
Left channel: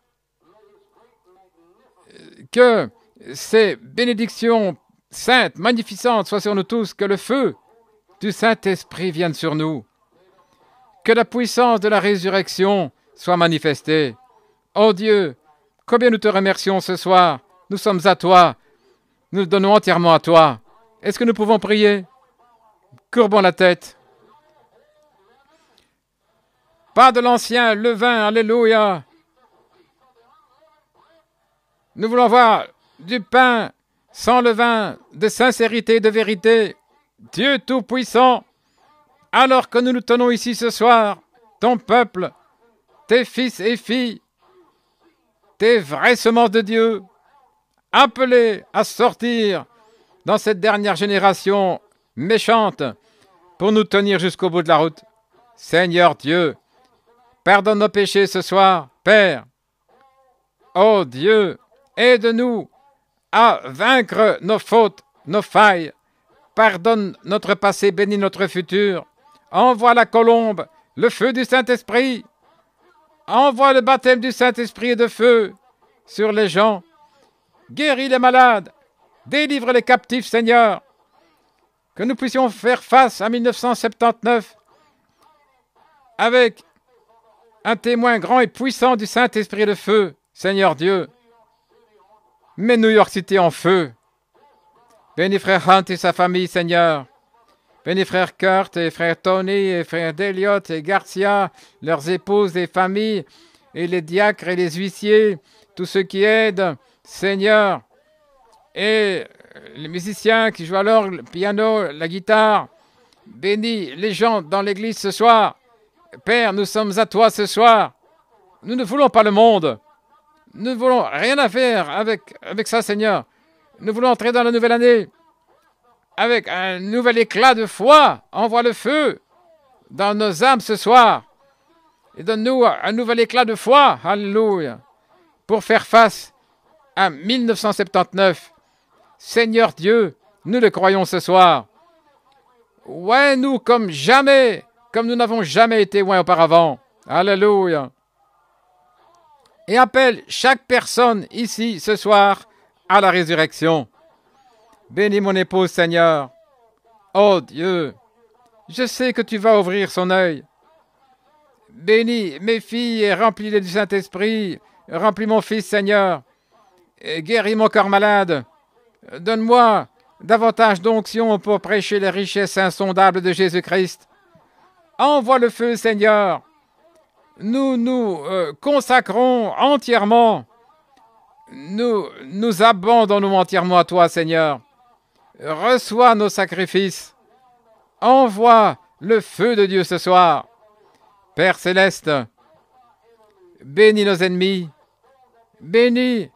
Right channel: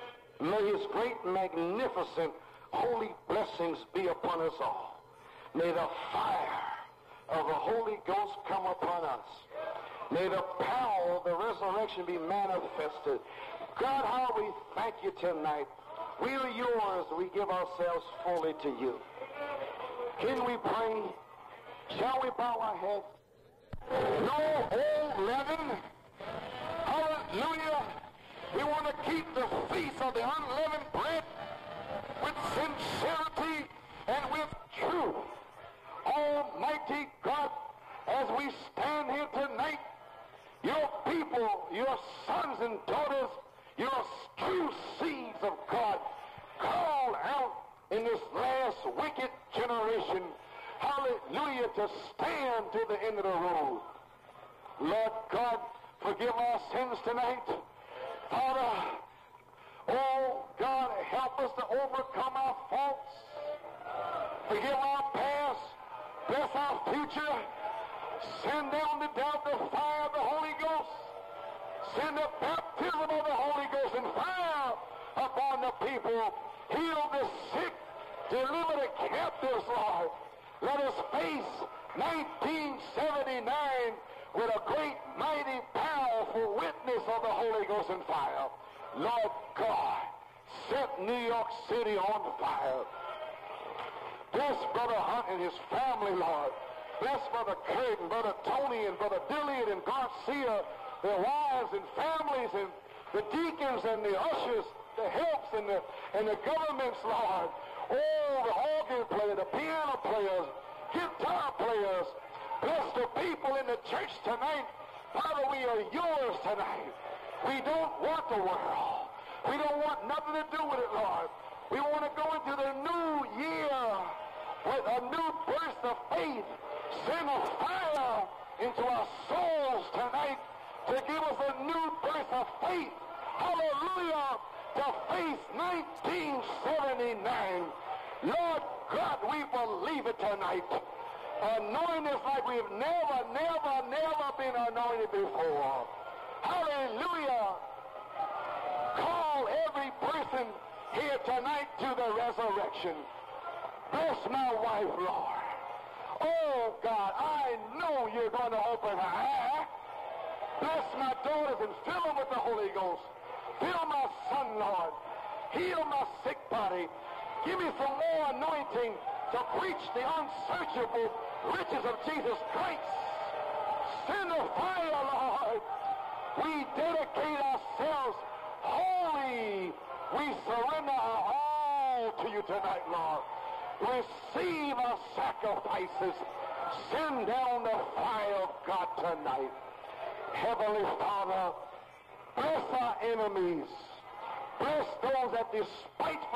Que ces bénédictions saintes, magnificantes soient sur nous tous, que le feu du Saint-Esprit vienne sur nous, que la puissance de la résurrection soit manifestée. Oh Dieu, combien nous te remercions ce soir. Nous sommes à toi. Nous nous donnons entièrement à toi. Est-ce que nous pouvons prier? Courbons la tête. Pas de l'ancien levain, alléluia. Nous voulons voir du pain sans levain, de sincérité et de vérité. Dieu Tout-Puissant, alors que nous nous tenons ici ce soir, ton peuple, tes fils et filles, tes vraies semences de Dieu, appelés à sortir dans cette dernière génération méchante pour nous tenir jusqu'au bout de la route. Seigneur Dieu, pardonne nos péchés ce soir, Père. Oh Dieu, aide-nous à vaincre nos fautes, nos failles. Pardonne notre passé, bénis notre futur. Envoie la colombe, le feu du Saint-Esprit. Envoie le baptême du Saint-Esprit et de feu sur les gens. Guéris les malades. Délivre les captifs, Seigneur. Que nous puissions faire face à 1979 avec un témoin grand et puissant du Saint-Esprit de feu, Seigneur Dieu. Mets New York City en feu. Bénis frère Hunt et sa famille, Seigneur. Bénis frère Kurt et frère Tony et frère Deliot et Garcia, leurs épouses et familles, et les diacres et les huissiers, tous ceux qui aident, Seigneur. Et les musiciens qui jouent à l'orgue, le piano, la guitare. Bénis les gens dans l'église ce soir. Père, nous sommes à toi ce soir. Nous ne voulons pas le monde. Nous ne voulons rien à faire avec ça, Seigneur. Nous voulons entrer dans la nouvelle année avec un nouvel éclat de foi. Envoie le feu dans nos âmes ce soir. Et donne-nous un nouvel éclat de foi. Alléluia. Pour faire face à 1979. Seigneur Dieu, nous le croyons ce soir. Ouais, nous comme jamais, comme nous n'avons jamais été loin auparavant. Alléluia. Et appelle chaque personne ici ce soir à la résurrection. Bénis mon épouse, Seigneur. Oh Dieu, je sais que tu vas ouvrir son œil. Bénis mes filles et remplis-les du Saint-Esprit. Remplis mon fils, Seigneur. Et guéris mon corps malade. Donne-moi davantage d'onction pour prêcher les richesses insondables de Jésus-Christ. Envoie le feu, Seigneur. Nous nous consacrons entièrement. Nous abandonnons entièrement à toi, Seigneur. Reçois nos sacrifices. Envoie le feu de Dieu ce soir. Père céleste, bénis nos ennemis. Bénis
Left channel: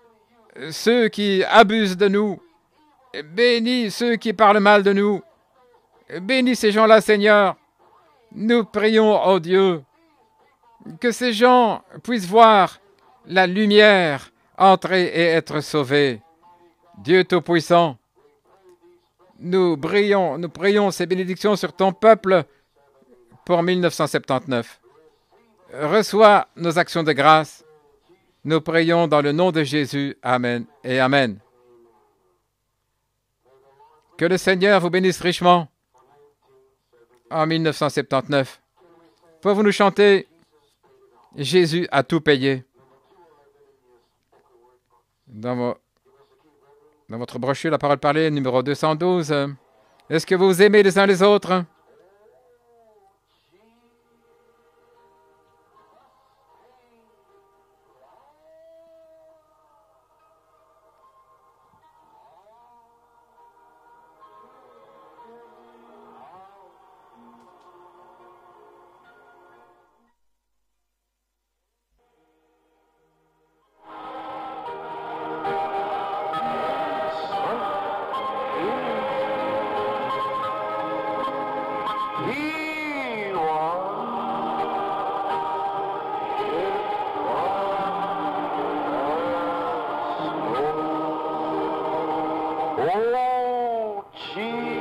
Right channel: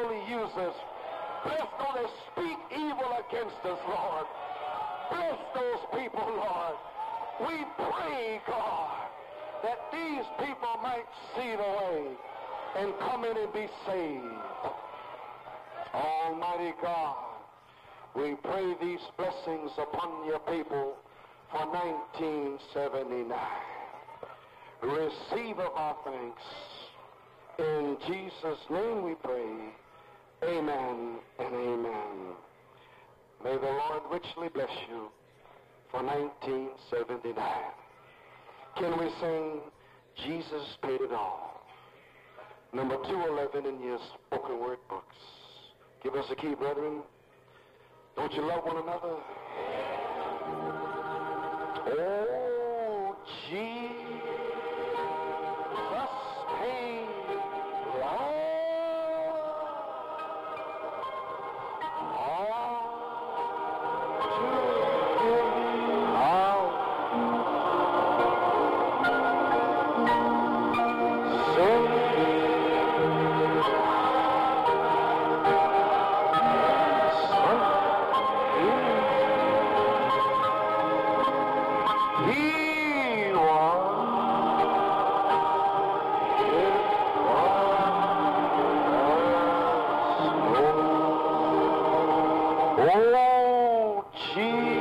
ceux qui abusent de nous. Bénis ceux qui parlent mal de nous. Bénis ces gens-là, Seigneur. Nous prions, oh Dieu, que ces gens puissent voir la lumière entrer et être sauvés. Dieu Tout-Puissant, nous prions ces bénédictions sur ton peuple pour 1979. Reçois nos actions de grâce. Nous prions dans le nom de Jésus. Amen et Amen. Que le Seigneur vous bénisse richement en 1979. Pouvez-vous nous chanter « Jésus a tout payé » dans votre brochure, la parole parlée, numéro 212. Est-ce que vous vous aimez les uns les autres? Oh, Jesus.